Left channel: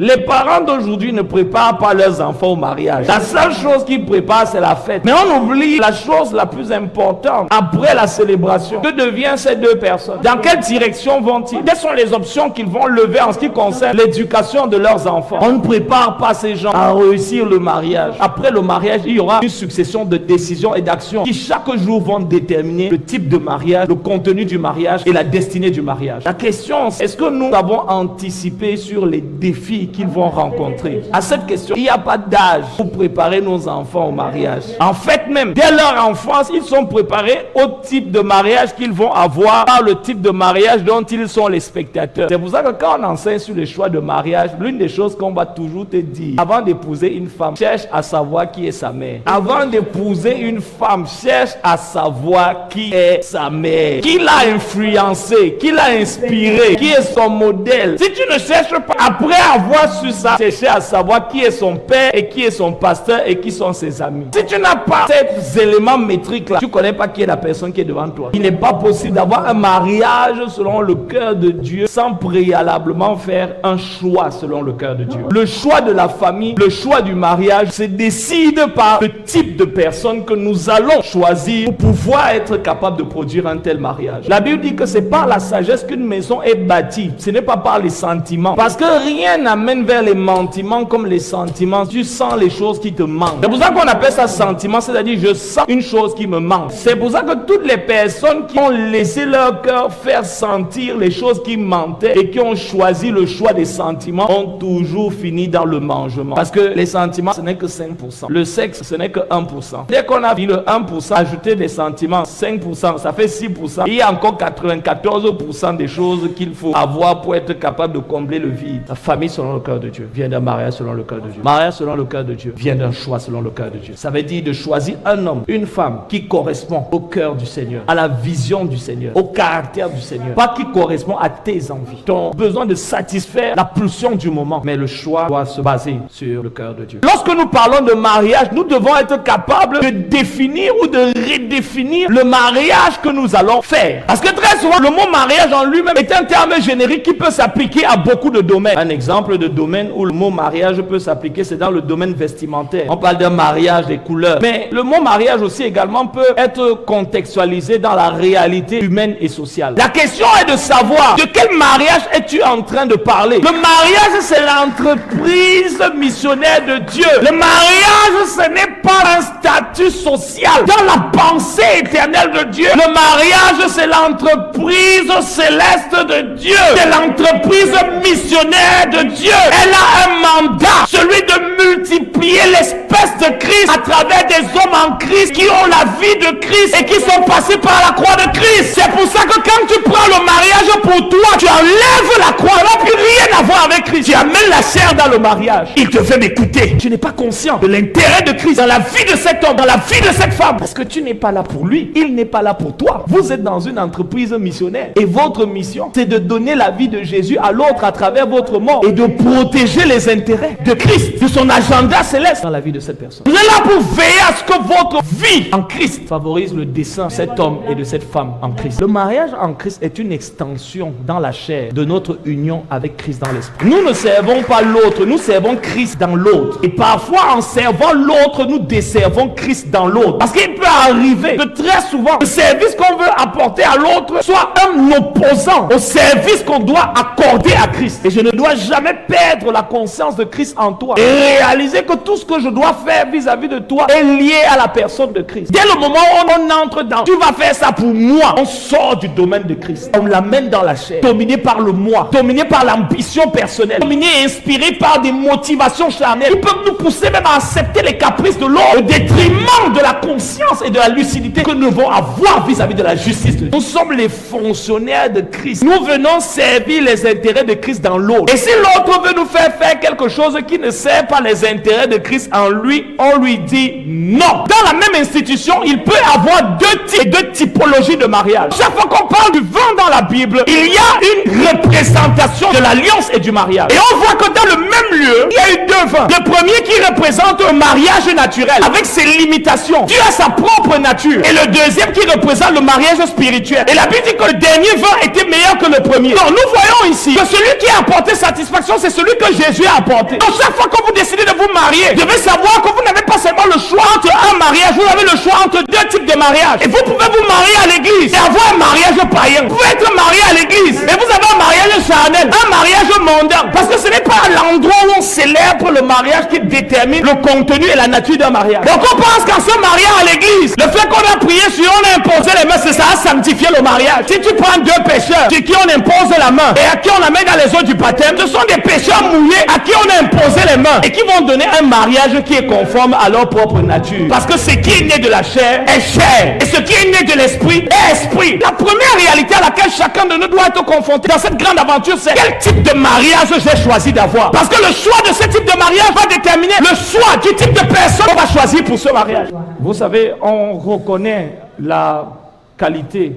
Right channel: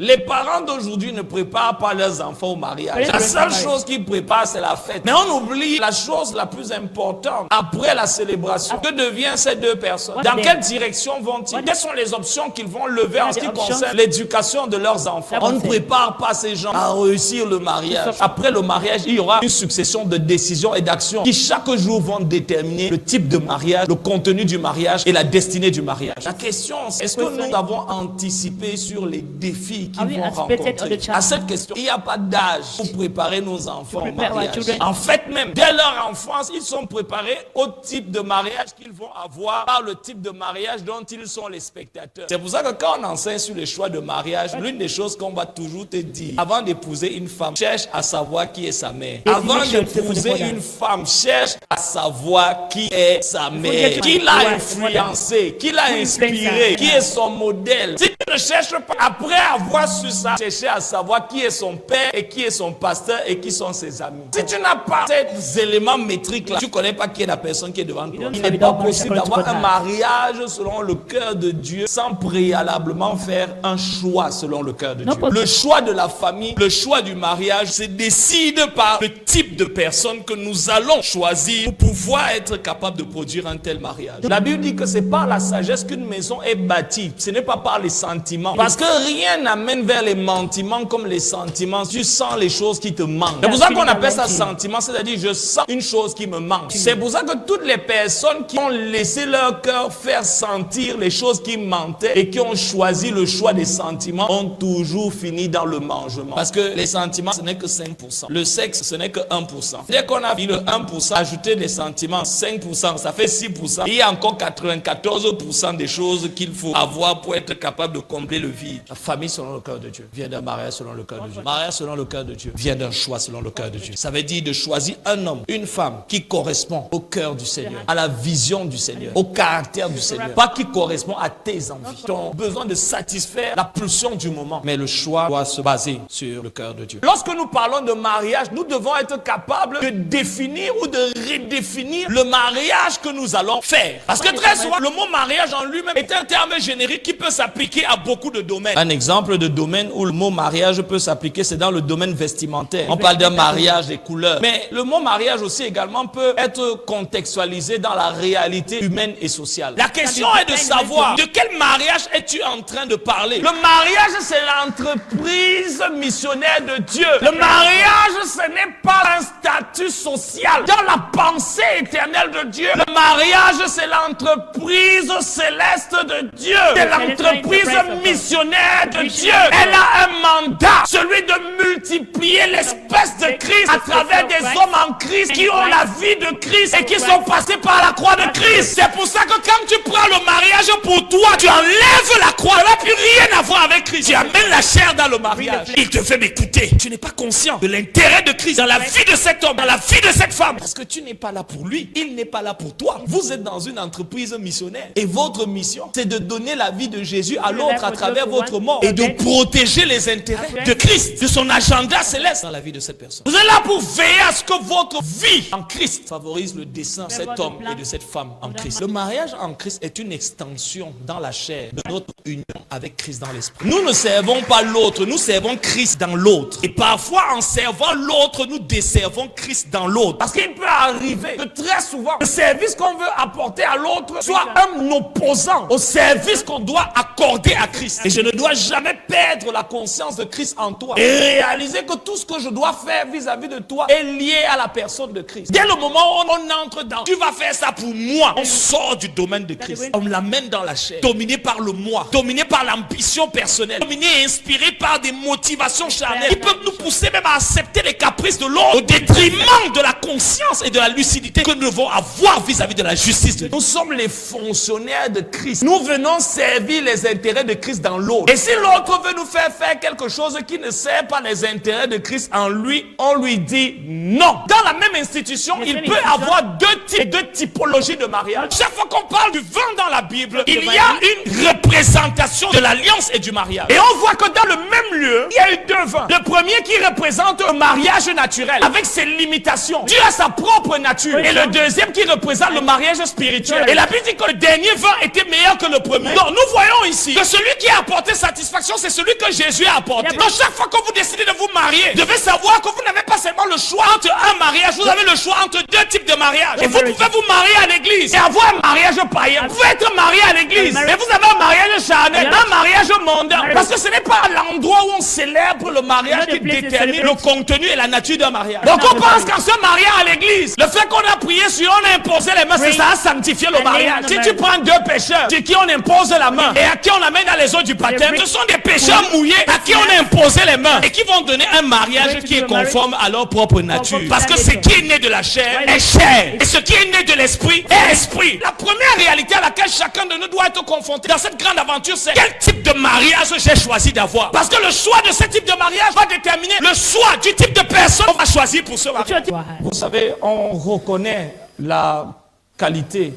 Les parents d'aujourd'hui ne préparent pas leurs enfants au mariage. La seule chose qu'ils préparent, c'est la fête. Mais on oublie la chose la plus importante. Après la célébration, que deviennent ces deux personnes? Dans quelle direction vont-ils? Quelles sont les options qu'ils vont lever en ce qui concerne l'éducation de leurs enfants? On ne prépare pas ces gens à réussir le mariage. Après le mariage, il y aura une succession de décisions et d'actions qui chaque jour vont déterminer le type de mariage, le contenu du mariage et la destinée du mariage. La question, c'est est-ce que nous avons anticipé sur les défis qu'ils vont rencontrer? À cette question, il n'y a pas d'âge pour préparer nos enfants au mariage. En fait même, dès leur enfance, ils sont préparés au type de mariage qu'ils vont avoir par le type de mariage dont ils sont les spectateurs. C'est pour ça que quand on enseigne sur les choix de mariage, l'une des choses qu'on va toujours te dire, avant d'épouser une femme, cherche à savoir qui est sa mère. Avant d'épouser une femme, cherche à savoir qui est sa mère, qui l'a influencé, qui l'a inspiré, qui est son modèle. Si tu ne cherches pas, après avoir su ça, chercher à savoir qui est son père et qui est son pasteur et qui sont ses amis. Si tu n'as pas ces éléments métriques là, tu ne connais pas qui est la personne qui est devant toi. Il n'est pas possible d'avoir un mariage selon le cœur de Dieu sans préalablement faire un choix selon le cœur de Dieu. Le choix de la famille, le choix du mariage se décide par le type de personne que nous allons choisir pour pouvoir être capable de produire un tel mariage. La Bible dit que c'est par la sagesse qu'une maison est bâtie. Ce n'est pas par les sentiments. Parce que rien n'amène vers les mentiments comme les sentiments. Tu sens les choses qui te manquent. C'est pour ça qu'on appelle ça sentiment, c'est-à-dire je sens une chose qui me manque. C'est pour ça que toutes les personnes qui ont laissé leur cœur faire sentir les choses qui manquaient et qui ont choisi le choix des sentiments ont toujours fini dans le mangement. Parce que les sentiments, ce n'est que 5%. Le sexe, ce n'est que 1%. Dès qu'on a vu le 1%, ajouter des sentiments, 5%, ça fait 6%. Il y a encore 94% des choses qu'il faut avoir pour être capable de combler le vide. La famille selon le cœur de Dieu vient d'un mariage selon le cœur de Dieu. Mariage selon le cœur de Dieu vient d'un choix selon le cœur de Dieu. Ça veut dire de choisir un homme, une femme qui correspond au cœur du Seigneur, à la vision du Seigneur, au caractère du Seigneur. Pas qui correspond à tes envies, ton besoin de satisfaire la pulsion du moment. Mais le choix doit se baser sur le cœur de Dieu. Lorsque nous parlons de mariage, nous devons être capables de définir ou de redéfinir le mariage que nous allons faire. Parce que très souvent, le mot mariage en lui-même est un terme générique qui peut s'appliquer à beaucoup de domaines. Un exemple de domaine où le mot mariage peut s'appliquer, c'est dans le domaine vestimentaire. On parle d'un mariage des couleurs. Mais le mot mariage aussi également peut être contextualisé dans la réalité humaine et sociale. La question est de savoir de quel mariage es-tu en train de parler. Le mariage, c'est l'entreprise missionnaire de Dieu. Le mariage, ce n'est pas un statut social dans la pensée éternelle de Dieu. Le mariage, c'est l'entreprise céleste de Dieu. C'est l'entreprise missionnaire de Dieu. Elle a un mandat, celui de multiplier l'espèce de Christ à travers des hommes en Christ qui ont la vie de Christ et qui sont passés par la croix de Christ. C'est pour ça que quand tu prends le mariage pour toi, tu enlèves la croix. Ça n'a plus rien à voir avec Christ. Tu amènes la chair dans le mariage. Il te fait m'écouter. Tu n'es pas conscient de l'intérêt de Christ dans la vie de cet homme, dans la vie de cette femme. Parce que tu n'es pas là pour lui. Il n'est pas là pour toi. Vous êtes dans une entreprise missionnaire. Et votre mission, c'est de donner la vie de Jésus à l'autre à travers votre mort et de protéger les intérêts de Christ, de son agenda céleste dans la vie de cette personne. Vous êtes là pour veiller à ce que votre vie en Christ favorise le dessein de cet homme et de cette femme en Christ. Le mariage en Christ est une extension dans la chair de notre union avec Christ dans l'esprit. Nous ne servons pas l'autre, nous servons Christ dans l'autre. Et parfois, en servant l'autre, nous desservons Christ dans l'autre. Parce qu'il peut arriver que très souvent, le service qu'on veut apporter à l'autre soit un opposant au service qu'on doit accorder à Christ. Et je ne dois jamais perdre la conscience de Christ en toi et réaliser que tout ce que je dois faire vis-à-vis de toi est lié à la personne de Christ. Dès le moment où on entre dans tu vas faire ça pour moi, on sort du domaine de Christ. On l'amène dans la chair, dominé par le moi, dominé par l'ambition personnelle, dominé et inspiré par des motivations charnelles qui peuvent nous pousser même à accepter les caprices de l'autre au détriment de la conscience et de la lucidité que nous devons avoir vis-à-vis de la justice de Dieu. Nous sommes les fonctionnaires de Christ. Nous venons servir les intérêts de Christ dans l'autre. Et si l'autre veut nous faire quelque chose qui ne sert pas les intérêts de Christ en lui, on lui dit non. Dans la même institution, il peut y avoir deux typologies de mariage. Chaque fois qu'on parle du vin dans la Bible, il y a une représentation de l'alliance et du mariage. Et on voit que dans le même lieu, il y a eu deux vins. Le premier qui représente un mariage naturel avec ses limitations. Dieu a sa propre nature. Et le deuxième qui représente le mariage spirituel. Et la Bible dit que le dernier vent était meilleur que le premier. Donc nous voyons ici que celui qui a apporté satisfaction, c'est celui que Jésus a apporté. Donc chaque fois que vous décidez de vous marier, vous devez savoir que vous n'avez pas seulement le choix entre un mariage, vous avez le choix entre deux types de mariages. Et vous pouvez vous marier à l'église et avoir un mariage païen. Vous pouvez être marié à l'église et vous avez un mariage charnel, un mariage mondain. Parce que ce n'est pas l'endroit où on célèbre le mariage qui détermine le contenu et la nature d'un mariage. Donc on pense qu'en se mariant à l'église, le fait qu'on a prié sur, on a imposé les mains, c'est ça a sanctifié le mariage. Si tu prends deux pécheurs sur qui on impose la main et à qui on amène dans les eaux du baptême, ce sont des pécheurs mouillés à qui on a imposé les mains et qui vont donner un mariage qui est conforme à leur propre nature. Parce que ce qui est né de la chair est chair et ce qui est né de l'esprit est esprit. La première réalité à laquelle chacun de nous doit être confronté dans cette grande aventure, c'est quel type de mariage j'ai choisi d'avoir. Parce que le choix de ce type de mariage va déterminer le choix du type de personne qu'on va choisir pour ce mariage. Vous savez, on reconnaît la qualité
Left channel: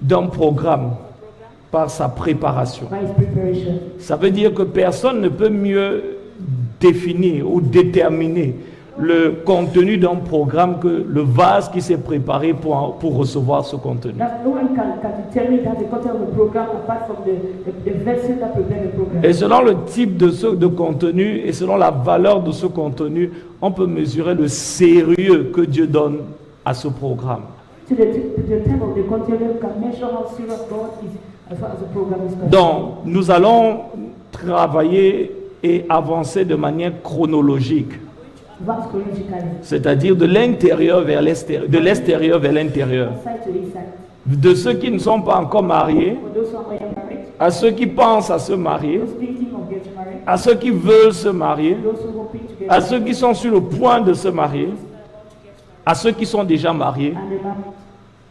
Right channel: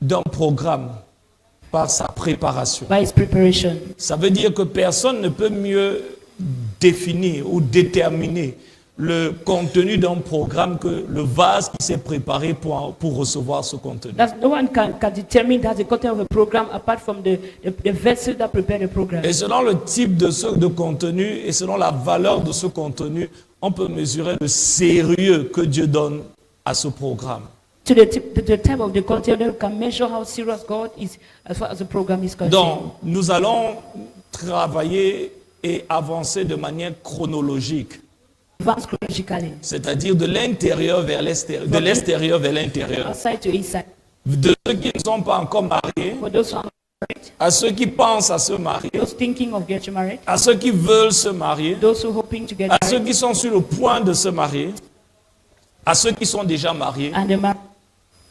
d'un programme par sa préparation. Ça veut dire que personne ne peut mieux définir ou déterminer le contenu d'un programme que le vase qui s'est préparé pour recevoir ce contenu. No one can determine that the content of a program apart from the vessel that prepared the program. Et selon le type de contenu et selon la valeur de ce contenu, on peut mesurer le sérieux que Dieu donne à ce programme. To the type of the content, you can measure how serious God is as far as the program is concerned. Donc, nous allons travailler et avancer de manière chronologique. C'est-à-dire de l'intérieur vers l'extérieur, de l'extérieur vers l'intérieur. De ceux qui ne sont pas encore mariés, à ceux qui pensent à se marier, à ceux qui veulent se marier, à ceux qui sont sur le point de se marier, à ceux qui sont déjà mariés.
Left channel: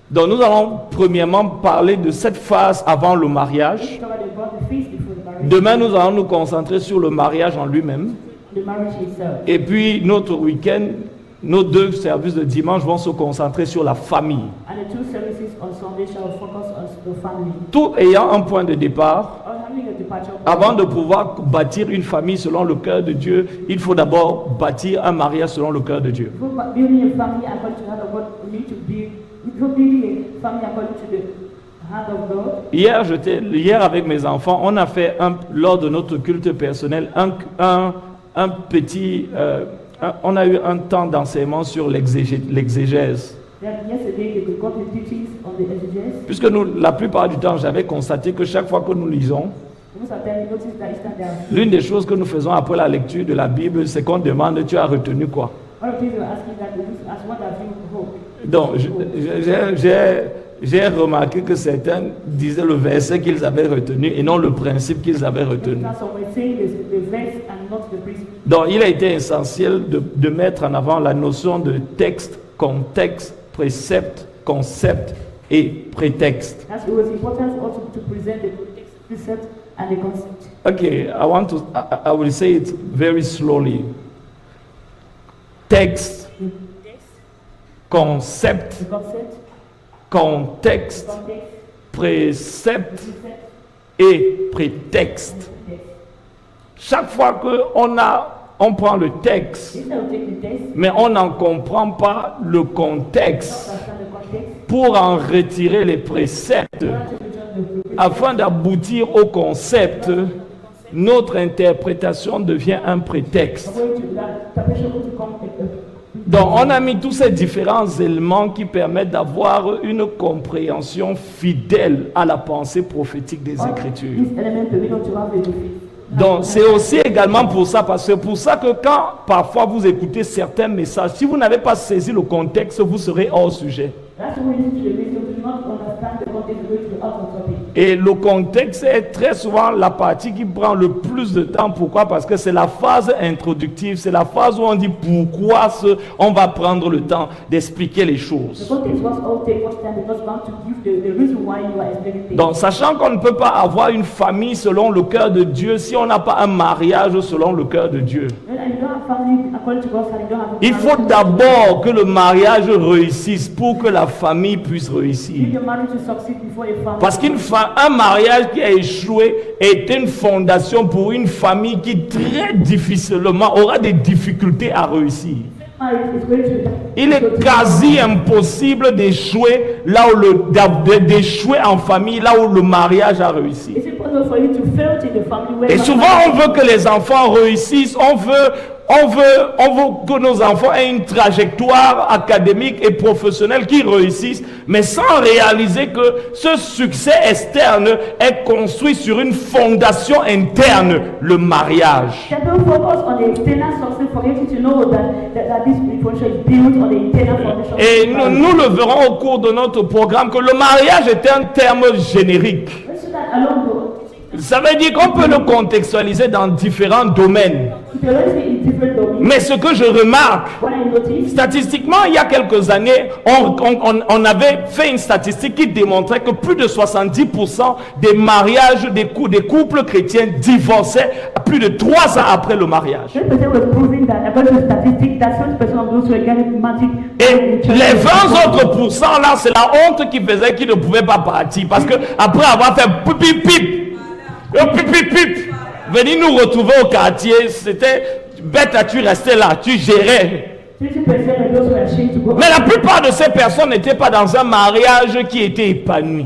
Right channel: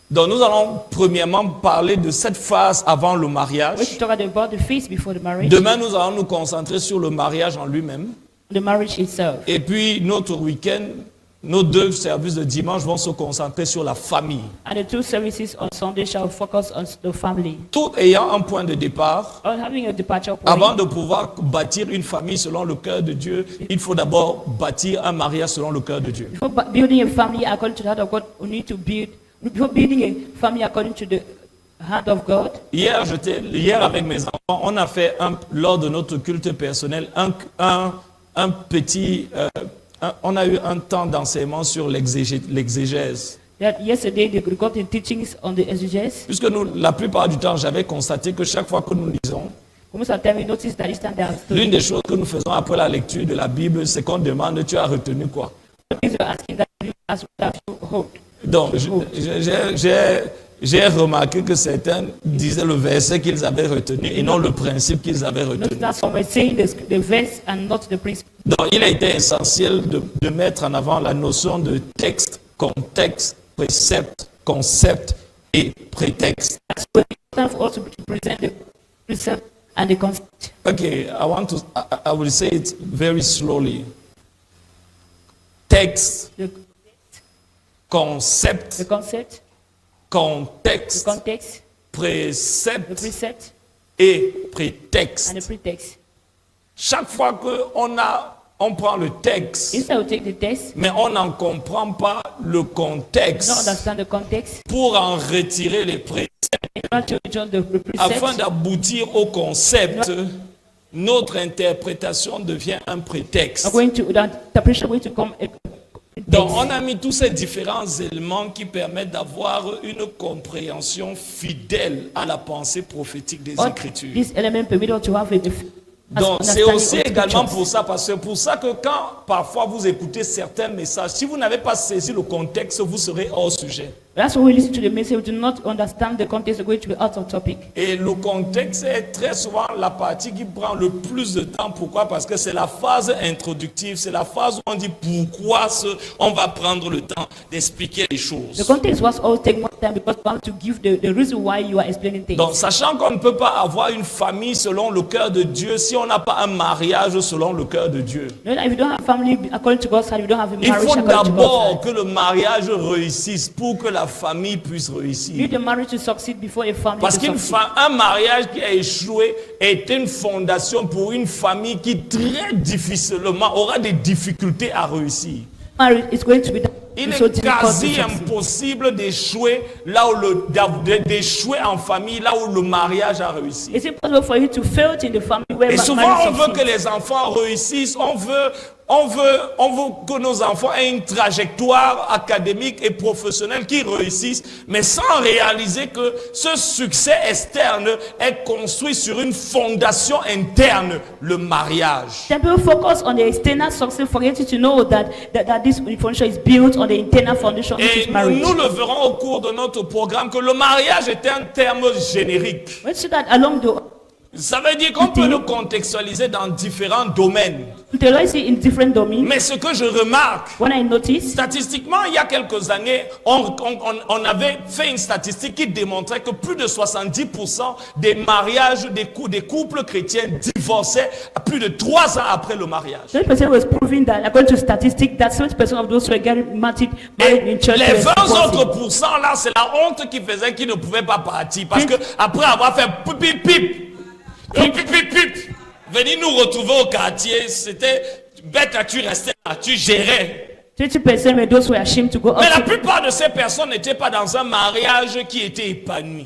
Donc nous allons premièrement parler de cette phase avant le mariage. Demain, nous allons nous concentrer sur le mariage en lui-même. Et puis notre week-end, nos deux services de dimanche vont se concentrer sur la famille. Tout ayant un point de départ, avant de pouvoir bâtir une famille selon le cœur de Dieu, il faut d'abord bâtir un mariage selon le cœur de Dieu. Hier avec mes enfants, on a fait lors de notre culte personnel on a eu un temps d'enseignement sur l'exégèse. Puisque nous, la plupart du temps, j'avais constaté que chaque fois que nous lisons, l'une des choses que nous faisons après la lecture de la Bible, c'est qu'on demande, tu as retenu quoi? Donc, j'ai remarqué que certains disaient le verset qu'ils avaient retenu et non le principe qu'ils avaient retenu. Donc, il a été essentiel de mettre en avant la notion de texte, contexte, précepte, concept et prétexte. Okay, I will say it very slowly. Texte, concept, contexte, précepte et prétexte. Chaque fois qu'on prend le texte, mais on n'en comprend pas le contexte pour en retirer les préceptes, afin d'aboutir au concept, notre interprétation devient un prétexte. Donc, on a mis tous ces différents éléments qui permettent d'avoir une compréhension fidèle à la pensée prophétique des Écritures. Donc, c'est aussi également pour ça, parce que pour ça que quand parfois vous écoutez certains messages, si vous n'avez pas saisi le contexte, vous serez hors sujet. Et le contexte est très souvent la partie qui prend le plus de temps. Pourquoi? Parce que c'est la phase introductive, c'est la phase où on dit pourquoi on va prendre le temps d'expliquer les choses. Donc, sachant qu'on ne peut pas avoir une famille selon le cœur de Dieu si on n'a pas un mariage selon le cœur de Dieu. Il faut d'abord que le mariage réussisse pour que la la famille puisse You réussir. need the marriage to succeed before a family. Parce to qu'un succeed. mariage qui a échoué est une fondation pour une famille qui très difficilement aura des difficultés à réussir. Marriage is going to be Il est quasi impossible d'échouer là où d'échouer en famille, là où le mariage a réussi. Is it possible for you to fail in the family where Et souvent, marriage on veut que les enfants réussissent, on veut que nos enfants aient une trajectoire académique et professionnelle qui réussissent, mais sans réaliser que ce succès externe est construit sur une fondation interne, le mariage. People focus on the external success, forgetting to know that this foundation is built on the internal foundation. Et nous le verrons au cours de notre programme que le mariage est un terme générique. Let's see that along the Ça veut dire qu'on peut le contextualiser dans différents domaines. utilize it in different domains. Mais ce que je remarque, When I notice, statistiquement, il y a quelques années, on avait fait une statistique qui démontrait que plus de 70% des mariages, des couples chrétiens divorçaient plus de 3 ans après le mariage. 20% was proving that, according to statistics, that 70% of those who were getting married Et in church. les 20 autres pourcents là, c'est la honte qui faisait qu'ils ne pouvaient pas partir. Parce que après avoir fait pip pip pip pip, venir nous retrouver au quartier, c'était bête à tu restais là, tu gérais. 20% were those who were ashamed to go Mais out. la plupart de ces personnes n'étaient pas dans un mariage qui était épanoui.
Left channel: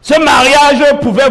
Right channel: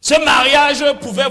Ce mariage pouvait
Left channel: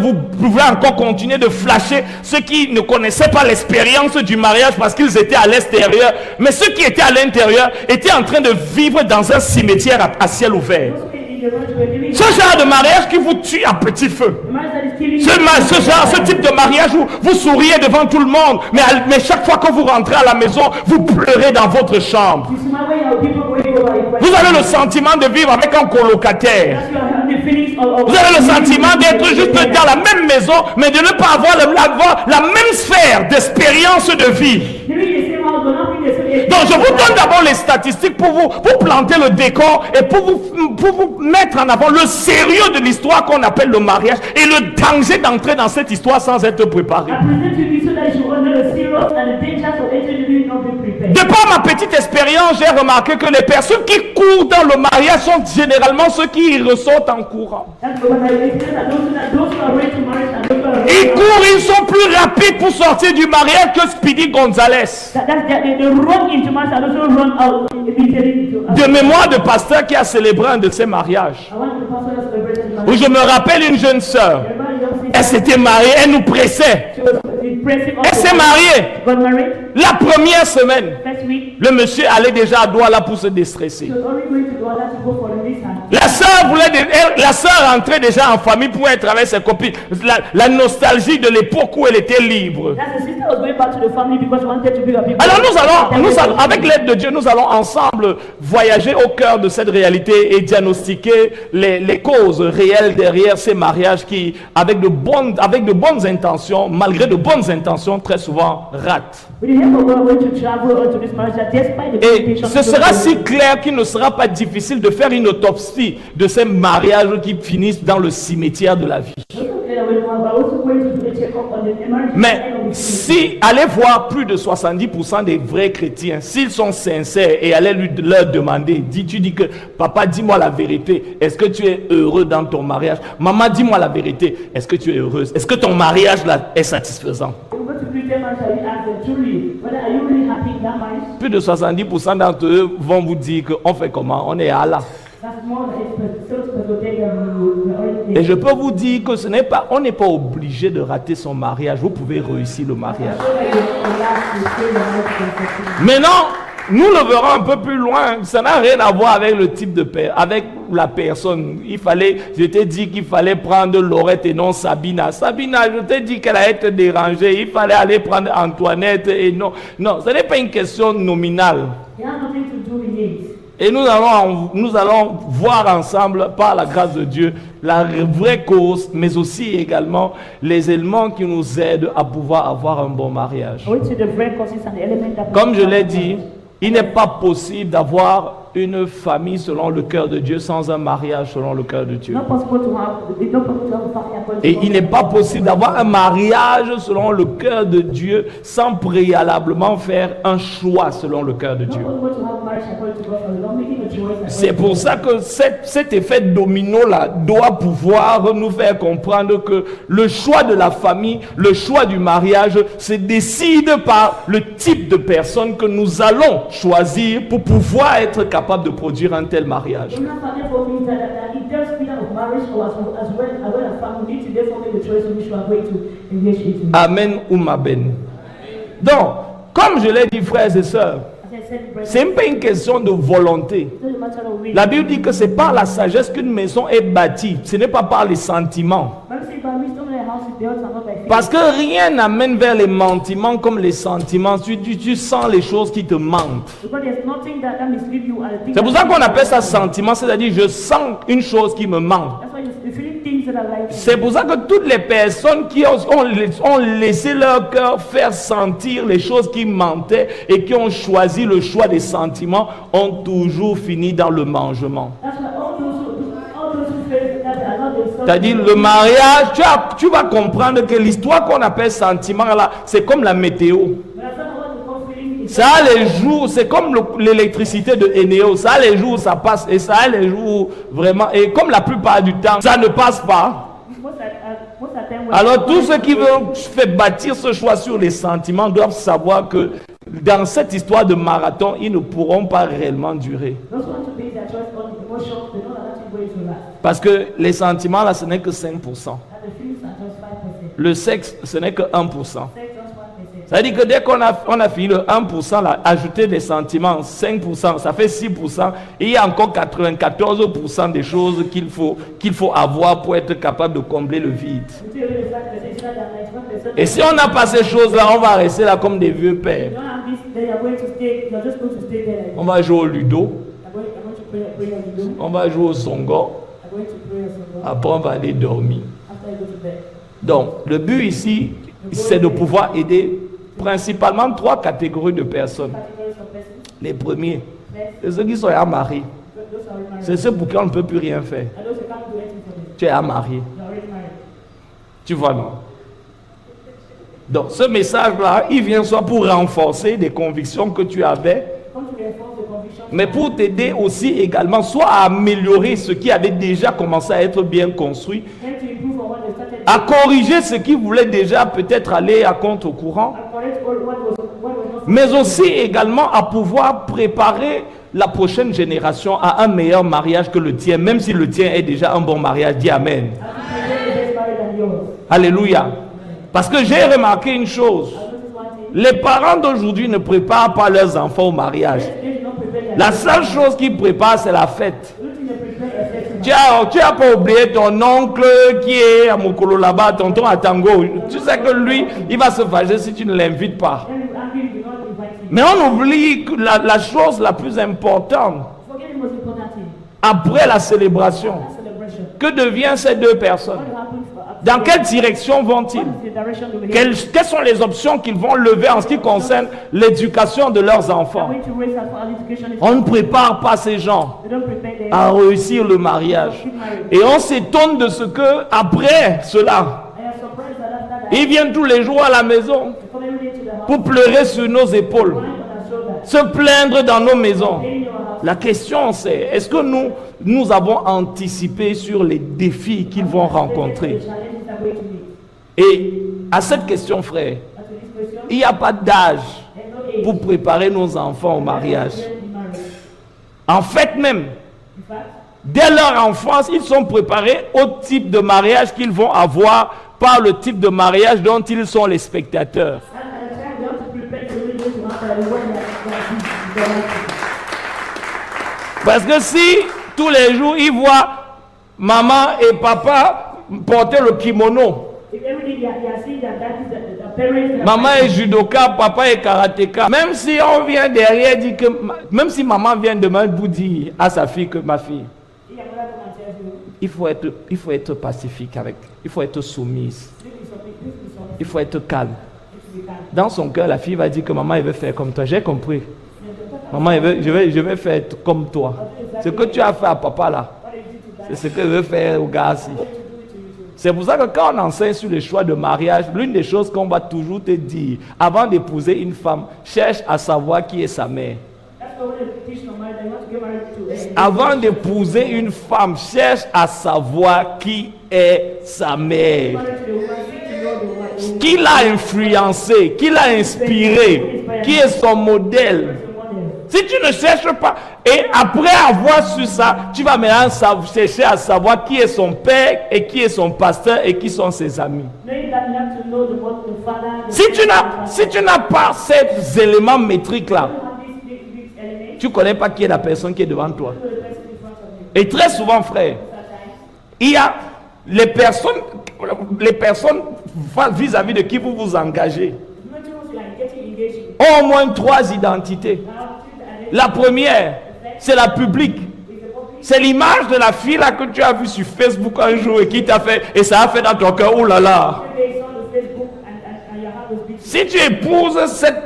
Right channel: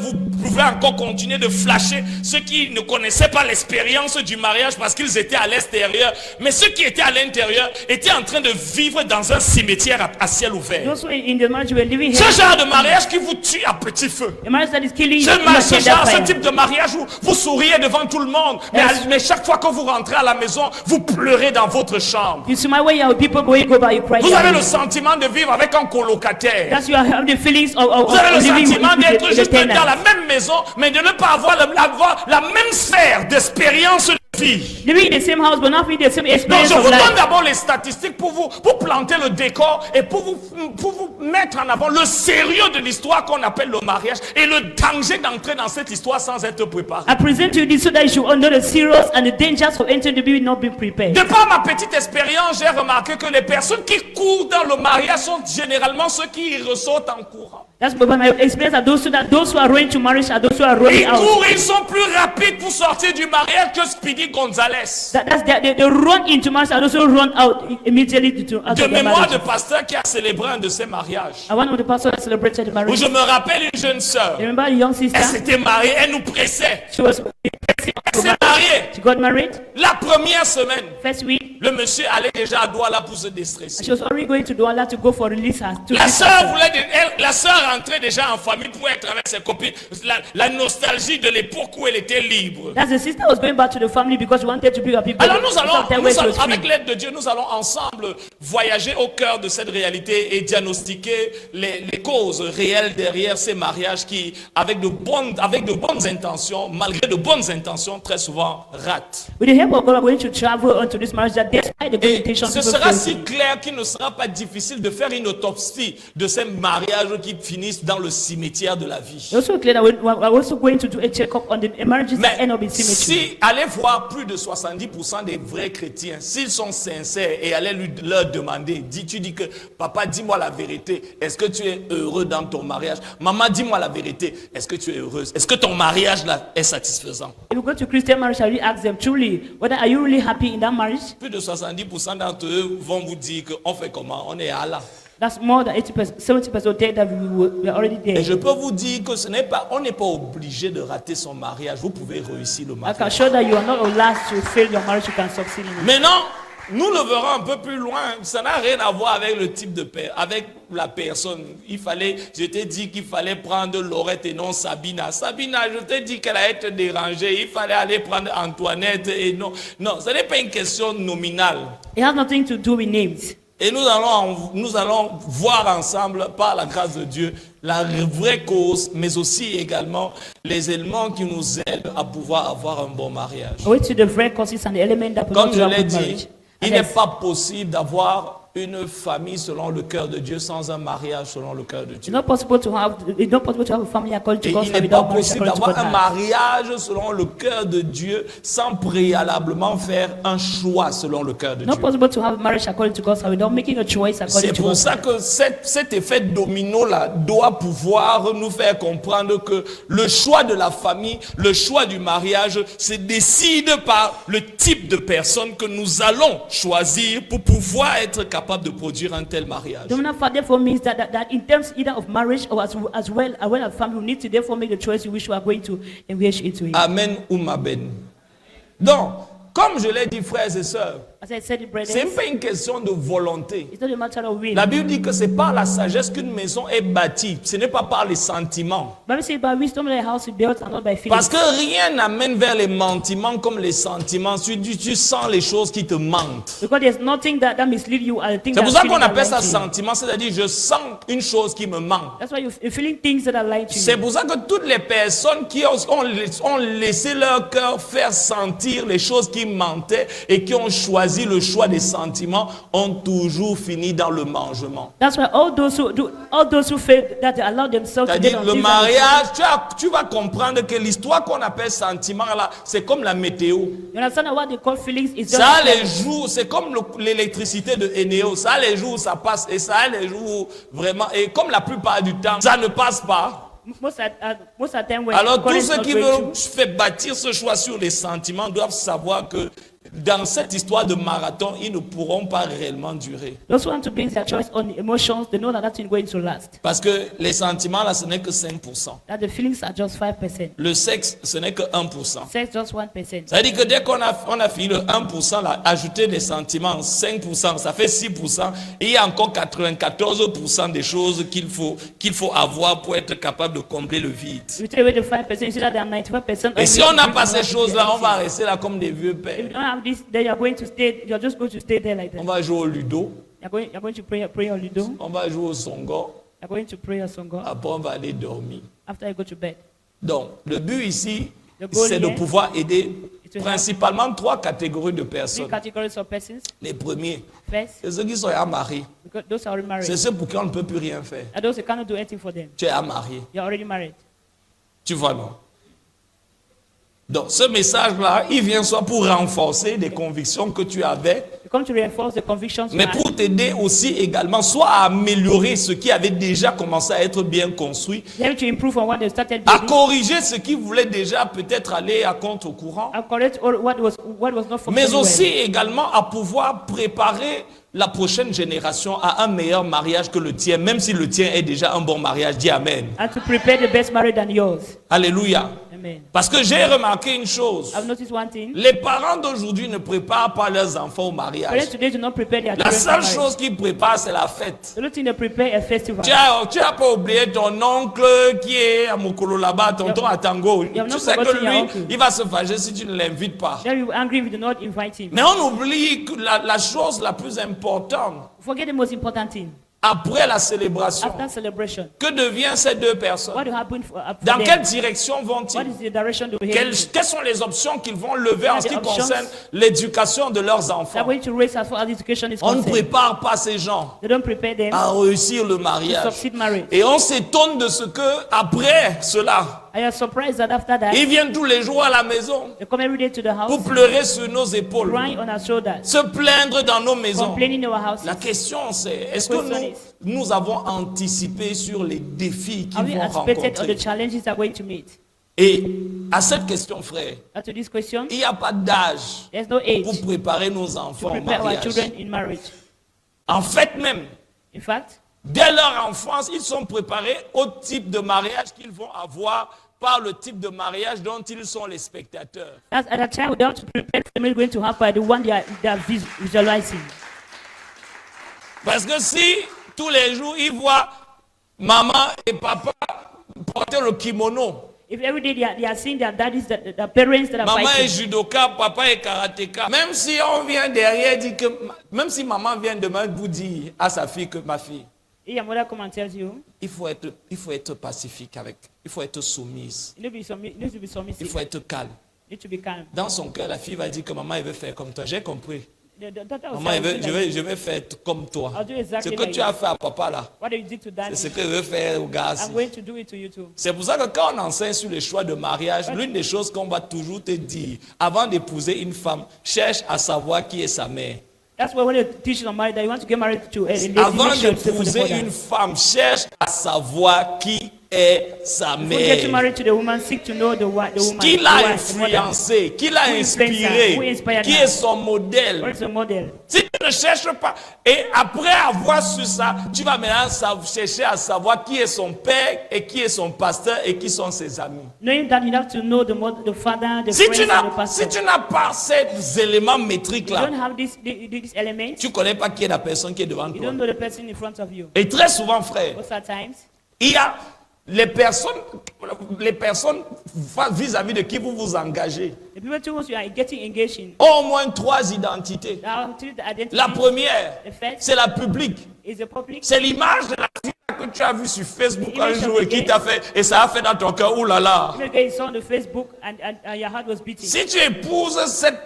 encore continuer de flasher ceux qui ne connaissaient pas l'expérience du mariage parce qu'ils étaient à l'extérieur. Mais ceux qui étaient à l'intérieur étaient en train de vivre dans un cimetière à ciel ouvert. Those who were in the marriage were living Ce here. genre de mariage qui vous tue à petit feu. The marriage that is killing Ce type de mariage où vous souriez devant tout le monde, mais chaque fois que vous rentrez à la maison, vous pleurez dans votre chambre. You see my way how people going over you cry. Vous avez le sentiment de vivre avec un colocataire. That's you have the feelings of Vous avez le living sentiment with d'être the juste tenant. dans la même maison, mais de ne pas avoir la même sphère d'expérience de vie. Living in the same house but not having the same Donc experience je of vous donne life. d'abord les statistiques pour planter le décor et pour vous mettre en avant le sérieux de l'histoire qu'on appelle le mariage et le danger d'entrer dans cette histoire sans être préparé. I present you this so that you should know the serious and the dangers of entering the baby not being prepared. De par ma petite expérience, j'ai remarqué que les personnes qui courent dans le mariage sont généralement ceux qui ressortent en courant. That's because my experience that those who are running to marriage and those who are Ils running out. courent, ils sont plus rapides pour sortir du mariage que Speedy Gonzalez. They run into marriage and also run out immediately to De mémoire de pasteur qui a célébré un de ses mariages. And one of the pastors that celebrated the Où marriage. je me rappelle une jeune sœur. Remember the young sister? Elle s'était mariée, elle nous pressait. She was pressing Elle s'est mariée. She got married La première semaine, first week. le monsieur allait déjà à Douala pour se déstresser. She was already going to Douala to go for release her. La sœur rentrait déjà en famille pour être avec ses copines. La nostalgie de l'époque où elle était libre. That's the sister was going back to the family because she wanted to be a people. Alors nous allons, avec l'aide de Dieu, nous allons ensemble voyager au cœur de cette réalité et diagnostiquer les causes réelles derrière ces mariages qui, avec de bonnes intentions, malgré de bonnes intentions, très souvent ratent. With the help of God, we're going to travel onto this marriage that despite the Et temptation, ce sera si clair qu'il ne sera pas difficile de faire une autopsie de ces mariages qui finissent dans le cimetière de la vie. also clear that we're also going to do a check-up on the marriages that Mais end up in cemetery. si allez voir plus de 70% des vrais chrétiens, s'ils sont sincères et allez leur demander, tu dis que papa, dis-moi la vérité, est-ce que tu es heureux dans ton mariage? Maman, dis-moi la vérité, est-ce que tu es heureuse? Est-ce que ton mariage là est satisfaisant? If you go to Christian marriage, I will ask them truly, whether are you really happy in that marriage? Plus de 70% d'entre eux vont vous dire qu'on fait comment? On est à Allah. That's more than 80%, 70% there that we are already Et there. je peux vous dire que on n'est pas obligé de rater son mariage. Vous pouvez réussir le I can mariage. show that you are not allowed to fail the marriage, you can succeed. Maintenant, nous le verrons un peu plus loin. Ça n'a rien à voir avec le type de père, avec la personne. Je t'ai dit qu'il fallait prendre Laurette et non Sabina. Sabina, je t'ai dit qu'elle allait être dérangée. Il fallait aller prendre Antoinette et non. Non, ce n'est pas une question nominale. It has nothing to do with names. Et nous allons voir ensemble, par la grâce de Dieu, la vraie cause, mais aussi également les éléments qui nous aident à pouvoir avoir un bon mariage. I went to the friend causes and the element that Comme je prevents l'ai marriage. dit, il n'est pas possible d'avoir une famille selon le cœur de Dieu sans un mariage selon le cœur de Dieu. It's not possible to have a family according to Et God's il will n'est pas without possible marriage d'avoir un according to God's mariage selon le cœur de Dieu sans préalablement faire un choix selon le cœur de will. Not Dieu. possible to have marriage according to God's will without making a choice C'est according to pour God's ça que cet effet domino-là doit pouvoir nous faire comprendre que le choix de la famille, le choix du mariage, se décide par le type de personne que nous allons choisir pour pouvoir être capable de produire un tel mariage. The therefore means that in terms either of marriage or as well as family, we need to therefore make a choice in which we are going to engage into it. Amen ou maben. Donc, comme je l'ai dit, frères et sœurs, As I said, brethren, c'est pas une question de volonté. it's not a matter of will. La Bible dit que c'est par la sagesse qu'une maison est bâtie. Ce n'est pas par les sentiments. Bible says, by wisdom thy house is built and not by fear. Parce que rien n'amène vers les sentiments comme les sentiments. Tu sens les choses qui te mentent. Because there's nothing that mislead you and the things C'est pour ça that qu'on appelle ça lead you. sentiment, c'est-à-dire je sens une chose qui me ment. That's why you're feeling things that are like you. C'est pour ça que toutes les personnes qui ont laissé leur cœur faire sentir les choses qui mentaient et qui ont choisi le choix des sentiments ont toujours fini dans le mangement. That's why all those who fail that allow themselves C'est-à-dire le mariage, tu vas comprendre que l'histoire qu'on appelle sentiment là, c'est comme la météo. You understand what they call feelings is Ça a les jours, c'est comme l'électricité de Eneo. Ça a les jours où ça passe et ça a les jours où vraiment, et comme la plupart du temps, ça ne passe pas. most of the time when Alors God tous is ceux qui controlling, veulent faire bâtir ce choix sur les sentiments doivent savoir que dans cette histoire de marathon, ils ne pourront pas réellement durer. those who want to base their choice on the emotions, they know that that is going to last. Parce que les sentiments là, ce n'est que 5%. That the feelings are just 5%. Le sexe, ce n'est que 1%. Sex just 1%. Ça veut dire que dès qu'on a fini le 1%, là, ajouter des sentiments, 5%, ça fait 6%. Et il y a encore 94% des choses qu'il faut avoir pour être capable de combler le vide. You take away the 5%, you see that there are 95%. Et si on n'a pas ces choses-là, on va rester là comme des vieux pères. You don't have this, then you're going to stay, you're just going to stay there like On that. va jouer au ludo, You're going to pray on Ludo. on va jouer au songo, You're going to pray on Songo. après on va aller dormir. After you go to bed. Donc, le but ici, c'est de pouvoir aider principalement 3 catégories de Three personnes. categories of persons. Les premiers, First, c'est ceux qui sont mariés. those who are already C'est married. ceux pour qui on ne peut plus rien faire. And those who cannot do anything for them. Tu es marié. You're already married. Tu vois, non? Donc, ce message-là, il vient soit pour renforcer des convictions que tu avais, Come to reinforce the convictions. mais pour t'aider aussi également, soit à améliorer ce qui avait déjà commencé à être bien construit, Them to improve on what they started à doing. corriger ce qui voulait déjà peut-être aller à contre-courant, And correct all what was not mais functioning aussi well. également à pouvoir préparer la prochaine génération à un meilleur mariage que le tien, même si le tien est déjà un bon mariage. Dis Amen. And to prepare the best marriage than yours. Alléluia. Amen. Parce que j'ai remarqué une chose. I've noticed one thing. Les parents d'aujourd'hui ne préparent pas leurs enfants au mariage. Parents today do not prepare their La children. seule chose qu'ils préparent, c'est la fête. The only thing they prepare a festival. Tu as pas oublié ton oncle qui est à Mokolo là-bas, tonton à Tango. Tu sais que lui, il va se fâcher si tu ne l'invites pas. Then you angry if you do not invite him. Mais on oublie que la chose la plus importante, Forget the most important thing. après la célébration, After celebration. que deviennent ces deux What personnes? will happen for Dans them? quelle direction What vont-ils? is the direction they will Quelles sont les options qu'ils vont lever en ce qui concerne l'éducation de leurs They're enfants? going to raise as far as education is On ne concerned. prépare pas ces gens They don't prepare them à réussir le to mariage. succeed marriage. Et on s'étonne de ce que, après cela, I am surprised that after that, ils viennent tous les jours à la maison they come every day to the house, pour pleurer sur nos épaules, crying on our shoulders, se plaindre dans nos maisons. complaining in our house. La question c'est, est-ce que nous avons anticipé sur les défis qu'ils Have we vont anticipated on rencontrer? the challenges they're going to meet? Et à cette question, frère, And to this question, il n'y a pas d'âge there's no age pour préparer nos enfants au to prepare our mariage. children in marriage. En fait même, In fact, dès leur enfance, ils sont préparés au type de mariage qu'ils vont avoir par le type de mariage dont ils sont les spectateurs. that's at a time they have to prepare the family going to have by the one they are visualizing. Parce que si tous les jours ils voient maman et papa porter le kimono, If every day they are seeing their daddies, the parents that are maman est fighting, judoka, papa est karatéka, même si on vient derrière dire que, même si maman vient demain vous dire à sa fille que ma fille, if your mother come and tells you, il faut être pacifique avec, il faut être soumise, you need to be submissive, il faut être calme. you need to be calm. Dans son cœur, la fille va dire que maman elle veut faire comme toi. J'ai compris. The daughter Maman, je vais faire comme toi. Ce que tu as fait à papa là, What you did to c'est that, ce que je vais faire au gars. I'm going to do it to you too. C'est pour ça que quand on enseigne sur le choix de mariage, l'une des choses qu'on va toujours te dire, avant d'épouser une femme, cherche à savoir qui est sa mère. That's why when you teach on marriage that you want to get married to Avant d'épouser une femme, cherche à savoir qui est sa Get mère. married to the woman, seek to know the woman. Qui l'a influencé, qui l'a inspiré, qui est son modèle. What is the model? Si tu ne cherches pas, et après avoir su ça, tu vas maintenant chercher à savoir qui est son père et qui est son pasteur et qui sont ses amis. Knowing that you have to know the father, the Si friends, tu and the n'as pastor. pas ces éléments métriques là, Don't have these elements. tu ne connais pas qui est la personne qui est devant You toi. don't know the person in front of you. Et très souvent, frère, Most of the times, il y a les personnes vis-à-vis de qui vous vous engagez the people to whom you are getting engaged in, ont au moins 3 identités. now to the identity La première, the first c'est la publique. is the public. C'est l'image de la fille là que tu as vue sur Facebook un jour et qui t'a fait, et ça a fait dans ton cœur, oh là là. You saw on the Facebook and your heart was beating. Si tu épouses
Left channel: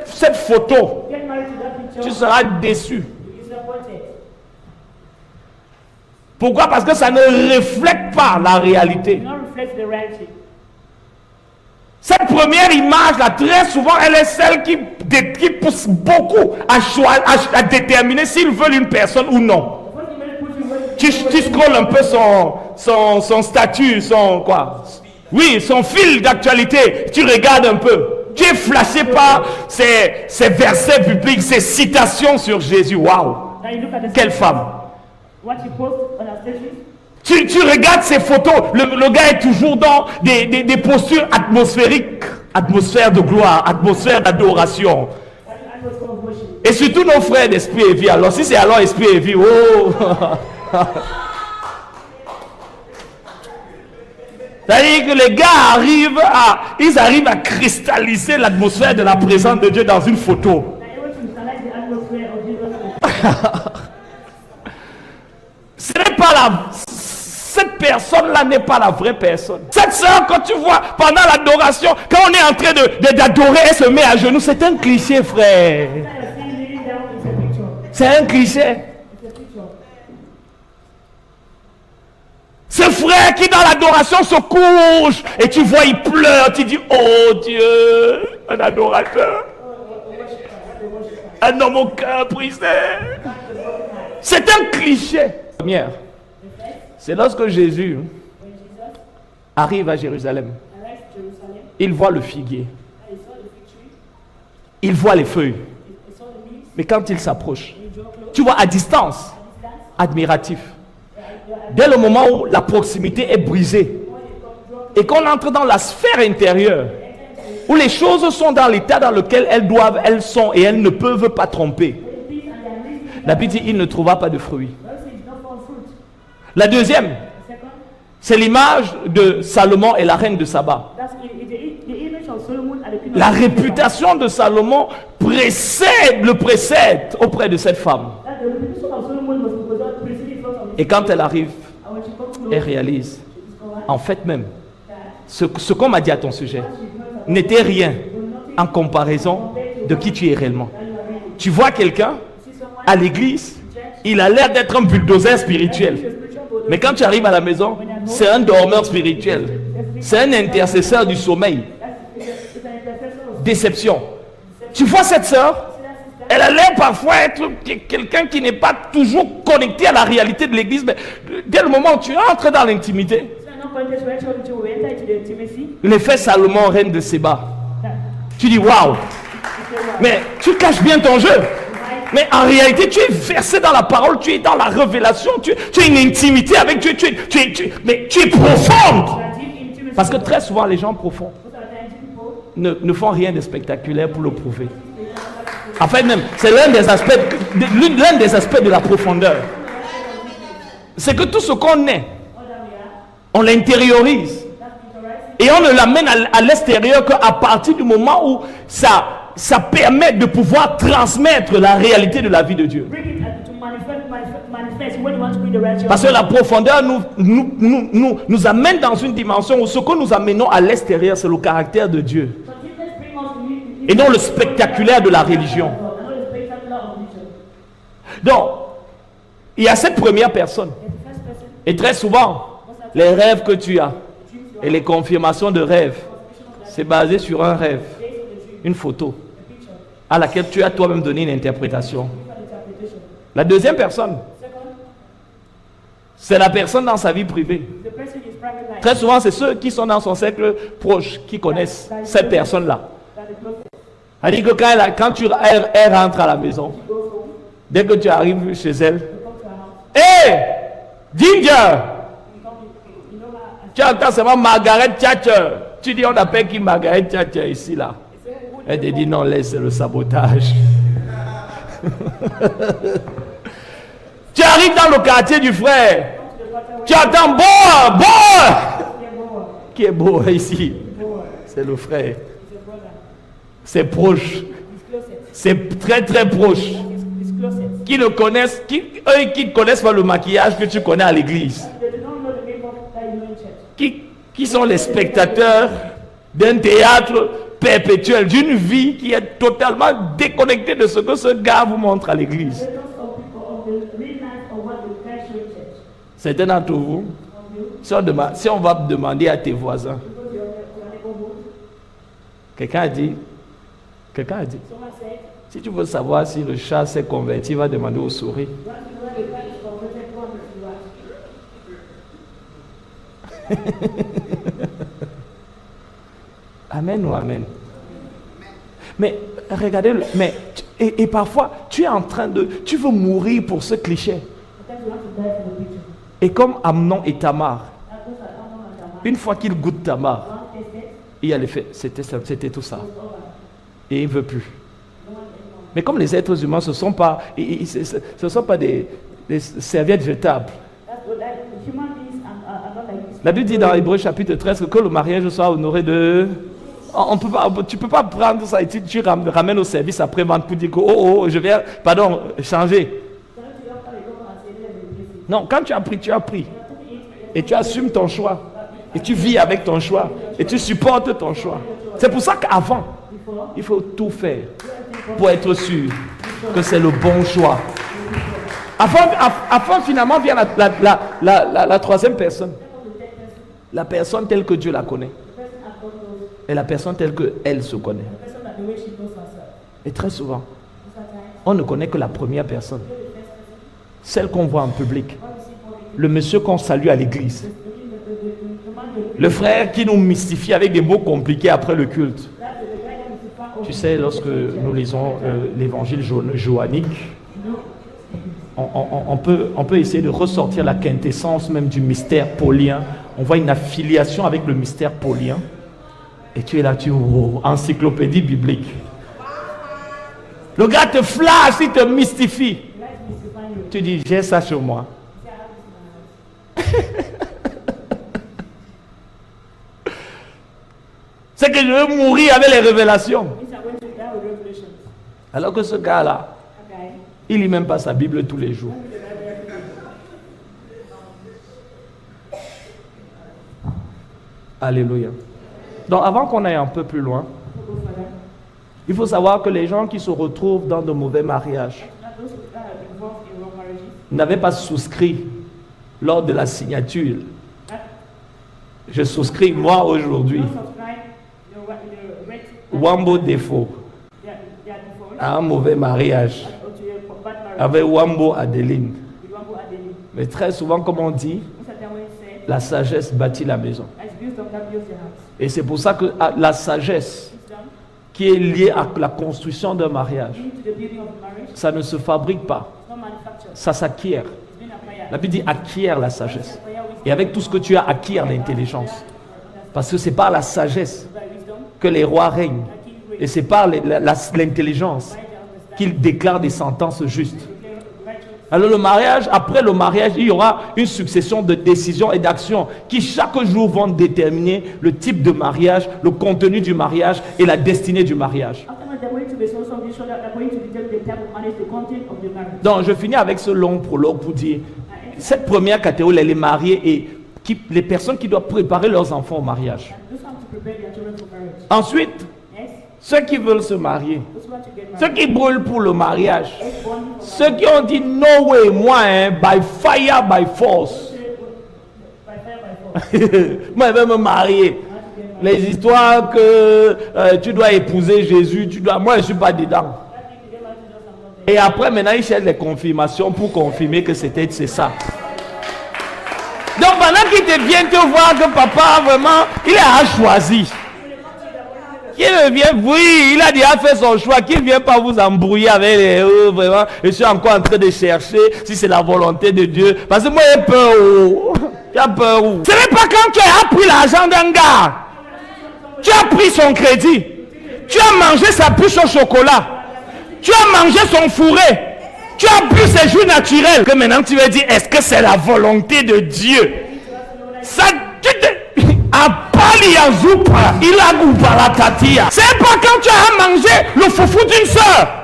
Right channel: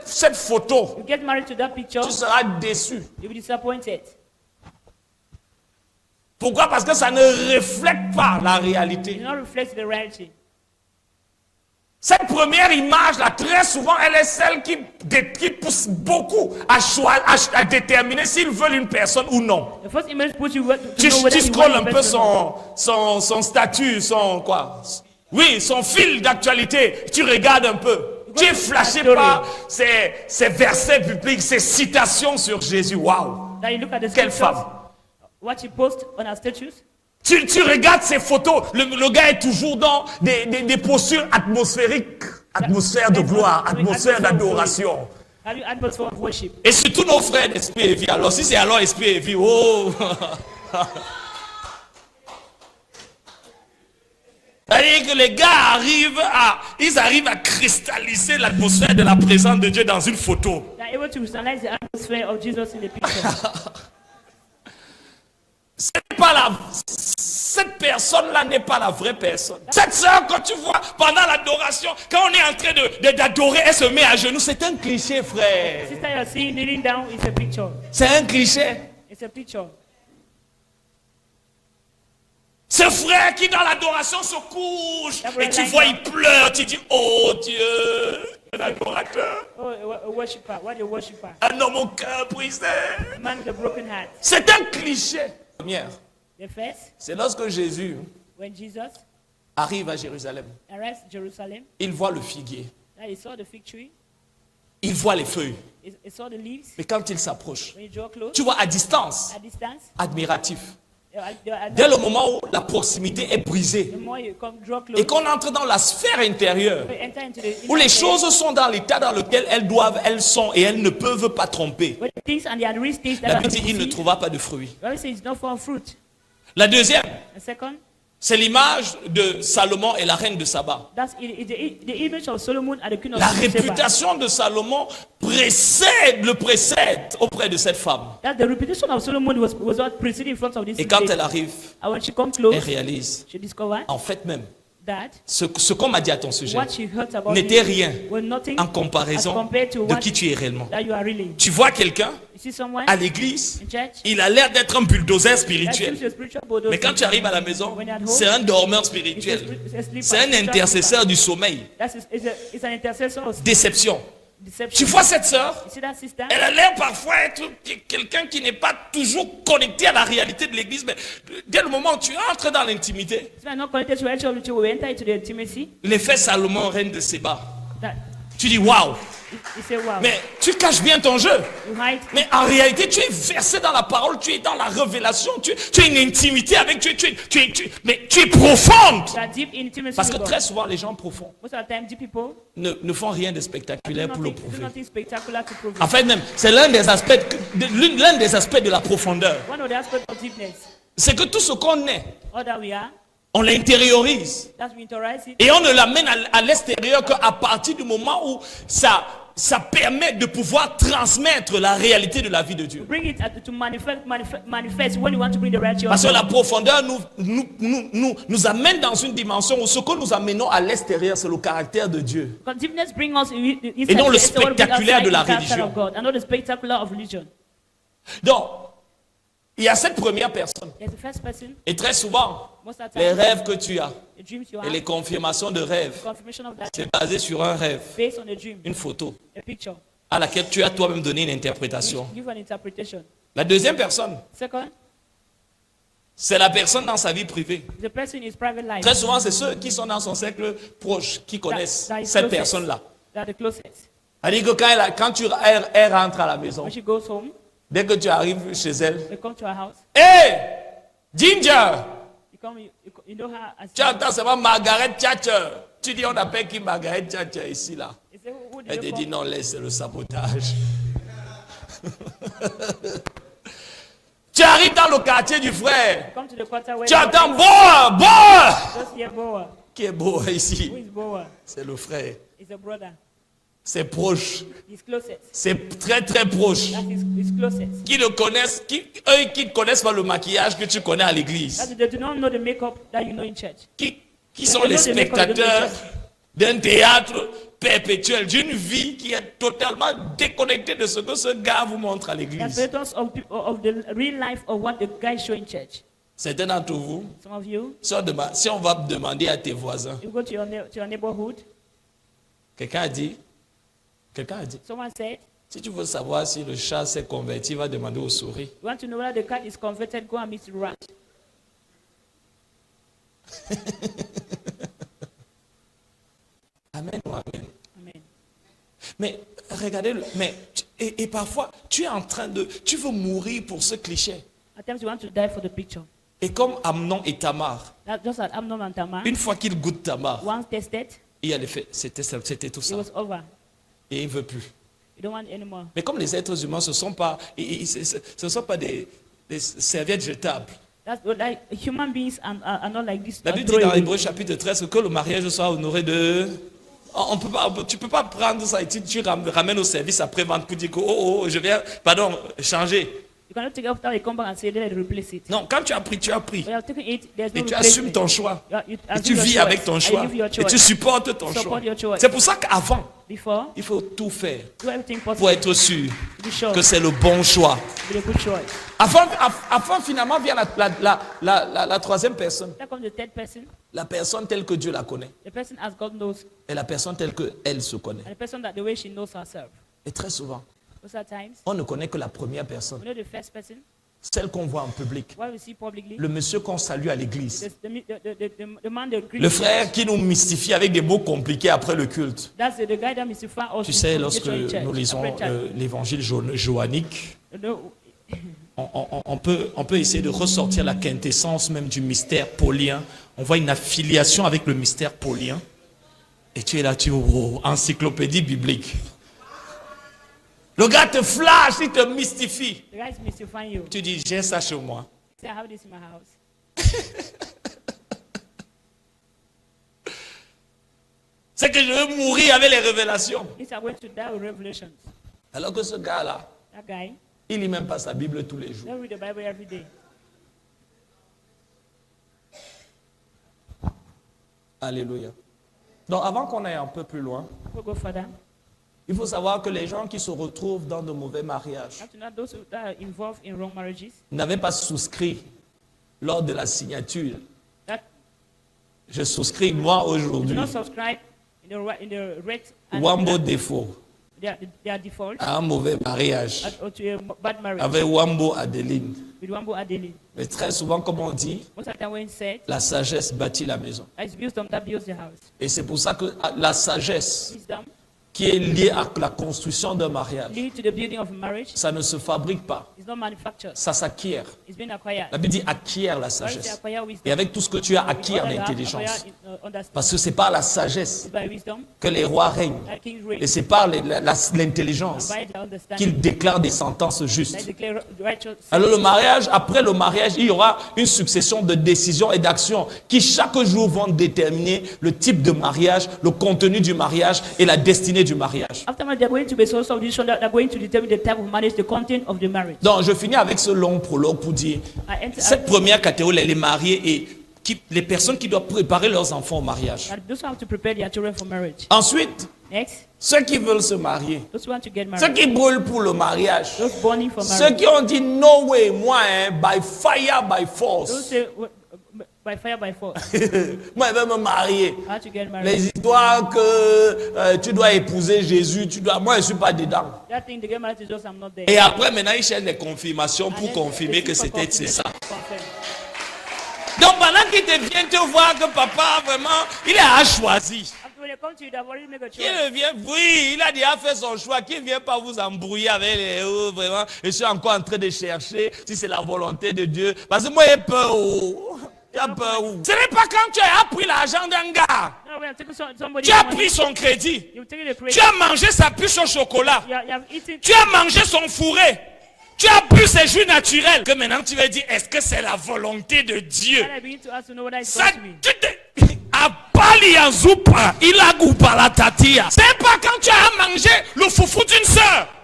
cette photo, Get married to that picture, tu seras déçu. you'll be disappointed. Pourquoi? Parce que ça ne reflète pas la réalité. It not reflects the reality. Cette première image là, très souvent, elle est celle qui pousse beaucoup à déterminer s'ils veulent une personne ou non. The first image puts you where Tu scrolles un peu son statut, son quoi? Oui, son fil d'actualité. Tu regardes un peu. Tu es flashé par ces versets bibliques, ces citations sur Jésus. Waouh! Now you look at the Quelle scriptures, femme! what you post on our statues. Tu regardes ces photos, le gars est toujours dans des postures atmosphériques, atmosphère de gloire, atmosphère d'adoration. Have you atmosphere of worship? Et surtout nos frères d'Esprit et Vie. Alors si c'est alors Esprit et Vie, oh! C'est-à-dire que les gars arrivent à cristalliser l'atmosphère de la présence de Dieu dans une photo. They're able to visualize the atmosphere of Jesus in the picture. Ce n'est pas cette personne-là n'est pas la vraie personne. Cette sœur, quand tu vois pendant l'adoration, quand on est en train d'adorer, elle se met à genoux. C'est un cliché, frère. That you're seeing kneeling down is a picture. C'est un cliché. It's a picture. Ce frère qui dans l'adoration se couche et tu vois il pleure, tu dis oh Dieu, un adorateur, A worshiper. What a worshiper. un homme au cœur brisé. Man with a broken heart. C'est un cliché. Première, The first, c'est lorsque Jésus when Jesus arrive à Jérusalem, arrives in Jerusalem, il voit le figuier, and he saw the fig tree, il voit les feuilles, he saw the leaves, mais quand il s'approche, and he drew close tu vois à distance, at distance. admiratif. You're at Dès le moment où la proximité est brisée the more you come, draw close. et qu'on entre dans la sphère intérieure, You enter into the où les choses sont dans l'état dans lequel elles sont et elles ne peuvent pas tromper. when the things and the other things that La are Bible dit il ne trouva pas de fruits. Bible says it's not for fruit. La deuxième, The second, c'est l'image de Salomon et la reine de Saba. that's the image of Solomon and the queen of La Sheba. réputation de Salomon précède auprès de cette femme. That the reputation of Solomon was what preceded in front of this. Et quand lady. elle arrive, And when she comes elle close, réalise, she discovers en fait même, that ce qu'on m'a dit à ton sujet what she heard about n'était you rien was nothing en as comparaison compared to de what qui tu es réellement. that you are really. Tu vois quelqu'un You see someone à l'église, in church, il a l'air d'être un bulldozer that's spirituel. a spiritual bulldozer. Mais quand tu arrives à la maison, c'est un dormeur spirituel. C'est un intercesseur du sommeil. It's an intercessor of Déception. Tu deception. vois cette sœur? You see that sister? Elle a l'air parfois être quelqu'un qui n'est pas toujours connecté à la réalité de l'église, mais dès le moment où tu entres dans l'intimité, So not connected to actual ritual, we enter into the intimacy. l'effet Salomon, reine de Séba, That tu dis waouh, you say, wow. mais tu caches bien ton jeu. Right? Mais en réalité, tu es versé dans la parole, tu es dans la révélation, tu as une intimité avec Dieu, mais tu es profonde. That deep intimacy. Parce que with très God. souvent, les gens profonds Most of the time, deep people ne font rien de spectaculaire pour le prouver. nothing spectacular to prove. En fait, même, c'est l'un des aspects de la profondeur. One of the aspects of deepness, C'est que tout ce qu'on est, all that we are, on l'intériorise. that we authorize it, Et on ne l'amène à l'extérieur qu'à partir du moment où ça permet de pouvoir transmettre la réalité de la vie de Dieu. bring it to manifest when you want to bring the reality Parce of que la profondeur nous amène dans une dimension où ce que nous amenons à l'extérieur, c'est le caractère de Dieu. God. Deepness bring us Et non le spectaculaire de la religion. And not the spectacular of religion. Donc, il y a cette première personne. There's the first person. Et très souvent, Most of the les time, rêves que tu as the dreams you et have, les confirmations de rêves, confirmation of that c'est dream, basé sur un rêve, based on the dream, une photo, the picture, à laquelle tu as toi-même donné une interprétation. give an interpretation. La deuxième personne, Second, c'est la personne dans sa vie privée. the person in his private life. Très souvent, c'est ceux qui sont dans son cercle proche qui connaissent cette personne-là. That the closest. C'est-à-dire que elle rentre à la maison, When she goes home, dès que tu arrives chez elle, you come to her house, hé, Ginger, you come, you know her as tu entends seulement Margaret Thatcher. Tu dis, on appelle qui Margaret Thatcher ici, là? you say, who Elle did te you dit, call? non, laisse le sabotage. Tu arrives dans le quartier du frère. Come to the quarter where Tu entends Boa, Boa. just hear Boa. Qui est beau ici? He's Boa. C'est le frère. He's a brother. C'est proche. He's closest. C'est très très proche. That is his closest. Qui le connaissent, eux qui ne connaissent pas le maquillage que tu connais à l'église. That they do not know the makeup that you know in church. Qui sont les spectateurs d'un théâtre perpétuel, d'une vie qui est totalement déconnectée de ce que ce gars vous montre à The l'église. spectators of people of the real life of what the guy show in church. Certains d'entre vous, Some of you, si on va demander à tes voisins, you go to your neighborhood. quelqu'un a dit, Someone said, si tu veux savoir si le chat s'est converti, va demander aux souris. you want to know whether the cat is converted, go and meet the rat. Amen ou amen. Mais regardez, et parfois tu es en train tu veux mourir pour ce cliché. At times you want to die for the picture. Et comme Amnon et Tamar, Just like Amnon and Tamar, une fois qu'il goûte Tamar, once tested, il a les faits, c'était tout it ça. was over. Et il ne veut plus. You don't want anymore. Mais comme les êtres humains, ce ne sont pas des serviettes jetables. That's what human beings are not like this. La Bible dit dans Hébreux chapitre 13 que le mariage soit honoré de... tu ne peux pas prendre ça et tu ramènes au service après-vente pour dire que je vais, changer. You cannot take after you come back and say, let us replace it. Non, quand tu as pris, tu as pris. We have taken it, there's Et no tu assumes replacement. ton choix. You Et tu assume your vis choice. avec ton And choix. you give your Et tu choice. supportes ton Support choix. your choice. C'est pour ça qu'avant, Before, il faut tout faire do everything pour possible être sûr to show que c'est le bon choix. the good choice. Avant finalement vient la troisième personne. Then comes the third person. La personne telle que Dieu la connaît. The person as God knows. Et la personne telle qu'elle se connaît. And the person that the way she knows herself. Et très souvent, Most of the times, on ne connaît que la première personne. you know the first person, Celle qu'on voit en public. what we see publicly. Le monsieur qu'on salue à l'église. The man they greet. Le frère qui nous mystifie avec des mots compliqués après le culte. That's the guy that mystify us. Tu sais, lorsque nous lisons l'évangile joannique, You know, on peut essayer de ressortir la quintessence même du mystère paulien. On voit une affiliation avec le mystère paulien. Et tu es là, encyclopédie biblique. Le gars te flash, il te mystifie. the guy is mystifying you. Tu dis, j'ai ça chez moi. Say, I have this in my house. C'est que je veux mourir avec les révélations. These are going to die with revelations. Alors que ce gars-là, That guy, il lit même pas sa Bible tous les jours. don't read the Bible every day. Alléluia. Donc avant qu'on aille un peu plus loin, We'll go further. il faut savoir que les gens qui se retrouvent dans de mauvais mariages Now, those that are involved in wrong marriages, n'avaient pas souscrit lors de la signature. that Je souscris moi aujourd'hui, don't subscribe in the rate and Wambo défaut, their default à un mauvais mariage or to a bad marriage avec Wambo Adeline. with Wambo Adeni. Mais très souvent, comme on dit, Most of the time when it's said, la sagesse bâtit la maison. it's wisdom that builds the house. Et c'est pour ça que la sagesse Wisdom qui est liée à la construction d'un mariage, leading to the building of a marriage ça ne se fabrique pas, is not manufactured. ça s'acquiert. It's been acquired. La Bible dit acquiert la Why is it sagesse. acquire wisdom? Et avec tout ce que tu as, acquiert What I have l'intelligence. acquired, understand. Parce que c'est par la sagesse By wisdom, que les rois règnent. like King Et reigns. c'est par l'intelligence By the understanding, qu'ils déclarent des sentences and justes. declare righteous. Alors le mariage, après le mariage, il y aura une succession de décisions et d'actions qui chaque jour vont déterminer le type de mariage, le contenu du mariage et la destinée du mariage. After marriage, they're going to be so decisions that are going to determine the type of marriage, the content of the marriage. Donc je finis avec ce long prologue pour dire, I enter cette première catégorie, elle est mariée et les personnes qui doivent préparer leurs enfants au mariage. That those who have to prepare their children for marriage. Ensuite, Next, ceux qui veulent se marier, those who want to get ceux married. qui brûlent pour le mariage, Those burning for ceux marriage. qui ont dit no way, moi, hein, by fire, by Those force. say by fire, by force. Moi, je vais me marier. I want to get married. Les histoires que tu dois épouser Jésus, moi, je ne suis pas dedans. That thing, they get married to Jesus, I'm not there. Et après, maintenant, ils cherchent les confirmations pour confirmer que c'est ça. Donc, pendant qu'il te vient te voir que papa, vraiment, il a choisi. When they come to you, they're already made a Qu'il vient, oui, il a déjà fait son choix. Qu'il ne vient pas vous embrouiller avec les vraiment. Je suis encore en train de chercher si c'est la volonté de Dieu. Parce que moi, j'ai peur. J'ai peur. Ce n'est pas quand tu as pris l'argent d'un gars. Ah, we have taken somebody. Tu as pris son crédit. You take the Tu as mangé sa puce au chocolat. You have eaten. Tu as mangé son fourré. Tu as bu ses jus naturels. Que maintenant tu vas dire, est-ce que c'est la volonté de Dieu? We need to ask to know whether it's Ça Apali ya zupa, ila gupa la tatia. C'est pas quand tu as mangé le foufou d'une sœur.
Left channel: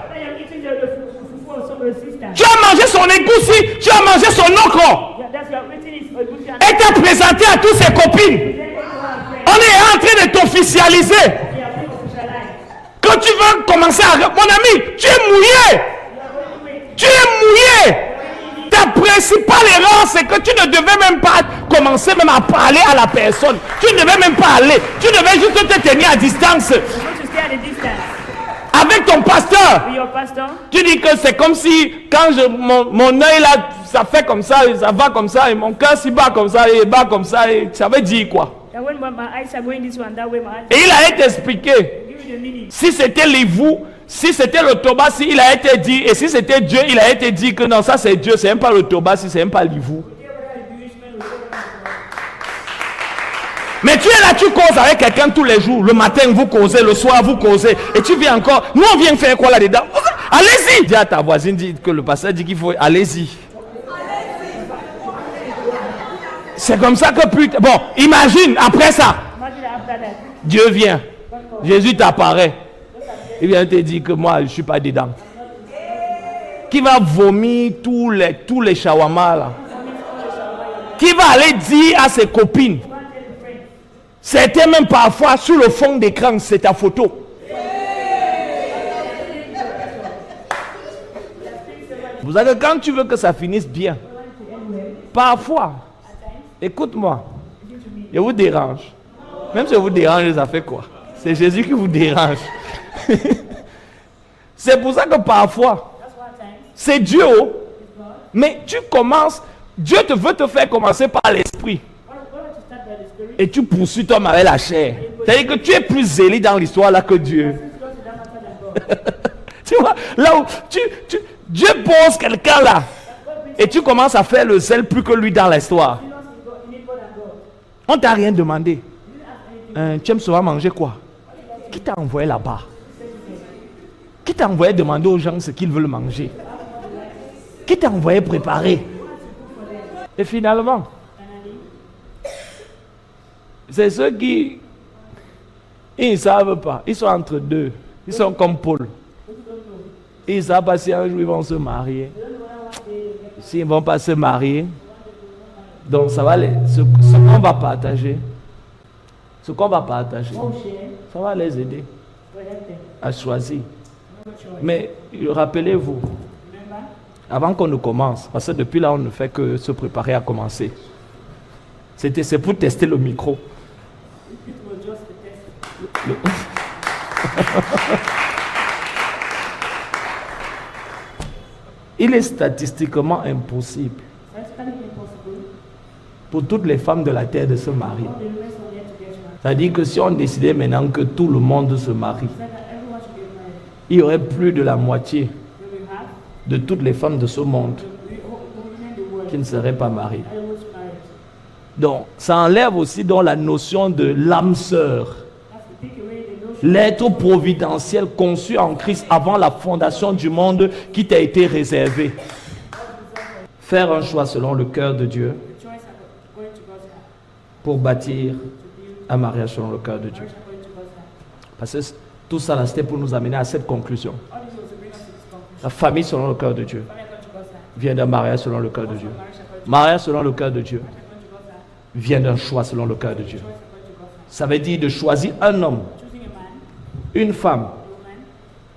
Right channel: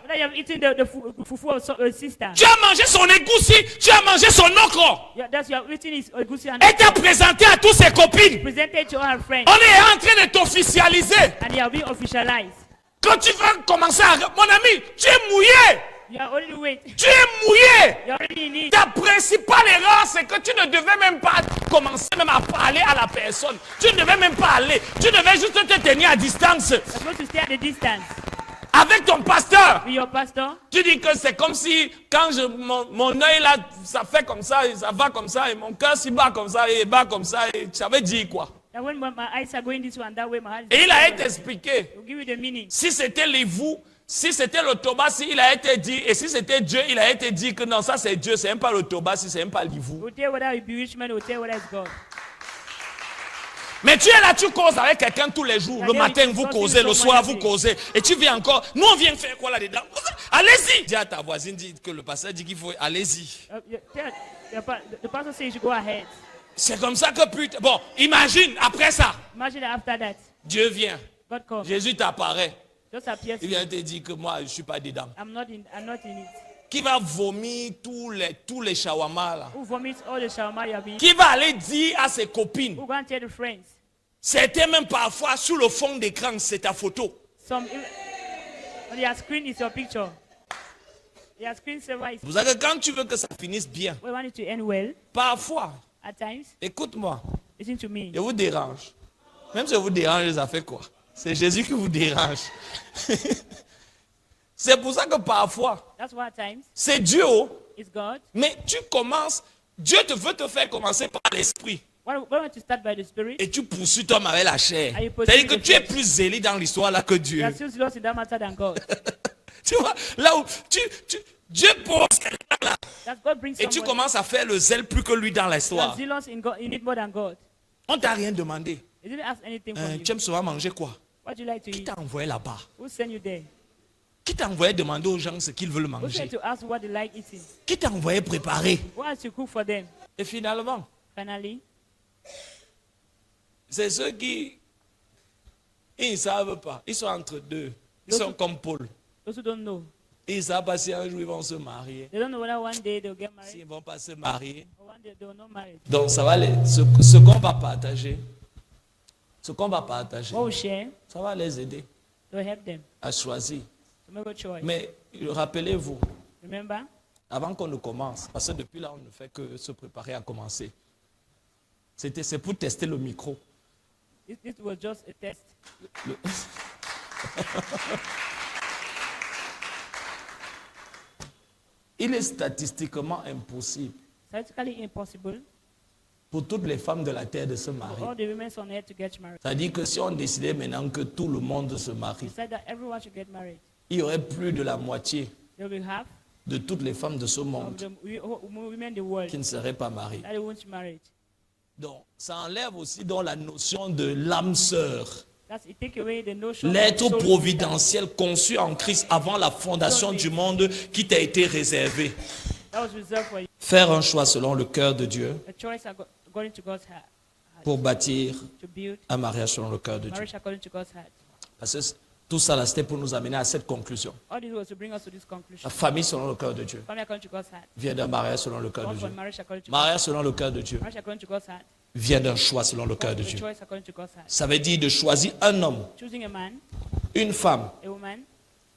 whether you have eaten the fufu of a sister. Tu as mangé son égoussi, tu as mangé son okro. Yeah, that's you have eaten his goosey and Et t'es présenté à tous ses copines. presented to our friends. On est en train de t'officialiser. And they have been officialized. Quand tu vas commencer à... Mon ami, tu es mouillé. You are already waiting. Tu es mouillé. You are already in it. Ta principale erreur, c'est que tu ne devais même pas commencer même à parler à la personne. Tu ne devais même pas aller. Tu devais juste te tenir à distance. You're supposed to stay at a distance. Avec ton pasteur. With your pastor. Tu dis que c'est comme si quand mon œil là, ça fait comme ça va comme ça, et mon cœur s'y bat comme ça, et bat comme ça, et ça veut dire quoi? And when my eyes are going this way and that way, my eyes Et il a été expliqué. give you the meaning. Si c'était les vous, si c'était le Tobasi, il a été dit, et si c'était Dieu, il a été dit que non, ça c'est Dieu, c'est même pas le Tobasi, c'est même pas les vous. We'll tell whether it be rich man, we'll tell whether it's God. Mais tu es là, tu causes avec quelqu'un tous les jours. Le matin, vous causez, le soir, vous causez. Et tu viens encore. Nous, on vient faire quoi là-dedans? Allez-y! Dis à ta voisine, dis que le pasteur dit qu'il faut. Allez-y. The pastor says go ahead. C'est comme ça que putain. Bon, imagine, après ça, Imagine after that, Dieu vient. God calls. Jésus t'apparaît. Just appears. Il vient te dire que moi, je ne suis pas dedans. I'm not in. Qui va vomir tous les shawarma là. Who vomits all the shower you have Qui va aller dire à ses copines. Go and tell the friends. C'était même parfois sur le fond d'écran, c'est ta photo. Some their screen is your picture. Their screen saver is Vous savez, quand tu veux que ça finisse bien, we want it to end well. parfois, At times, écoute-moi, listen to me. je vous dérange. Même si je vous dérange, ça fait quoi? C'est Jésus qui vous dérange. C'est pour ça que parfois, That's why at times c'est Dieu, it's God. mais tu commences, Dieu te veut te faire commencer par l'esprit. Why don't you start by the Spirit? Et tu poursuis toi avec la chair. C'est-à-dire que tu es plus zélé dans l'histoire là que You are Dieu. still serious in that matter than God. Tu vois, là où Dieu pose quelqu'un là, That God brings et tu commences à faire le zèle plus que lui dans l'histoire. zealous in God, in it more than God. On t'a rien demandé. You didn't ask anything. Tu aimes souvent manger quoi? What do you like to Qui eat? t'a envoyé là-bas? Who sent you there? Qui t'a envoyé demander aux gens ce qu'ils veulent manger? To ask what they like eating. Qui t'a envoyé préparer? Who has to cook for them? Et finalement, Finally, c'est ceux qui, ils ne savent pas. Ils sont entre deux. Ils sont comme Paul. those who don't know. Ils ne savent pas si un jour ils vont se marier. They don't know whether one day they'll get married. S'ils ne vont pas se marier. One day they will not marry. Donc ça va ce qu'on va partager. Ce qu'on va partager. What we share Ça va les aider will help them. à choisir. No choice. Mais rappelez-vous, Remember, avant qu'on ne commence, parce que depuis là on ne fait que se préparer à commencer. C'est pour tester le micro. it was just a test. Il est statistiquement impossible Scientifically impossible pour toutes les femmes de la terre de se marier. for the women on earth to get married. C'est-à-dire que si on décidait maintenant que tout le monde se marie, Said that everyone should get married. il y aurait plus de la moitié They will have de toutes les femmes de ce monde women in the world qui ne seraient pas mariées. and who's married. Donc, ça enlève aussi donc la notion de l'âme sœur, That's it. Take away the notion l'être of soul. providentiel conçu en Christ avant la fondation du monde qui t'a été réservé. That was reserved for you. Faire un choix selon le cœur de Dieu The choice according to God's heart. pour bâtir To build un mariage selon le cœur de Dieu. marriage according to God's heart. Parce que tout ça, là, c'était pour nous amener à cette conclusion. All this was to bring us to this conclusion. La famille selon le cœur de Dieu Family according to God's heart. vient d'un mariage selon le cœur de Also Dieu. marriage according to Mariage selon le cœur de Dieu marriage according to God's heart. vient d'un choix selon le cœur de Dieu. choice according to God's heart. Ça veut dire de choisir un homme, Choosing a man, une femme a woman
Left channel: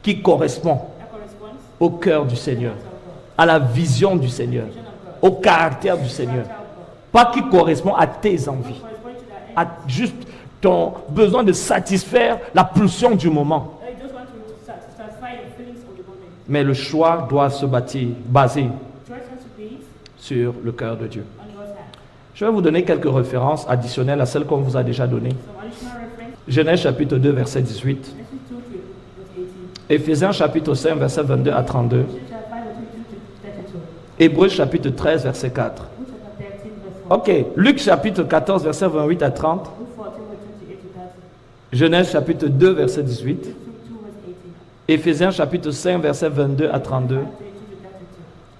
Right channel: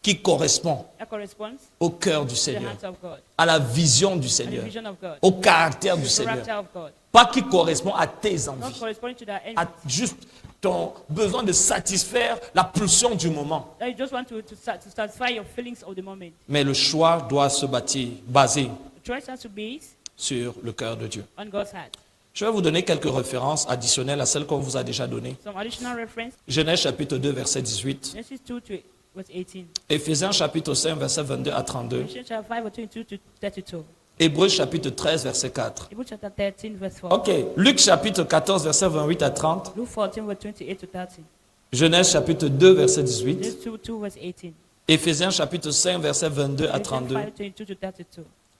qui correspond that corresponds au cœur du to the Seigneur, heart of God, à la vision du the Seigneur, vision of God, au caractère du the Seigneur. character of God, Pas qui correspond à tes not envies, corresponding to their à end. juste ton besoin de satisfaire la pulsion du moment. That you just want to satisfy your feelings of the moment. Mais le choix doit se baser Choice has to be sur le cœur de Dieu. on God's heart. Je vais vous donner quelques références additionnelles à celles qu'on vous a déjà données. Some additional reference, Genèse chapitre 2, verset 18. Genesis 2 to verse 18. Éphésiens chapitre 5, verset 22 à 32. Ephesians chapter 5 verse 22 to 32. Hébreux chapitre 13, verset 4. Hebrews chapter 13 verse 4. Ok, Luc chapitre 14, verset 28 à 30. Luke 14 verse 28 to 30. Genèse chapitre 2, verset 18. Genesis 2 verse 18. Éphésiens chapitre 5, verset 22 à 32. 5 22 to 32.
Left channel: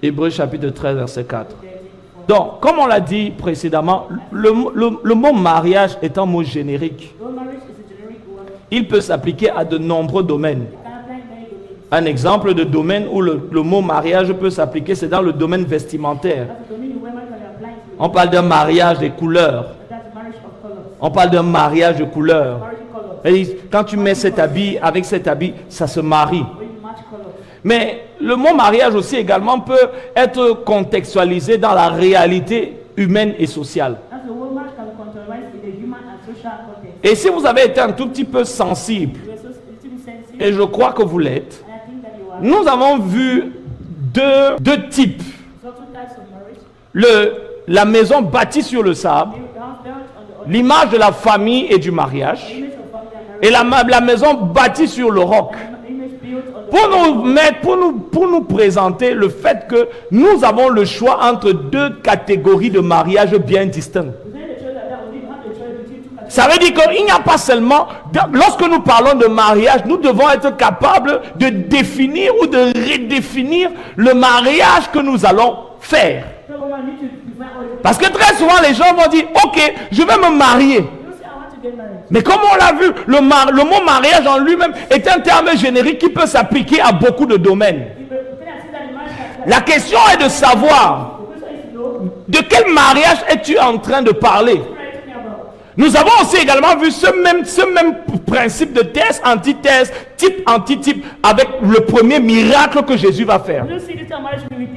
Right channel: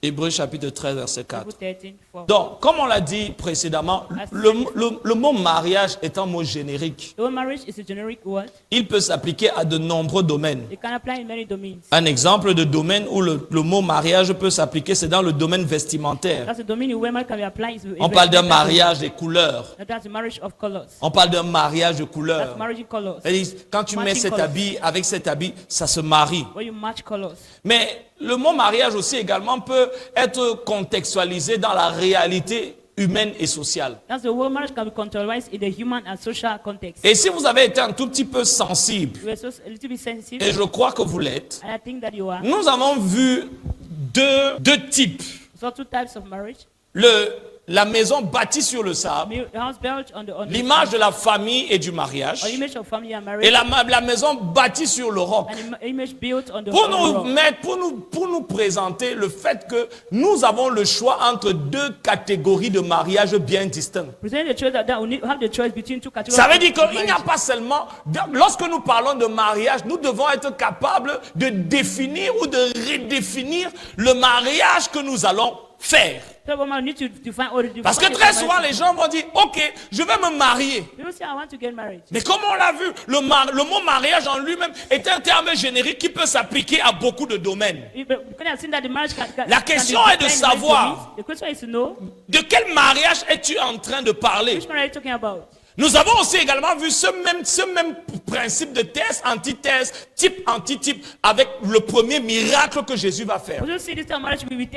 Hébreux chapitre 13, verset 4. 13 4. Donc, comme on l'a dit précédemment, le mot mariage est un mot générique. The word marriage is a generic word. Il peut s'appliquer à de nombreux domaines. It can apply in many domains. Un exemple de domaine où le mot mariage peut s'appliquer, c'est dans le domaine vestimentaire. That's a domain where marriage can be applied. On parle d'un mariage des couleurs. That's the marriage of colors. On parle d'un mariage de couleurs. Marriage in colors. Et quand tu mets cet habit avec cet habit, ça se marie. When you match colors. Mais le mot mariage aussi également peut être contextualisé dans la réalité humaine et sociale. That's the word marriage can be contextualized in the human and social context. Et si vous avez été un tout petit peu sensible, You are so a little bit sensitive, et je crois que vous l'êtes, and I think that you are. nous avons vu deux types. So two types of marriage. La maison bâtie sur le sable, The house built on the l'image de la famille et du mariage, or image of family and et marriage. la maison bâtie sur le roc. An image built on the Pour nous présenter le fait que nous avons le choix entre deux catégories de mariage bien distinctes. Present the choice that we need to have the choice between two categories. Ça veut dire qu'il n'y a pas seulement, lorsque nous parlons de mariage, nous devons être capables de définir ou de redéfinir le mariage que nous allons faire. So we need to define all the Parce que très souvent les gens vont dire, ok, je vais me marier. You don't say I want to get married. Mais comme on l'a vu, le mot mariage en lui-même est un terme générique qui peut s'appliquer à beaucoup de domaines. We can see that the marriage can. La question est de savoir, The question is to know de quel mariage es-tu en train de parler? what are you talking about? Nous avons aussi également vu ce même principe de thèse, antithèse, type, antitype, avec le premier miracle que Jésus va faire. You don't see this kind of marriage with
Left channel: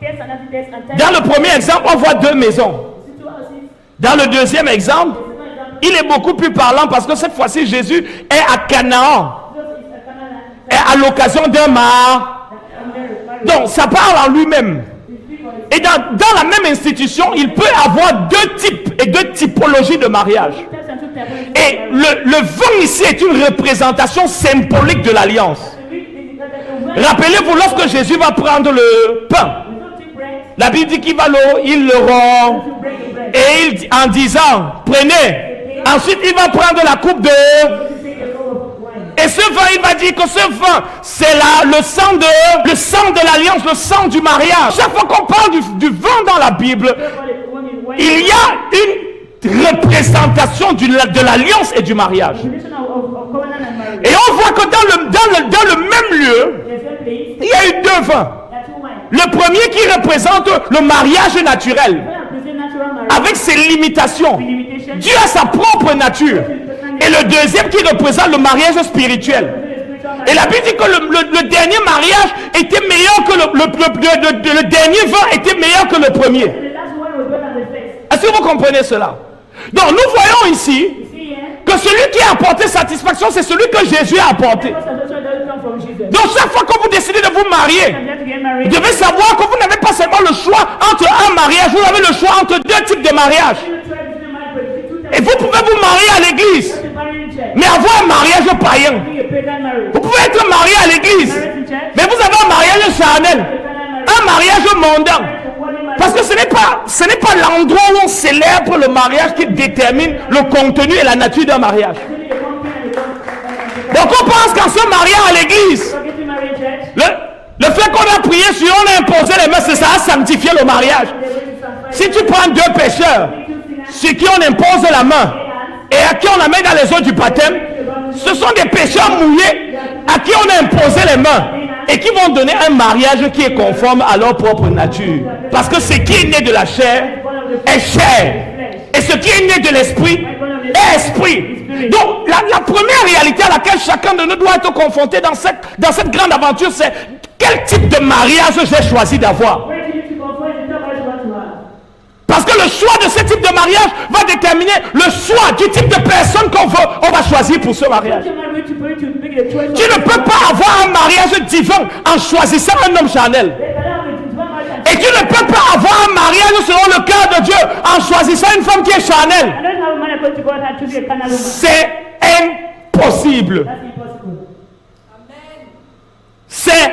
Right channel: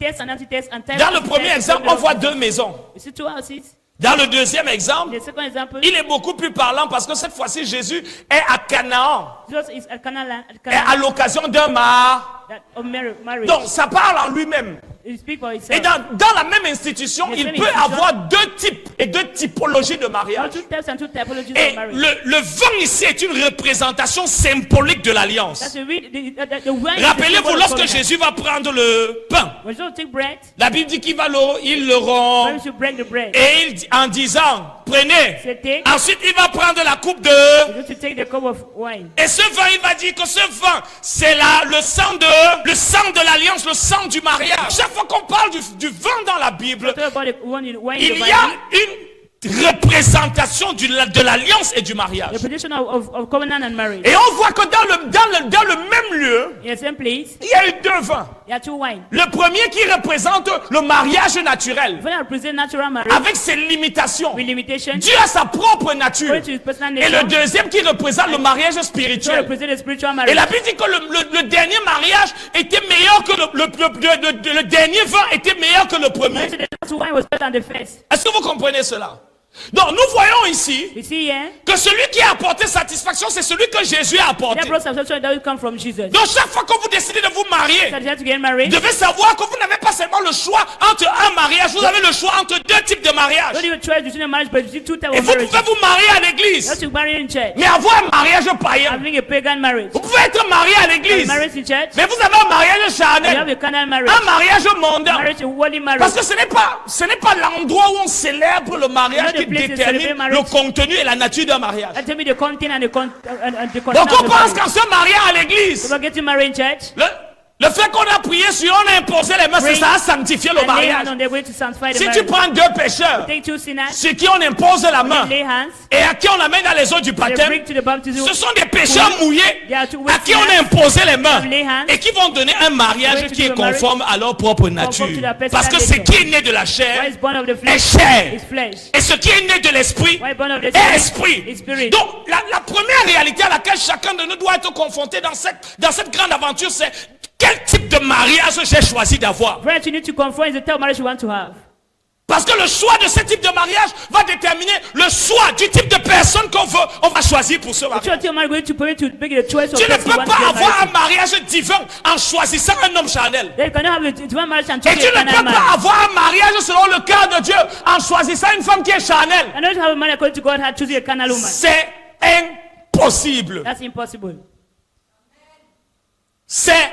test and anti-test and time. Dans le premier exemple, on voit deux maisons. You see two houses. Dans le deuxième exemple, The second example. il est beaucoup plus parlant parce que cette fois-ci, Jésus est à Canaan, Jesus is a Canaan. est à l'occasion d'un mariage. Marriage. Donc, ça parle en lui-même. He speak for himself. Et dans la même institution, il peut avoir deux types et deux typologies de mariage. Two types and two typologies of Et marriage. le vin ici est une représentation symbolique de l'alliance. To read the word. Rappelez-vous, lorsque Jésus va prendre le pain, We don't take bread. la Bible dit qu'il va il le We rompt should break the bread. et il dit, en disant, prenez. Ensuite, il va prendre la coupe de... We should take the cup of wine. Et ce vin, il va dire que ce vin, c'est le sang de l'alliance, le sang du mariage. Chaque fois qu'on parle du vin dans la Bible, Talk about the one in wine. il y a une représentation de l'alliance et du mariage. Definition of covenant and marriage. Et on voit que dans le même lieu, In the same place, il y a eu deux vins. there are two wines. Le premier qui représente le mariage naturel, When I present natural marriage avec ses limitations. with limitation, Dieu a sa propre nature. which is personal Et le deuxième qui représente le mariage spirituel. present a spiritual Et marriage. la Bible dit que le dernier mariage était meilleur que le dernier vin était meilleur que le premier. The last wine was better than the first. Est-ce que vous comprenez cela? Donc nous voyons ici You see here, que celui qui a apporté satisfaction, c'est celui que Jésus a apporté. that plus satisfaction doesn't come from Jesus. Donc chaque fois que vous décidez de vous marier, You have to get vous married. devez savoir que vous n'avez pas seulement le choix entre un mariage, vous avez le choix entre deux types de mariage. When you try between a marriage, but between two types Et of vous marriage, pouvez vous marier à you l'église, have to marry in church. mais avoir un mariage païen. Having a pagan marriage. Vous pouvez être marié à l'église, Marriage in church. mais vous avez un mariage You have charnel, a carnal marriage. un mariage mondain. Marriage in worldly marriage. Parce que ce n'est pas l'endroit où on célèbre le mariage qui détermine le contenu et la nature d'un mariage. And tell me the content and the Donc on pense qu'en se mariant à l'église, So get you married in church. Le fait qu'on a prié sur, on a imposé les mains, c'est ça a sanctifié le mariage. On the way to sanctify the Si tu marriage. prends deux pécheurs, Take two sinners, sur qui on impose la main, lay hands, et à qui on amène dans les eaux du they baptême, bring to the baptism. ce sont des pécheurs mouillés à qui on a imposé les mains et qui vont donner un mariage qui est conforme à leur propre nature. Parce que ce qui est né de la chair It's born of the est flesh. chair. It's flesh. Et ce qui est né de l'esprit est esprit. Donc la première réalité à laquelle chacun de nous doit être confronté dans cette grande aventure, c'est quel type de mariage j'ai choisi d'avoir. Friends, you need to confront is the type of marriage you want to have. Parce que le choix de ce type de mariage va déterminer le choix du type de personne on va choisir pour ce mariage. What you are going to put to make a choice. Tu ne peux pas avoir un mariage divin en choisissant un homme charnel. They can have a divine marriage and Et tu ne peux pas avoir un mariage selon le cœur de Dieu en choisissant une femme qui est charnelle. I don't have a man according to God and choosing a carnal woman. C'est impossible. That's impossible. C'est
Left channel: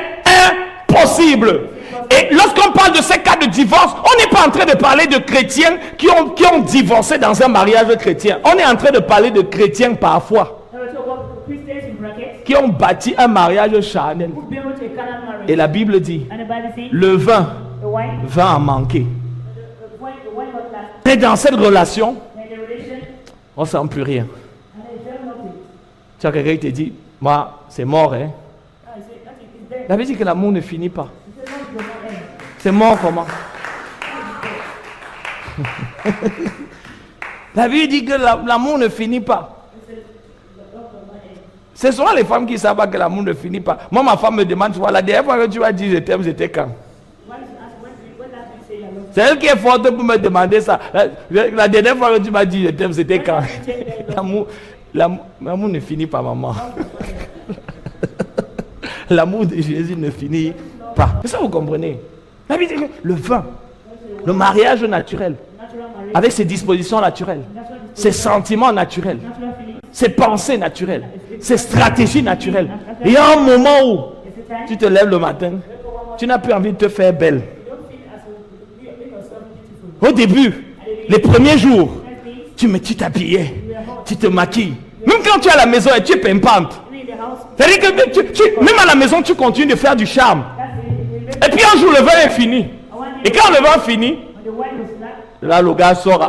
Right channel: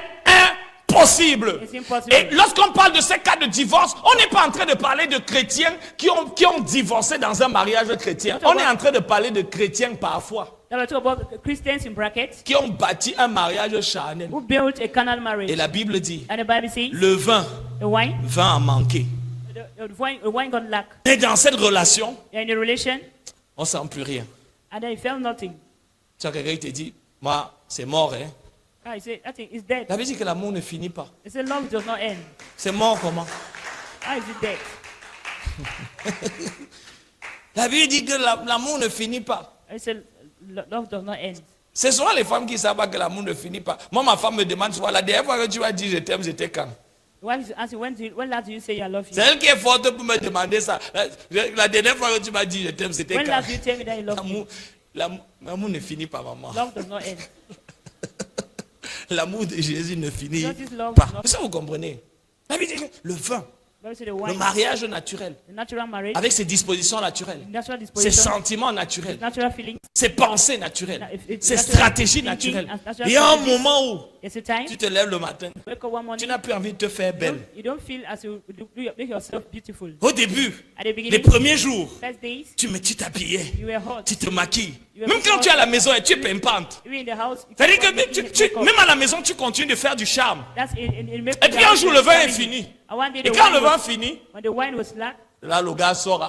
impossible. Et lorsqu'on parle de ces cas de divorce, on n'est pas en train de parler de chrétiens qui ont divorcé dans un mariage chrétien. On est en train de parler de chrétiens parfois Now let's talk about Christians in brackets qui ont bâti un mariage charnel. who built a carnal marriage. Et la Bible dit, And the Bible says le vin the wine, va en manquer. the wine got lack. Et dans cette relation, And in the relation, on ne sent plus rien. and then he felt nothing. Tu as quelqu'un qui te dit, moi, c'est mort, hein. Ah, he said, nothing, it's dead. La Bible dit que l'amour ne finit pas. He said, love does not end. C'est mort comment? How is it dead? La Bible dit que l'amour ne finit pas. He said, love does not end. Ce sont les femmes qui savent que l'amour ne finit pas. Moi, ma femme me demande, tu vois, la dernière fois que tu as dit je t'aime, j'étais quand? When last did you say I love you? C'est elle qui est forte pour me demander ça. La dernière fois que tu m'as dit je t'aime, c'était When quand? last did you tell me that you love me? L'amour ne finit pas, maman. Love does not end. L'amour de Jésus ne finit pas. Mais ça, vous comprenez? La Bible dit que le vin, When you say the le wine, mariage naturel, natural marriage, avec ses dispositions naturelles, natural ses disposition, sentiments naturels, natural feelings. ses pensées naturelles, ses stratégies naturelles. Et il y a un moment où It's a time. tu te lèves le matin, Wake up one morning, tu n'as plus envie de te faire belle. you don't feel as you make yourself beautiful. Au début, At the beginning, les premiers jours, first days, tu t'habillais, you were hot. tu te maquilles. Même quand tu es à la maison et tu es pimpante. You in the house. C'est-à-dire que même à la maison, tu continues de faire du charme. That's it. Et puis un jour, le vin est fini. And one day, Et quand le vin finit, when the wine was lack, là, le gars sort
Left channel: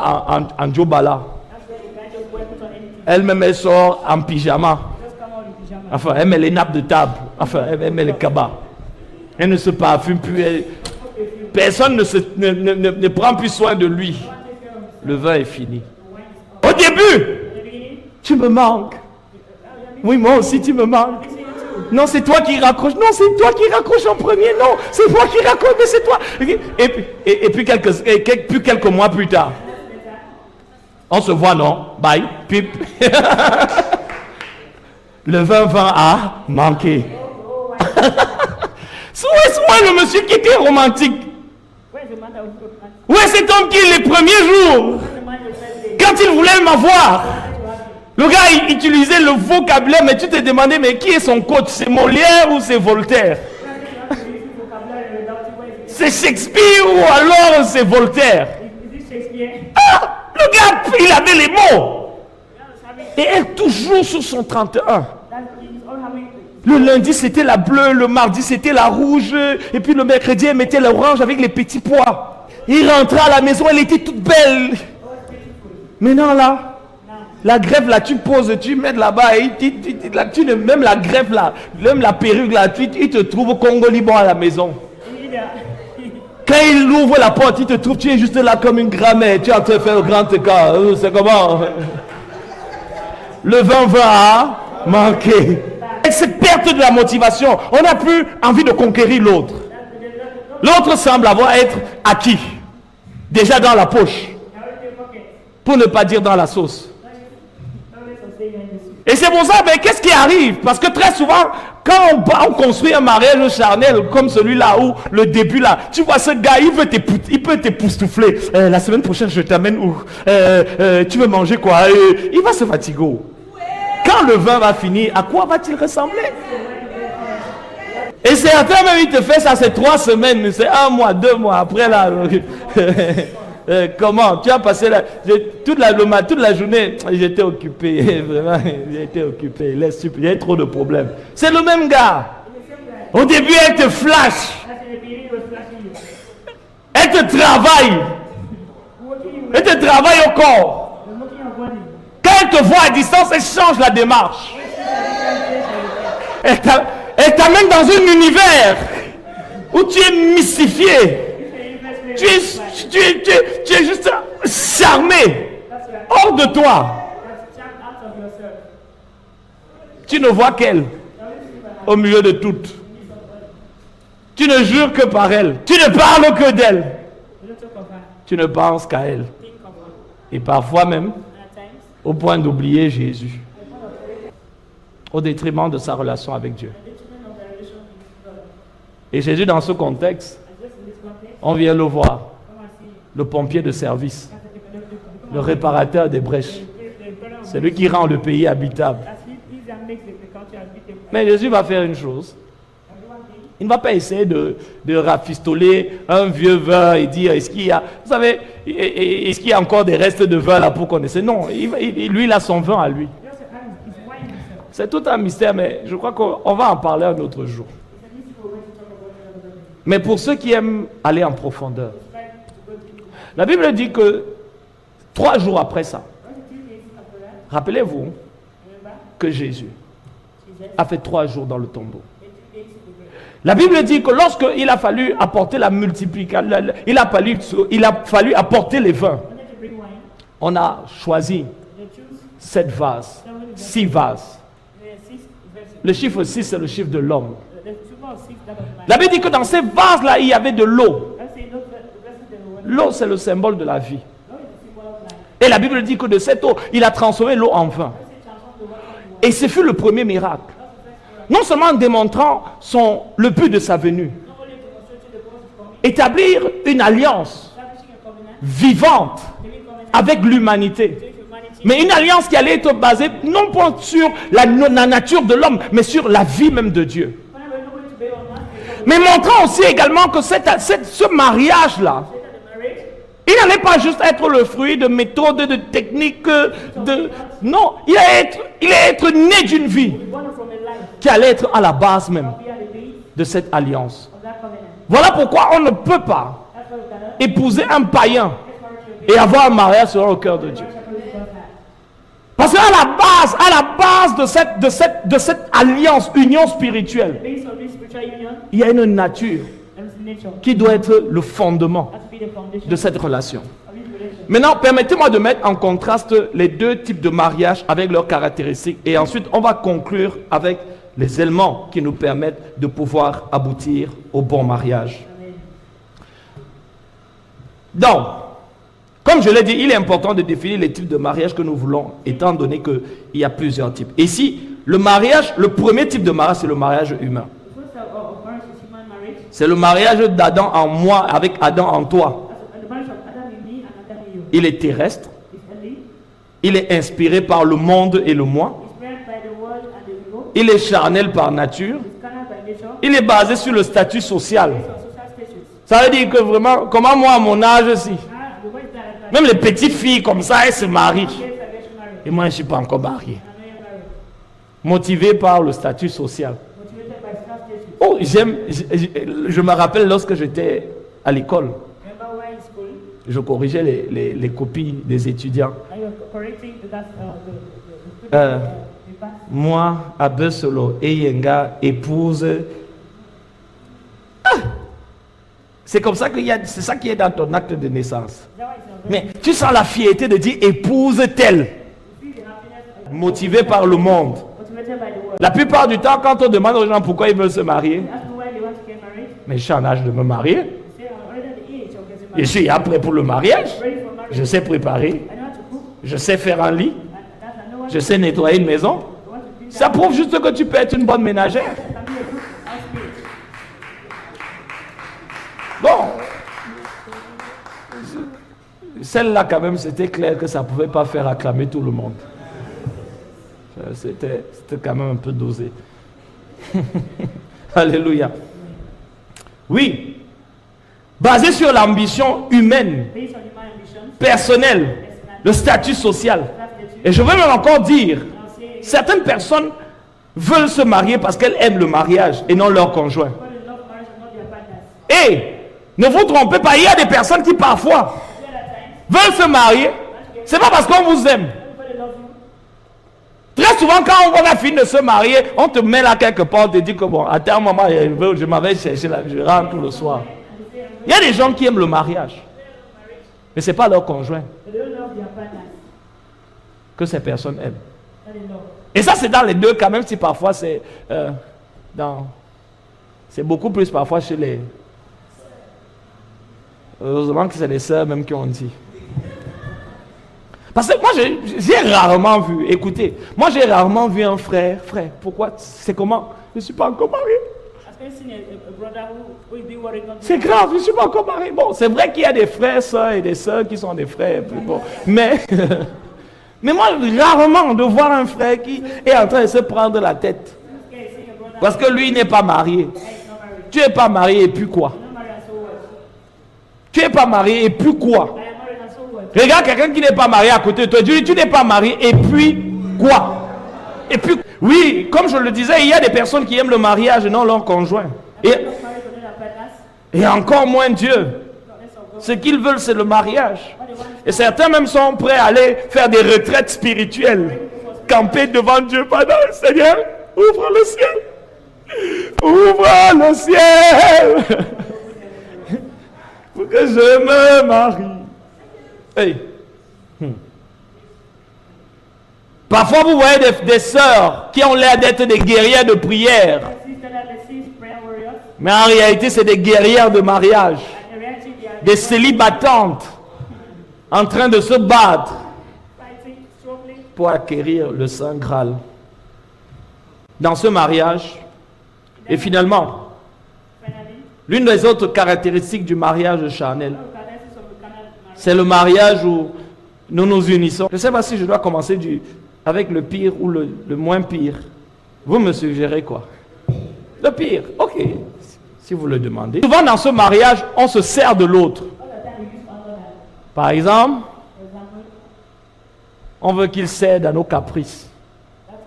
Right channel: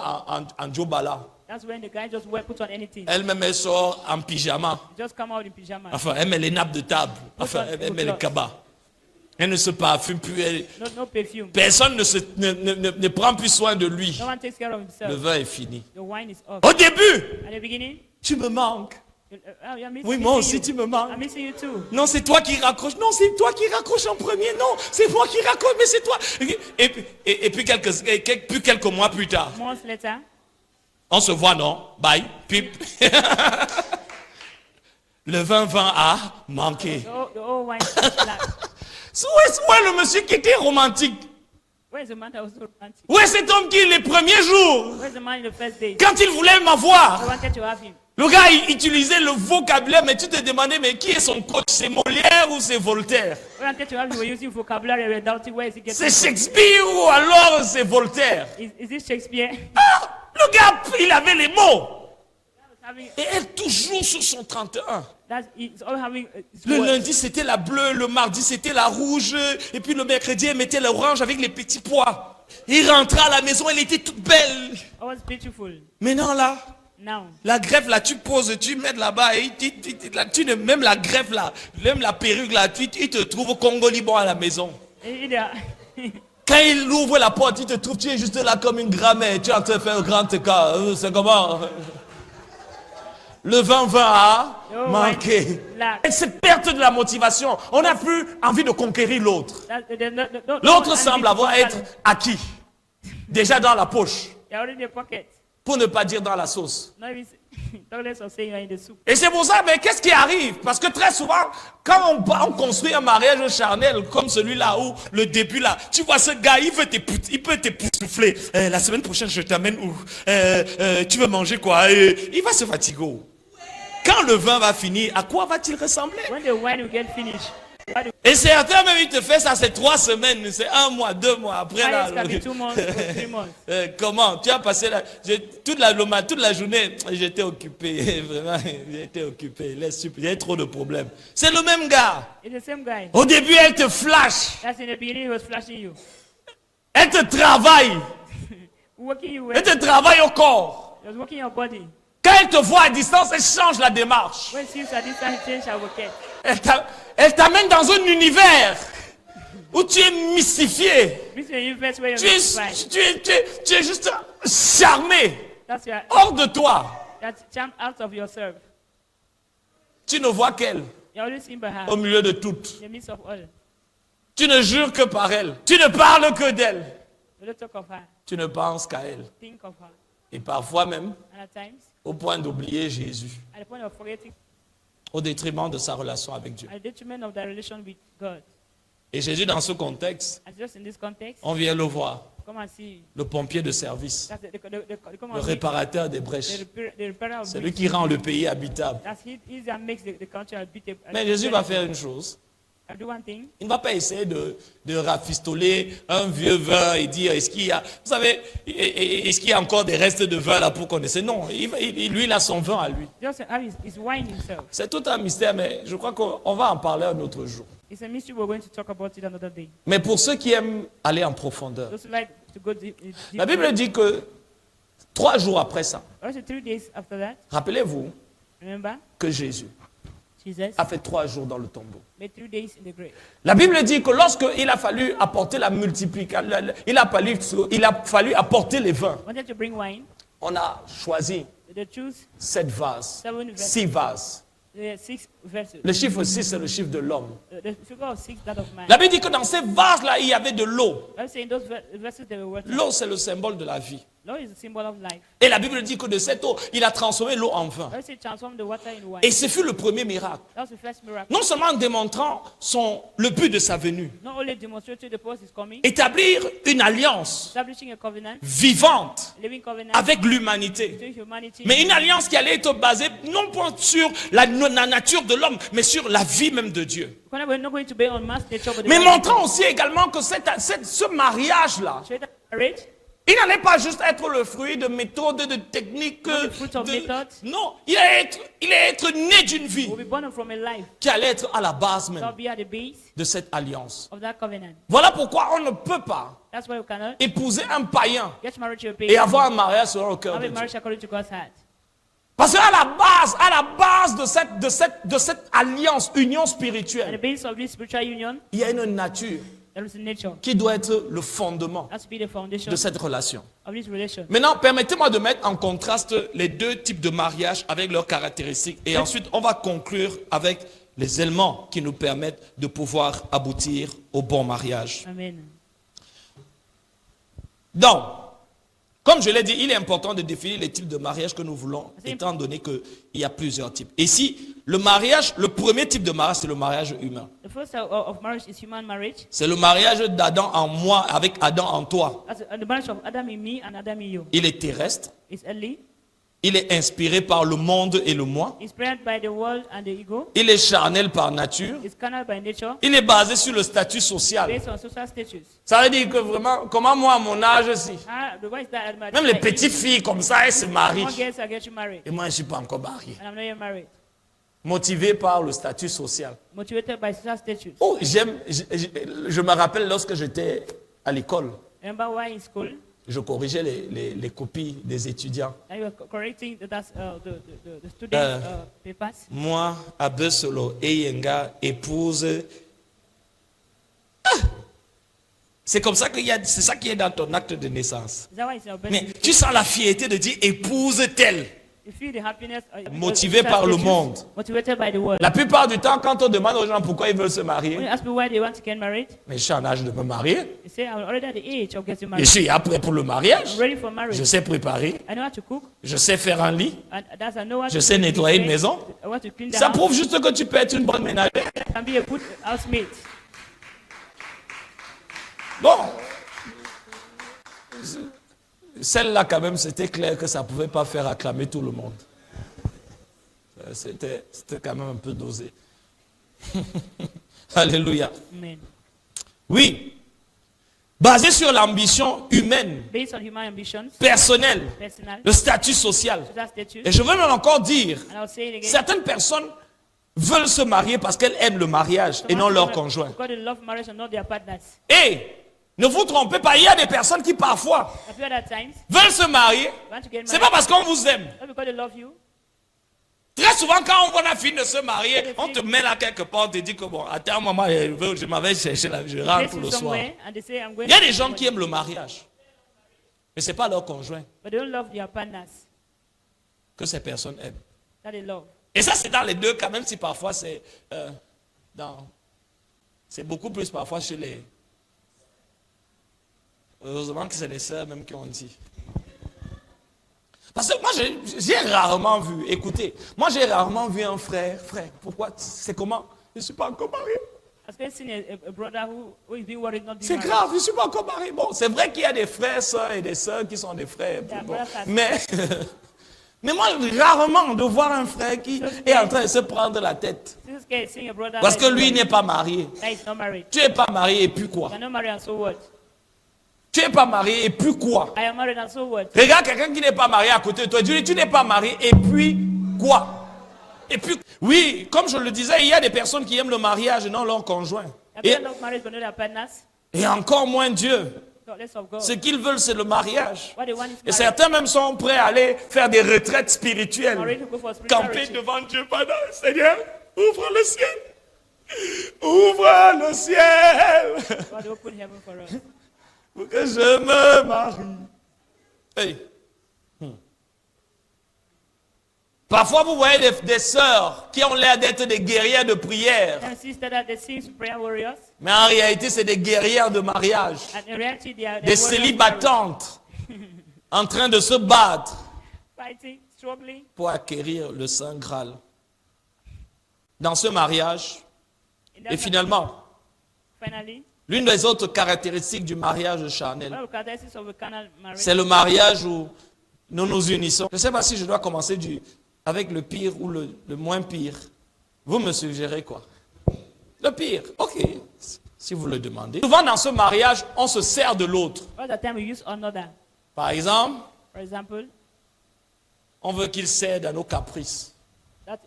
en jobala. that's when the guy just went put on anything. Elle-même, elle sort en pyjama. Just come out in pyjama. Enfin, elle met les nappes de table. Enfin, elle met le cabas. Elle ne se parfume plus. No perfume. Personne ne prend plus soin de lui. No one takes care of himself. Le vin est fini. The wine is up. Au début, At the beginning, tu me manques. you're missing Oui, moi aussi, tu me I'm manques. missing you too. Non, c'est toi qui raccroches. Non, c'est toi qui raccroches en premier. Non, c'est toi qui raccroches, mais c'est toi. Et puis quelques mois plus tard, Months later, on se voit, non? Bye. Pip. Le vin va à manquer. oh wine is lack. Où est le monsieur qui était romantique? Where's the man that was so romantic? Où est cet homme qui, les premiers jours, Where's the man in the first day? quand il voulait m'avoir, I wanted to have him. le gars il utilisait le vocabulaire, mais tu te demandais, mais qui est son coach? C'est Molière ou c'est Voltaire? I wanted to have him for using vocabulary and doubting where is it C'est Shakespeare ou alors c'est Voltaire? Is it Shakespeare? Ah, le gars, il avait les mots. Having, Et elle toujours sur son 31. it's all having, Le lundi, c'était la bleue, le mardi, c'était la rouge, et puis le mercredi, elle mettait l'orange avec les petits pois. Il rentrait à la maison, elle était toute belle. I was beautiful. Maintenant là, Now, la greffe là, tu poses, tu mets là-bas, et même la greffe là, même la perruque là, il te trouve Congo-Liban à la maison. in the, Quand il ouvre la porte, il te trouve, tu es juste là comme une grand-mère, tu es en train de faire un grand écart. C'est comment? Le vin va manquer. Et cette perte de la motivation, on n'a plus envie de conquérir l'autre. L'autre semble avoir être acquis, déjà dans la poche, they're already in the pocket. pour ne pas dire dans la sauce. No less of saying you're in the soup. Et c'est pour ça, mais qu'est-ce qui arrive? Parce que très souvent, quand on construit un mariage charnel comme celui-là, où le début là, tu vois ce gars, il peut t'époustoufler. La semaine prochaine, je t'amène où? Tu veux manger quoi? Il va se fatiguer. Quand le vin va finir, à quoi va-t-il ressembler? When the wine will get finished, Et certains même, ils te font ça, c'est 3 semaines, c'est 1 mois, 2 mois. Après là, comment? Tu as passé toute la journée, j'étais occupé. Vraiment, j'étais occupé. Il y a trop de problèmes. C'est le même gars. Au début, elle te flash. Elle te travaille. Elle te travaille au corps. Quand elle te voit à distance, elle change la démarche. Elle t'amène dans un univers où tu es mystifié. Tu es juste charmé. Hors de toi. Tu ne vois qu'elle au milieu de toutes. Tu ne jures que par elle. Tu ne parles que d'elle. Tu ne penses qu'à elle. Et parfois même, au point d'oublier Jésus, au détriment de sa relation avec Dieu. Et Jésus, dans ce contexte, on vient le voir, le pompier de service, le réparateur des brèches, c'est lui qui rend le pays habitable. Mais Jésus va faire une chose. Il ne va pas essayer de rafistoler un vieux vin et dire, est-ce qu'il y a, vous savez, est-ce qu'il y a encore des restes de vin là pour connaître? Non, lui, il a son vin à lui. C'est tout un mystère, mais je crois qu'on va en parler un autre jour. Mais pour ceux qui aiment aller en profondeur, la Bible dit que 3 jours après ça, rappelez-vous que Jésus a fait 3 jours dans le tombeau. La Bible dit que lorsqu'il a fallu apporter la multiplication, il a fallu apporter les vins, on a choisi 7 vases, 6 vases. Le chiffre 6, c'est le chiffre de l'homme. La Bible dit que dans ces vases-là, il y avait de l'eau. L'eau, c'est le symbole de la vie. Et la Bible dit que de cette eau, il a transformé l'eau en vin. Et ce fut le premier miracle. Non seulement en démontrant le but de sa venue, établir une alliance vivante avec l'humanité, mais une alliance qui allait être basée non pas sur la nature de l'homme, mais sur la vie même de Dieu. Mais montrant aussi également que ce mariage-là, il n'allait pas juste être le fruit de méthodes, de techniques, non, il allait être né d'une vie qui allait être à la base même de cette alliance. Voilà pourquoi on ne peut pas épouser un païen et avoir un mariage selon le cœur de Dieu. Parce qu'à la base de cette alliance, union spirituelle, il y a une nature qui doit être le fondement de cette relation. Maintenant, permettez-moi de mettre en contraste les 2 types de mariage avec leurs caractéristiques et ensuite on va conclure avec les éléments qui nous permettent de pouvoir aboutir au bon mariage. Amen. Donc, comme je l'ai dit, il est important de définir les types de mariage que nous voulons, étant donné qu'il y a plusieurs types. Ici, le premier type de mariage, c'est le mariage humain. C'est le mariage d'Adam en moi avec Adam en toi. Il est terrestre. Il est inspiré par le monde et le moi. Il est charnel par nature. Il est basé sur le statut social. Ça veut dire que vraiment, comment moi à mon âge aussi, même les petites filles comme ça, elles se marient. Et moi, je ne suis pas encore marié. Motivé par le statut social. Oh, je me rappelle lorsque j'étais à l'école, je corrigeais les copies des étudiants. Moi, Abesolo et Yenga épouse. C'est comme ça c'est ça qui est dans ton acte de naissance. Mais tu sens la fierté de dire épouse telle. Motivé par le monde. La plupart du temps, quand on demande aux gens pourquoi ils veulent se marier, mais je suis en âge de me marier. Je suis prêt pour le mariage. Je sais préparer. Je sais faire un lit. Je sais nettoyer une maison. Ça prouve juste que tu peux être une bonne ménagère. Bon. Celle-là, quand même, c'était clair que ça ne pouvait pas faire acclamer tout le monde. C'était quand même un peu dosé. Alléluia. Amen. Oui. Basé sur l'ambition humaine, Based on human ambitions, personnelle, personal, le statut social. that's the truth. Et je vais même encore dire, And I'll say it again. certaines personnes veulent se marier parce qu'elles aiment le mariage et non leur conjoint. God they love marriage and not their partners. Et ne vous trompez pas, il y a des personnes qui parfois But at times, veulent se marier. want to get C'est married, pas parce qu'on vous aime. not because they love you. Très souvent, quand on a fini de se marier, on te met là quelque part, on te dit que bon, à un moment, je m'avais cherché là, je rentre le soir. Somewhere, and they say, I'm going Il y a des gens qui aiment le mariage, mais ce n'est pas leur conjoint but they don't love their partners que ces personnes aiment. that they love. Et ça, c'est dans les deux cas, même si parfois c'est c'est beaucoup plus parfois chez les... Heureusement que c'est les sœurs même qui ont dit. Parce que moi, j'ai rarement vu, écoutez, moi j'ai rarement vu un frère, pourquoi, c'est comment? Je ne suis pas encore marié. As we seen a brother who is doing what is not C'est grave, je ne suis pas encore marié. Bon, c'est vrai qu'il y a des frères, sœurs et des sœurs qui sont des frères. Bon, mais, mais moi, rarement de voir un frère qui est en train de se prendre la tête. This guy is saying a brother Parce que lui n'est pas marié. that is not married. Tu n'es pas marié et puis quoi? I'm not married and so what? Tu n'es pas marié et puis quoi? I am married and so what? Regarde quelqu'un qui n'est pas marié à côté de toi. Tu dis, tu n'es pas marié et puis quoi? Et puis, oui, comme je le disais, il y a des personnes qui aiment le mariage et non leur conjoint. I'm not married but not their partners. Et encore moins Dieu. God, less of God. Ce qu'ils veulent, c'est le mariage. What they want Et is certains même sont prêts à aller faire des retraites spirituelles. Camper devant Dieu pendant le Seigneur. Ouvre le ciel. Ouvre le ciel. Pour que je me marie. Hey. Parfois, vous voyez des sœurs qui ont l'air d'être des guerrières de prière. a sister that they say is prayer warriors. Mais en réalité, c'est des guerrières de mariage. And in reality, they are Des célibatantes en train de se battre fighting, struggling. pour acquérir le Saint Graal. Dans ce mariage, et finalement, Finally, l'une des autres caractéristiques du mariage charnel, one of the characteristics of a carnal marriage c'est le mariage où nous nous unissons. Je ne sais pas si je dois commencer avec le pire ou le moins pire. Vous me suggérez quoi? Le pire, ok, si vous le demandez. Souvent dans ce mariage, on se sert de l'autre. most of the time we use another. Par exemple, For example, on veut qu'il cède à nos caprices. that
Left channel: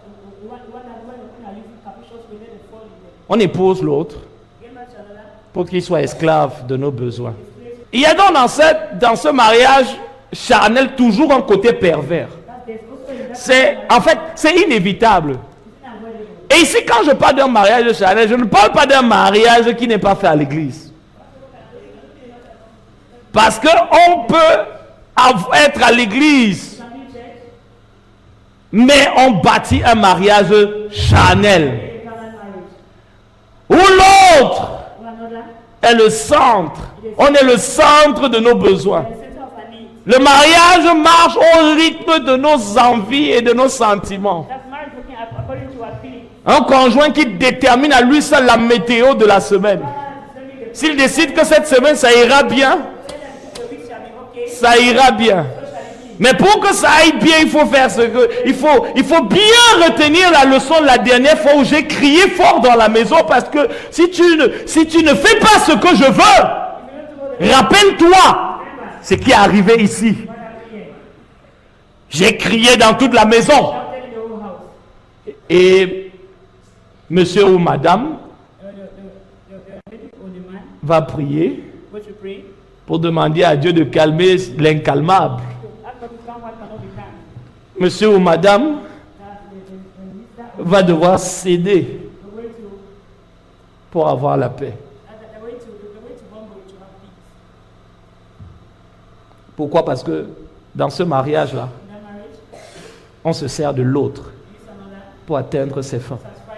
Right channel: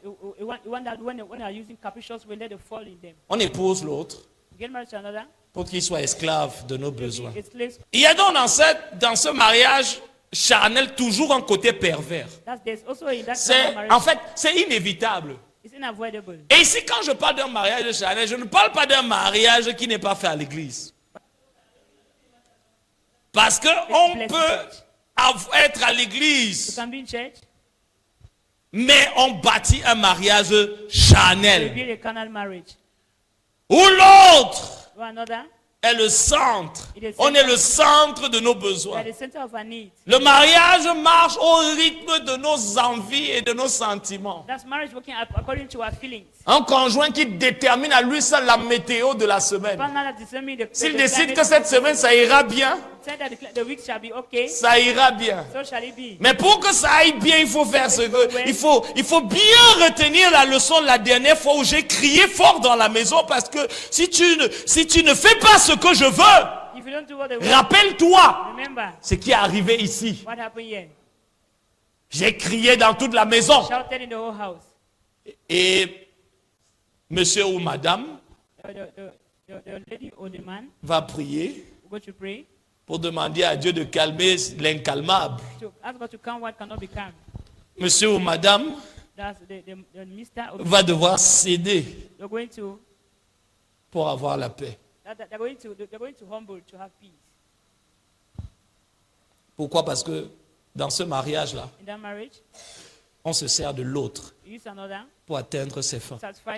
when they are using capricious, we let them fall in them. On épouse l'autre Get married to another, pour qu'il soit esclave de nos besoins. get slaves. Il y a donc dans ce mariage charnel toujours un côté pervers. There's also in that C'est, marriage, en fait, c'est inévitable. it's unavoidable. Et ici, quand je parle d'un mariage charnel, je ne parle pas d'un mariage qui n'est pas fait à l'église. Parce qu'on peut être à l'église, You can be in church, mais on bâtit un mariage charnel. need a carnal marriage. Où l'autre Or another, est le centre. On est le centre de nos besoins. the center of our needs. Le mariage marche au rythme de nos envies et de nos sentiments. That's marriage working according to our feelings. Un conjoint qui détermine à lui seul la météo de la semaine. Partner that determine the S'il décide que cette semaine ça ira bien, say that the week shall be okay, ça ira bien. so shall it be. Mais pour que ça aille bien, il faut faire ce que... Il faut bien retenir la leçon de la dernière fois où j'ai crié fort dans la maison parce que si tu ne fais pas ce que je veux, If you don't do what the rappelle-toi remember ce qui est arrivé ici. what happened here. J'ai crié dans toute la maison. Shouted in the whole house. Et monsieur ou madame The lady or the man va prier go to pray pour demander à Dieu de calmer l'incalmable. to ask God to calm what cannot be calm. Monsieur ou madame That's the minister or va devoir céder they're going to pour avoir la paix. they're going to humble to have peace. Pourquoi? Parce que dans ce mariage-là, In that marriage, on se sert de l'autre you use another pour atteindre ses fins. to satisfy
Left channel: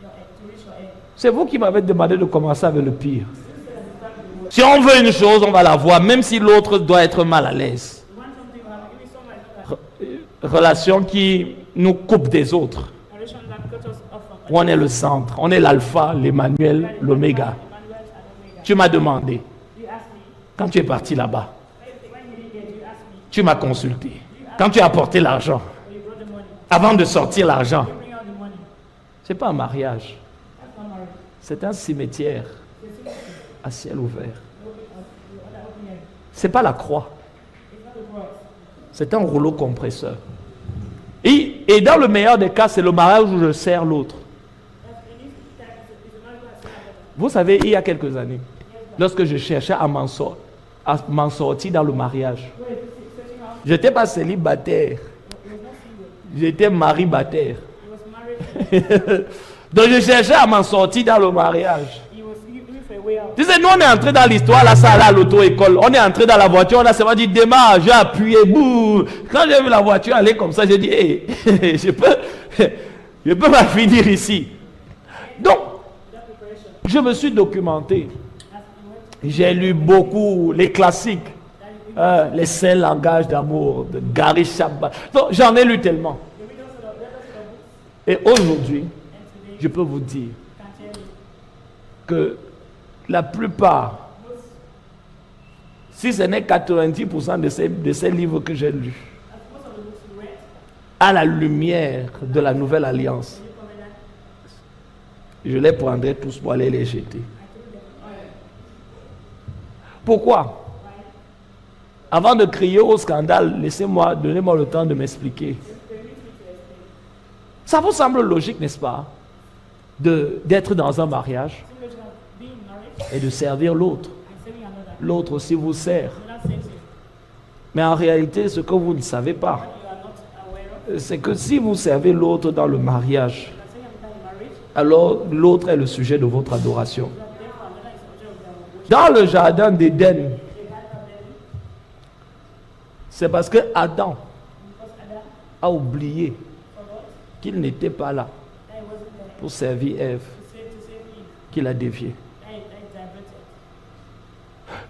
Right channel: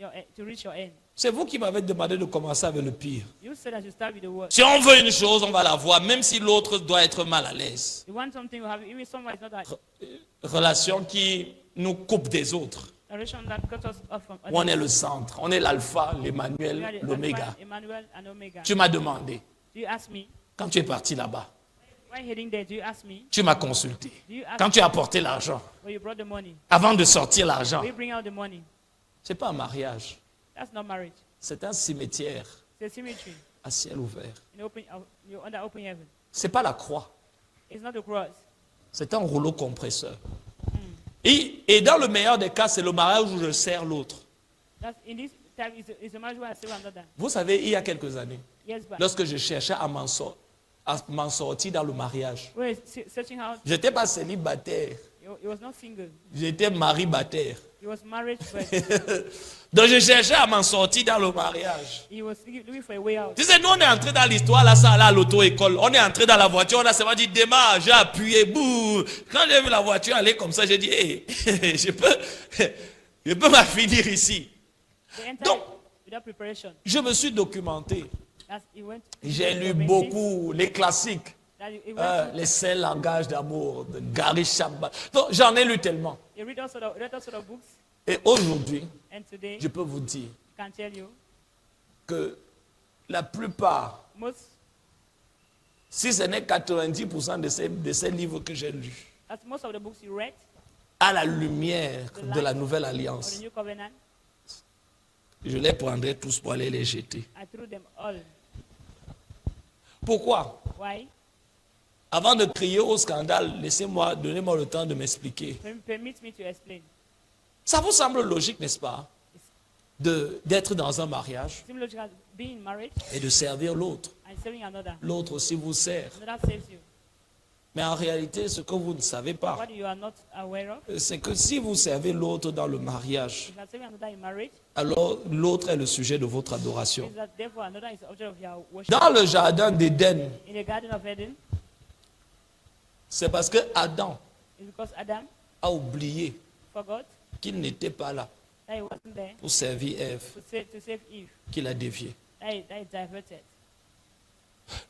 your end, to reach your end. C'est vous qui m'avez demandé de commencer avec le pire. You said that you start with the word. Si on veut une chose, on va la voir, même si l'autre doit être mal à l'aise. You want something, you have it. Even someone is not Relation qui nous coupe des autres. a relation that cut us off from Où on est le centre, on est l'alpha, l'Emmanuel, l'oméga. Emmanuel and Omega. Tu m'as demandé, Do you ask me? quand tu es parti là-bas, When heading there, do you ask me? tu m'as consulté. Quand tu as apporté l'argent, Or you brought the money? avant de sortir l'argent, You bring out the money. c'est pas un mariage, That's not marriage. C'est un cimetière The cemetery. à ciel ouvert. No under open heaven. C'est pas la croix, It's not the cross. c'est un rouleau compresseur. Et dans le meilleur des cas, c'est le mariage où je sers l'autre. That's in this time is a man who has still another. Vous savez, il y a quelques années, Yes, but lorsque je cherchais à m'en sortir dans le mariage, who is searching how je n'étais pas célibataire, he was not single. j'étais maribataire. He was married to Donc je cherchais à m'en sortir dans le mariage. he was looking for a way out. Tu sais, nous on est entré dans l'histoire, là, ça allait à l'auto-école. On est entré dans la voiture, on a seulement dit démarre, j'ai appuyé, bouh. Quand j'ai vu la voiture aller comme ça, j'ai dit, hé, je peux m'en finir ici. Donc, Without preparation. je me suis documenté. As he went, J'ai lu beaucoup les classiques, that he les 5 langages d'amour de Gary Chapman. Donc, j'en ai lu tellement. you read also the books. Et aujourd'hui, And today, je peux vous dire can tell you, que la plupart, most, si ce n'est 90% de ces livres que j'ai lus, as most of the books you read, à la lumière de la nouvelle alliance, the new covenant, je les prendrai tous pour aller les jeter. I threw them all. Pourquoi? Why? Avant de crier au scandale, donnez-moi le temps de m'expliquer. Permit me to explain. Ça vous semble logique, n'est-ce pas, d'être dans un mariage Similar to being in marriage et de servir l'autre. and serving another. L'autre aussi vous sert. That saves you. Mais en réalité, ce que vous ne savez pas, What you are not aware of, c'est que si vous servez l'autre dans le mariage, you can serve another in marriage, alors l'autre est le sujet de votre adoration. that therefore another is the object of their worship. Dans le jardin d'Éden, In the Garden of Eden, c'est parce que Adam because Adam a oublié forgot qu'il n'était pas là that he wasn't there pour servir Ève to save Eve, qu'il a dévié. that he diverted.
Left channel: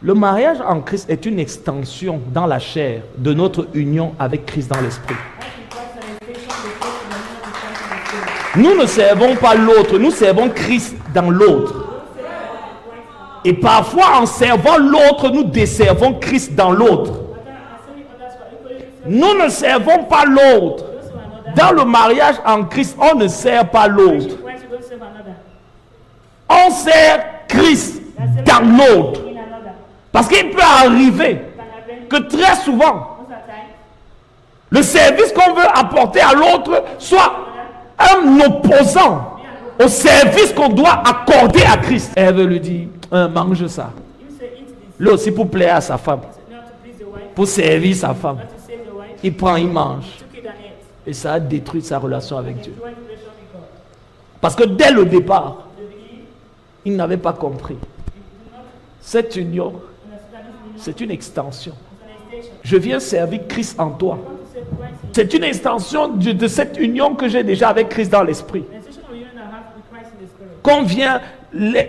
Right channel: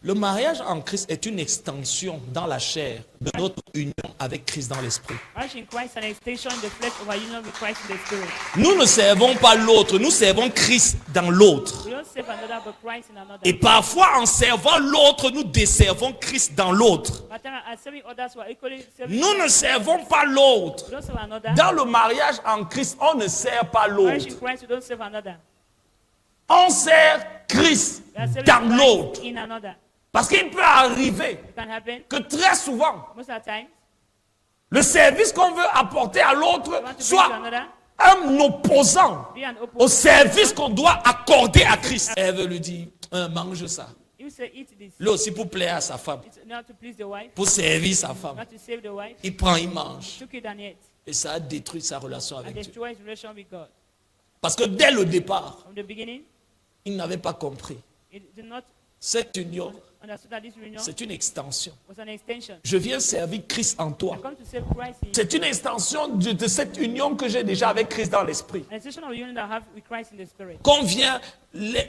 Le mariage en Christ est une extension dans la chair de notre union avec Christ dans l'esprit. Marriage in Christ is an extension of the faith of our union with Christ in the Spirit. Nous ne servons pas l'autre, nous servons Christ dans l'autre. We don't serve another but Christ in another. Et parfois, en servant l'autre, nous desservons Christ dans l'autre. But then as serving others who are equally serving, Nous ne servons pas l'autre. don't serve another. Dans le mariage en Christ, on ne sert pas Marriage l'autre. in Christ, you don't serve another. On sert Christ You are serving dans Christ l'autre. in another. Parce qu'il peut arriver Can happen que très souvent, most of the time. le service qu'on veut apporter à l'autre soit un opposant Be an open. au service qu'on doit accorder à Christ. Ève lui dit, mange ça. You say eat this. Lui aussi pour plaire à sa femme, Not to please the wife, pour servir sa femme. not to save the wife. Il prend, il mange. Took it and ate. Et ça a détruit sa relation avec Dieu. Destroyed relation with God. Parce que dès le départ, From the beginning, il n'avait pas compris. it did not Cette union, understand this union c'est une extension. as an extension. Je viens servir Christ en toi. Come to save Christ in C'est une extension de cette union que j'ai déjà avec Christ dans l'esprit. an extension of the union that I have with Christ in the Spirit. Qu'on vient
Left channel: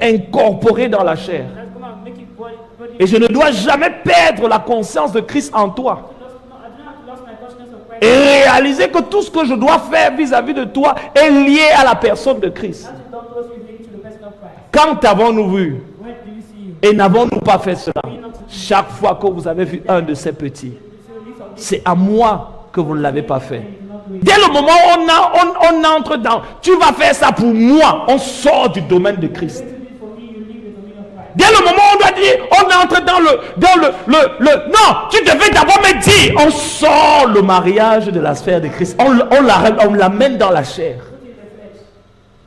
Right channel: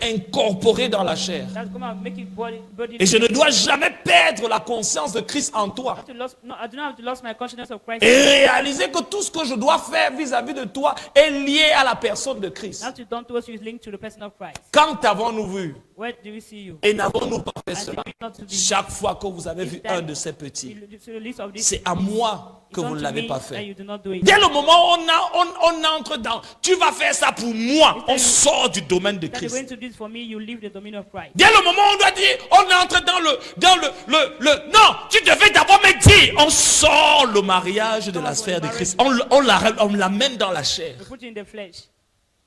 incorporer dans la chair. That's come out, make it body. Et je ne dois jamais perdre la conscience de Christ en toi. I do not have to lose my consciousness of Christ. Et réaliser que tout ce que je dois faire vis-à-vis de toi est lié à la personne de Christ. Not to done towards you is linked to the person of Christ. Quand avons-nous vu When do we see you? et n'avons-nous pas fait cela? Chaque fois que vous avez vu un de ces petits, It's a list of this. c'est à moi que vous ne l'avez pas And fait. you do not do it. Dès le moment où on entre dans, tu vas faire ça pour moi, on sort du domaine de You're Christ. going to do this for me, you leave the dominion of Christ. Dès le moment où on doit dire, on entre dans non, tu devais d'abord me dire, on sort le mariage de la sphère de Christ. On l'amène dans la chair, Put it in the flesh.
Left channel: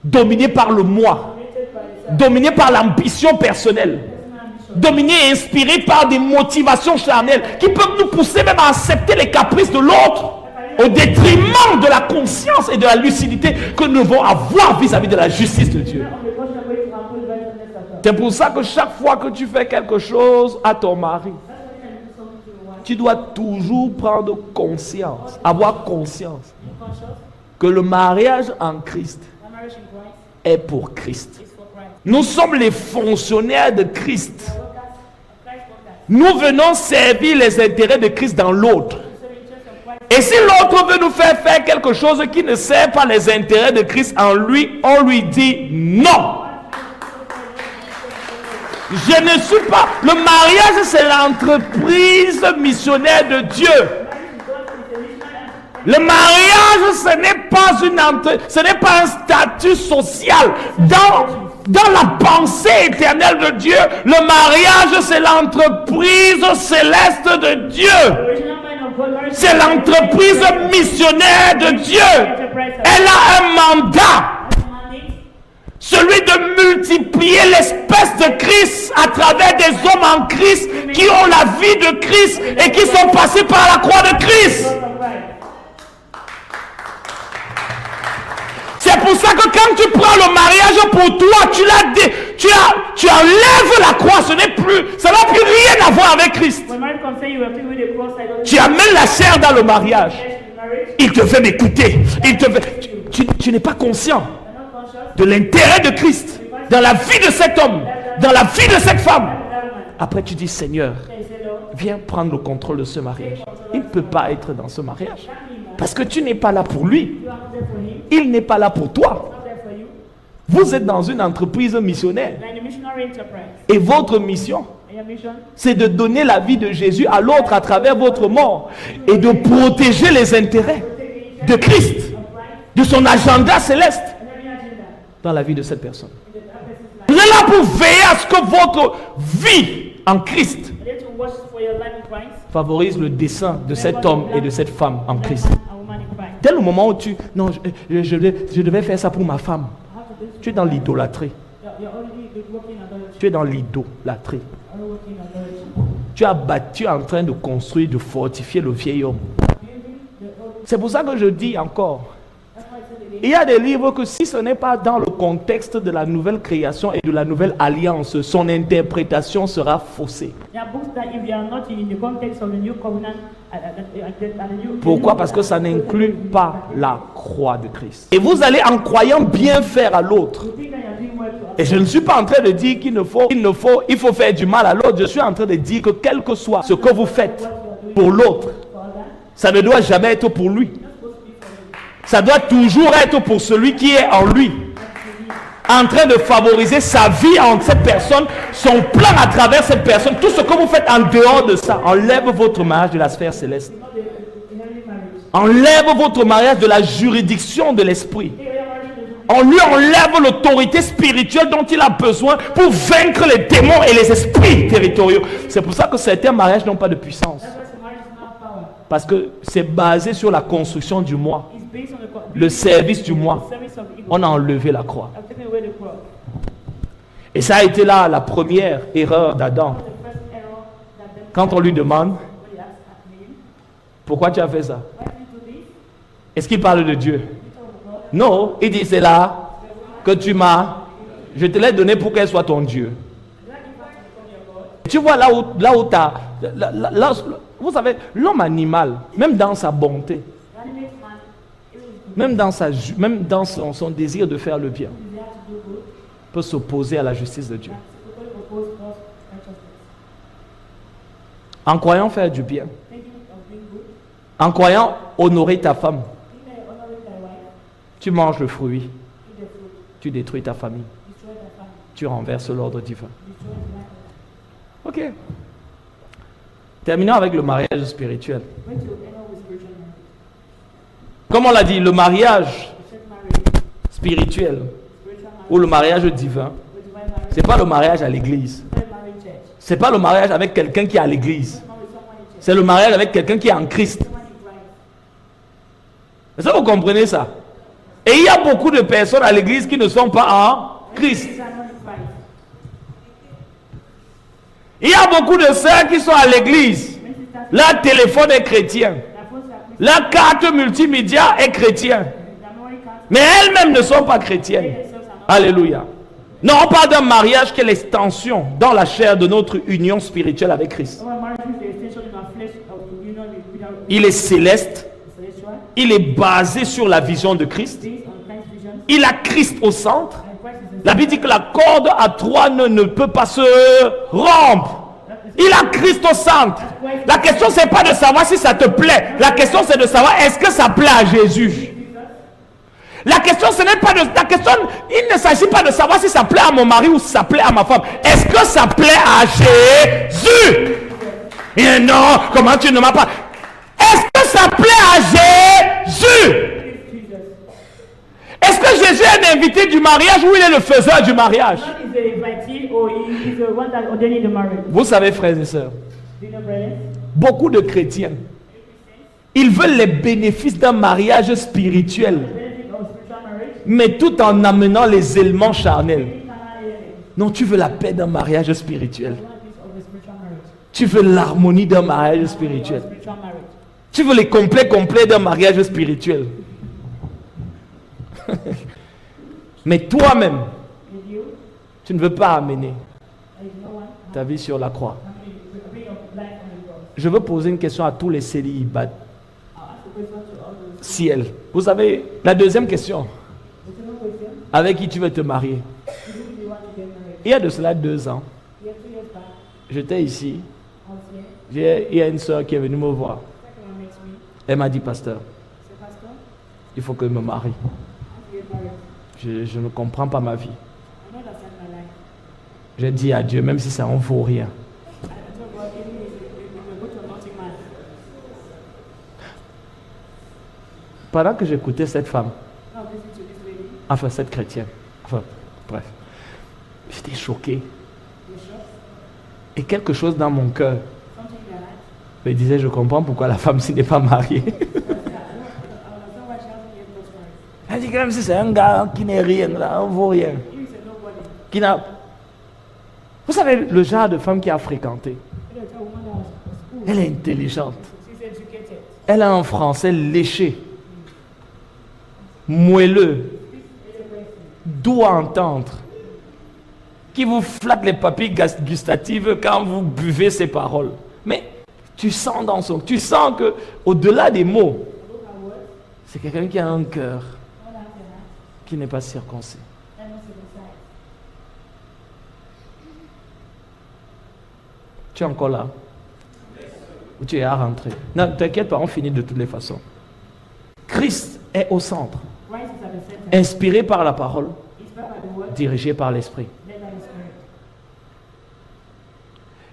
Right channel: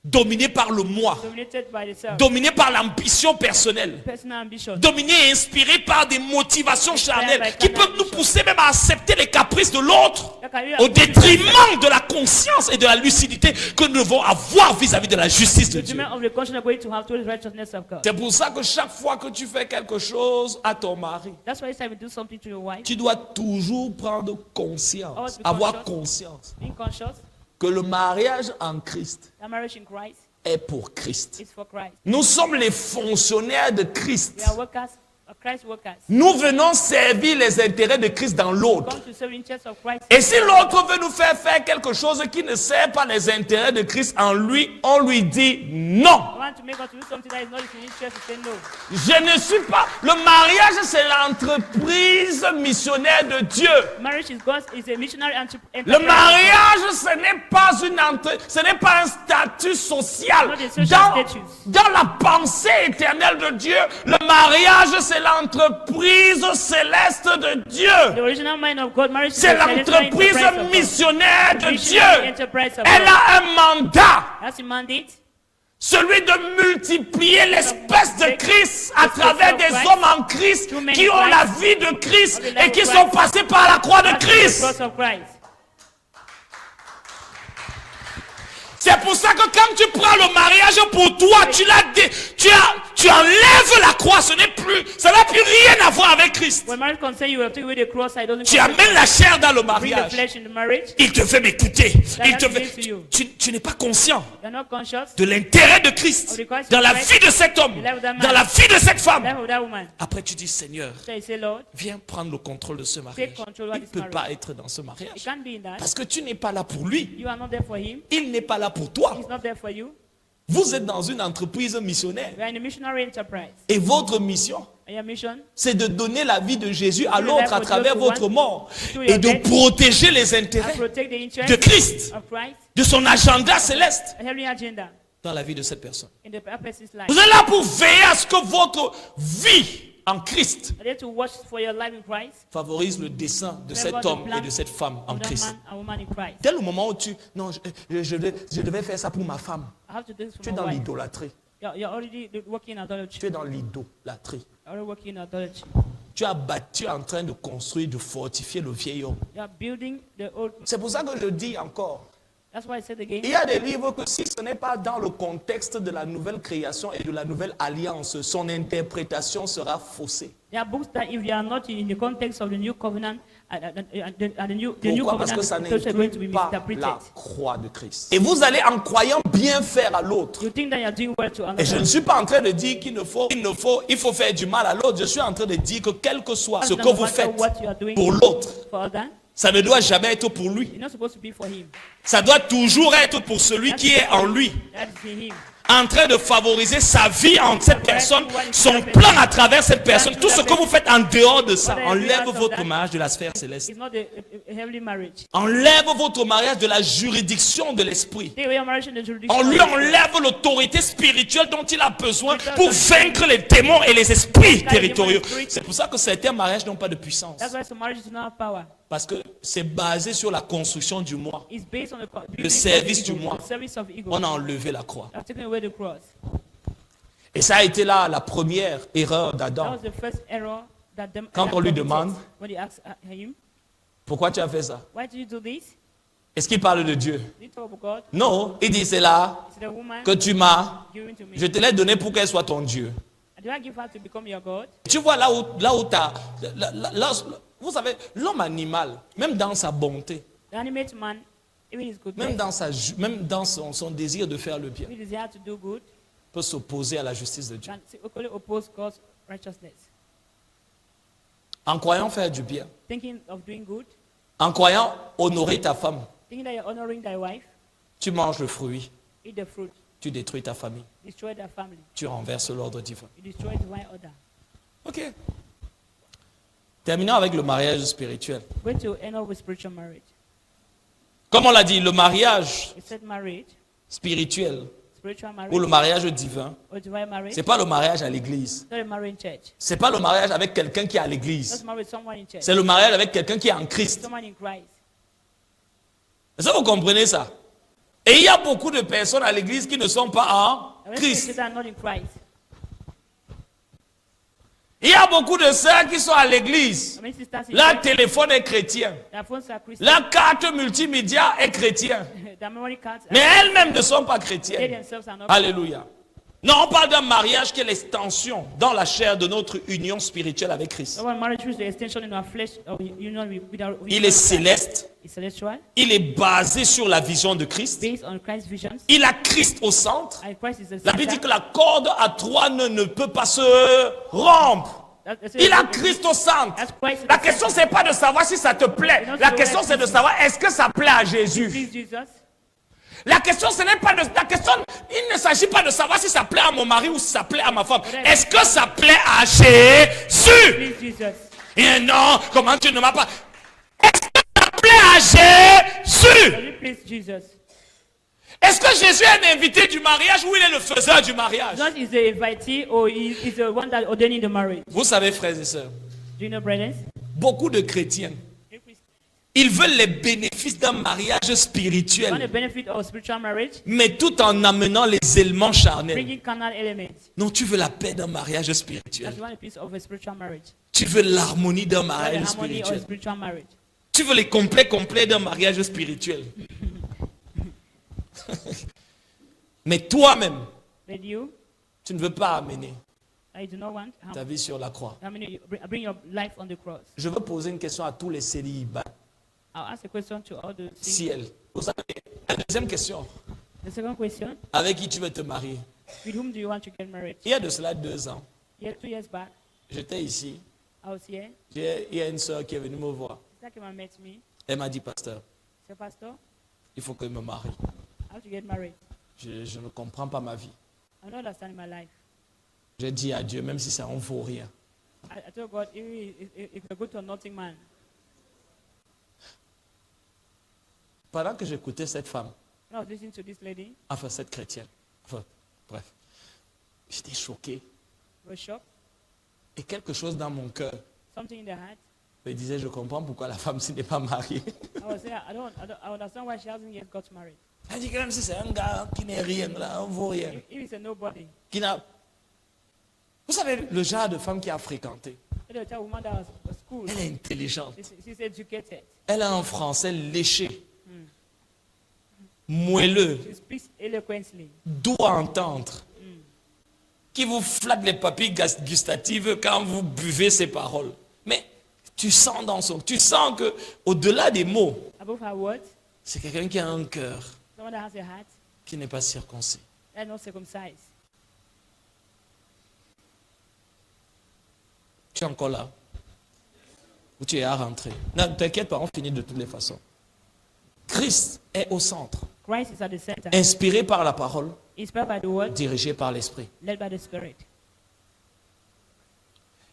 dominé par le moi, Dominated by the self. dominé par l'ambition personnelle, Personal ambition. dominé et inspiré par des motivations charnelles qui peuvent nous pousser même à accepter les caprices de l'autre au détriment de la conscience et de la lucidité que nous devons avoir vis-à-vis de la justice de Dieu. Of the conscience going to have towards righteousness of God. C'est pour ça que chaque fois que tu fais quelque chose à ton mari, That's why it's time to do something to your wife. tu dois toujours prendre conscience, avoir conscience Being conscious, que le mariage en Christ that marriage in Christ est pour Christ. is for Christ. Nous sommes les fonctionnaires de Christ. They are workers of Christ workers. Nous venons servir les intérêts de Christ dans l'autre. Come to serve in interest of Christ. Et si l'autre veut nous faire quelque chose qui ne sert pas les intérêts de Christ en lui, on lui dit non. Want to make us do something that is not in the interest of the Lord. Je ne suis pas... Le mariage, c'est l'entreprise missionnaire de Dieu. Marriage is God is a missionary Le mariage, ce n'est pas un statut social. dans la pensée éternelle de Dieu, le mariage, c'est l'entreprise céleste de Dieu. The original mind of God, marriage C'est is the l'entreprise enterprise missionnaire de of- Dieu. enterprise of- Elle a un mandat, That's a mandate. celui de multiplier l'espèce de Christ à travers des hommes en Christ qui ont la vie de Christ et qui sont passés par la croix de Christ. Because of Christ. C'est pour ça que quand tu prends le mariage pour toi, tu enlèves la croix. Ça n'a plus rien à voir avec Christ. When marriage concern you have to with the cross side of the Tu amènes la chair dans le mariage. flesh in the marriage. Il te fait m'écouter. Tu n'es pas conscient You're not conscious. de l'intérêt de Christ dans la vie de cet homme, dans la vie de cette femme. Life of that woman. Après, tu dis, Seigneur, So you say, Lord, viens prendre le contrôle de ce mariage. Il ne peut pas être dans ce mariage. can't be in that. Parce que tu n'es pas là pour lui. You are not there for him. Il n'est pas là pour toi. Not there for you. Vous êtes dans une entreprise missionnaire. You are in a missionary enterprise. Et votre mission, And your mission c'est de donner la vie de Jésus à l'autre à travers votre mort et de protéger les intérêts protect the interest de Christ, of Christ, de son agenda céleste every agenda dans la vie de cette personne. in the person's life. Vous êtes là pour veiller à ce que votre vie en Christ You're there to watch for your life in Christ. favorise le dessein de cet homme et de cette femme en Christ. Man and woman in Christ. Dès le moment où non, je devais faire ça pour ma femme, How to do this? tu es dans l'idolâtrie. You're already working adultery. Tu es dans l'idolâtrie. You're already working adultery. Tu es en train de construire, de fortifier le vieil homme. You're building the old. C'est pour ça que je dis encore, That's why I said again. il y a des livres que si ce n'est pas dans le contexte de la nouvelle création et de la nouvelle alliance, son interprétation sera faussée. There are books that if they are not in the context of the new covenant and the new Pourquoi? Parce que ça covenant, those are n'inclut going to be pas misinterpreted. la croix de Christ. Et vous allez en croyant bien faire à l'autre. You think that you're doing well to Et je others. ne suis pas en train de dire il faut faire du mal à l'autre. Je suis en train de dire que quel que soit ce que vous faites pour l'autre, For others, ça ne doit jamais être pour lui. you're not supposed to be for him. Ça doit toujours être pour celui qui est en lui, That's in him. en train de favoriser sa vie en cette personne, son plan à travers cette personne. Tout ce que vous faites en dehors de ça, enlève votre mariage de la sphère céleste. It's not a heavenly marriage. Enlève votre mariage de la juridiction de l'esprit. Take away your marriage in the jurisdiction. On lui enlève l'autorité spirituelle dont il a besoin pour vaincre les démons et les esprits territoriaux. C'est pour ça que certains mariages n'ont pas de puissance. That's why some marriage is not power. Parce que c'est basé sur la construction du moi. It's based on Le service du moi. the service of ego. On a enlevé la croix. I've taken away the cross. Et ça a été là la première erreur That d'Adam. was the first error that them. Quand on lui demande, When he asks him, pourquoi tu as fait ça? why did you do this? Est-ce qu'il parle de Dieu? You talk about God. Non, il dit c'est là The woman. que tu m'as, je te l'ai donné pour qu'elle soit ton Dieu. Did I give her to become your God? Tu vois là où t'as, vous savez, l'homme animal, même dans sa bonté, The animate man, even his good, même dans son désir de faire le bien, his desire to do good, peut s'opposer à la justice de Dieu. and to only oppose God's righteousness. En croyant faire du bien, Thinking of doing good, en croyant honorer ta femme, thinking that you're honoring thy wife, tu manges le fruit, eat the fruit, tu détruis ta famille, destroy thy family, tu renverses l'ordre divin. destroy divine order. Ok. Terminons avec le mariage spirituel. Going to end up with spiritual marriage. Comme on l'a dit, le mariage We said marriage, spirituel spiritual ou marriage, le mariage divin, or divine marriage. c'est pas le mariage à l'église. Not a marriage in church. C'est pas le mariage avec quelqu'un qui est à l'église. Not married with someone in church. C'est le mariage avec quelqu'un qui est en Christ. Someone in Christ. Est-ce que vous comprenez ça? Et il y a beaucoup de personnes à l'église qui ne sont pas en Christ. These are not in Christ. Il y a beaucoup de sœurs qui sont à l'église. Many sisters in Leur téléphone est chrétien. their phones are Christian. Leur carte multimédia est chrétien. Their memory cards, Mais elles-mêmes ne sont pas they chrétiennes. themselves are not. Alléluia. Non, on parle d'un mariage qui est l'extension dans la chair de notre union spirituelle avec Christ. Our marriage is the extension in our flesh of union with our Il est céleste. celestial, Il est basé sur la vision de Christ. based on Christ's visions. Il a Christ au centre. And Christ is the La Bible dit que la corde à trois nœuds ne peut pas se rompre. Il a Christ au centre. La question, c'est pas de savoir si ça te plaît. La question, c'est de savoir est-ce que ça plaît à Jésus. Jesus. La question, ce n'est pas de. La question, il ne s'agit pas de savoir si ça plaît à mon mari ou si ça plaît à ma femme. Est-ce que ça plaît à Jésus? Jesus. Et non, comment tu ne m'as pas. Est-ce que ça plaît à Jésus? Please, Jesus. Est-ce que Jésus est un invité du mariage ou il est le faiseur du mariage? God is the invitee or he is the one that ordaining the marriage. Vous savez, frères et sœurs, Do you know, brothers? beaucoup de chrétiens, You Christians? ils veulent les bénéfices d'un mariage Want the spirituel, benefit of spiritual marriage? mais tout en amenant les éléments charnels. Bringing carnal elements. Non, tu veux la paix d'un mariage spirituel. You want a piece of a spiritual marriage. Tu veux l'harmonie d'un mariage Harmony of spirituel. spiritual marriage. Tu veux les complets d'un mariage spirituel. Mais toi-même, And you, tu ne veux pas amener I do not want. ta vie sur la croix. I mean, bring your life on the cross. Je veux poser une question à tous les célibataires. I'll ask a question to all those. Ciel. Vous savez, la deuxième question, The second question: avec qui tu veux te marier? with whom do you want to get married? Il y a de cela 2 ans, Yeah, 2 years back, j'étais ici. I was here. Il y a une soeur qui est venue me voir. Second met me. Elle m'a dit, pasteur, Say, Pastor, il faut que je me marie. I want to get married. Je ne comprends pas ma vie. I don't understand my life. J'ai dit à Dieu, même si ça en vaut rien. I know God, even if you're good to nothing, man. Pendant que j'écoutais cette femme, Now listen to this lady. enfin cette chrétienne, enfin bref, j'étais choqué. We're shocked. Et quelque chose dans mon cœur Something in their heart. me disait, je comprends pourquoi la femme s'y n'est pas mariée. I understand why she hasn't yet got married. Elle dit que même si c'est un gars qui n'est rien, là, on vaut rien. If it's a nobody, Qui n'a... Vous savez, le genre de femme qui a fréquenté, you know, it's a woman that was school. elle est intelligente. She's educated. Elle a un français léché, moelleux, She speaks eloquently. doux à entendre, qui vous flatte les papilles gustatives quand vous buvez ses paroles. Mais tu sens dans son... Tu sens que au-delà des mots, Above her words, c'est quelqu'un qui a un cœur someone that has a heart qui n'est pas circoncis. and not circumcised. Tu es encore là? Ou tu es à rentrer? Non, t'inquiète pas, on finit de toutes les façons. Christ est au centre, Christ is at the center. inspiré par la parole, Inspired by the word, dirigé par l'esprit. led by the Spirit.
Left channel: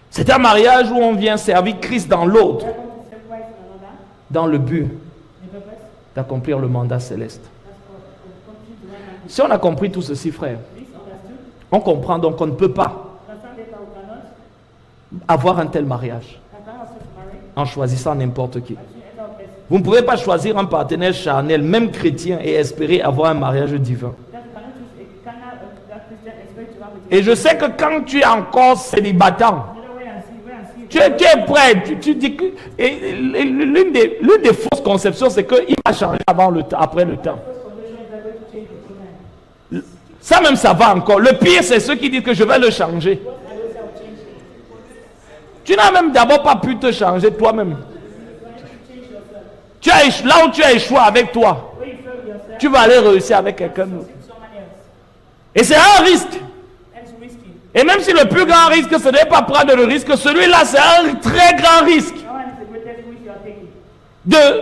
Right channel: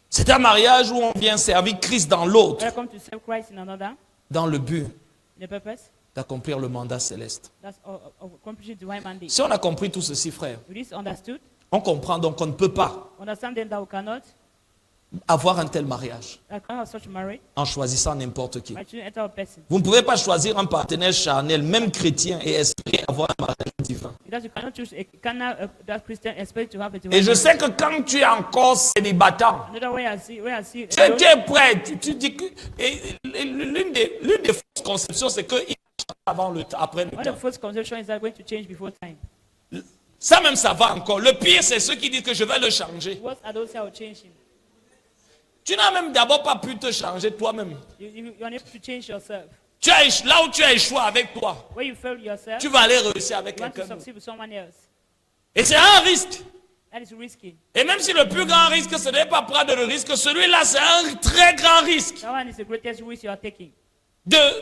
C'est un mariage où on vient servir Christ dans l'autre, Welcome to serve Christ in another. dans le but The purpose, d'accomplir le mandat céleste. that's of accomplishing divine mandate. Si on a compris tout ceci, frère, This understood, on comprend donc qu'on ne peut pas understand that we cannot, avoir un tel mariage that cannot have such marriage, en choisissant n'importe qui. but you enter a person. Vous ne pouvez pas choisir un partenaire charnel, même chrétien, et espérer avoir un mariage divin. Because you cannot choose a carnal that Christian expect to have a Et divine. je sais que quand tu es encore célibataire, Another way I see, tu es prêt, tu dis que... et l'une des fausses conceptions, c'est qu'il va changer avant le temps, après le One of temps. the first conception is that going to change before time. Ça même, ça va encore. Le pire, c'est ceux qui disent que je vais le changer. What I don't say will change. Tu n'as même d'abord pas pu te changer toi-même. You need to change yourself. Là où tu as échoué avec toi, When you fail yourself, tu vas aller réussir avec you have to quelqu'un d'autre. succeed with someone else. Et c'est un risque. And it's risky. Et même si le plus grand risque, ce n'est pas prendre le risque, celui-là, c'est un très grand risque That one is the greatest risk you are taking. de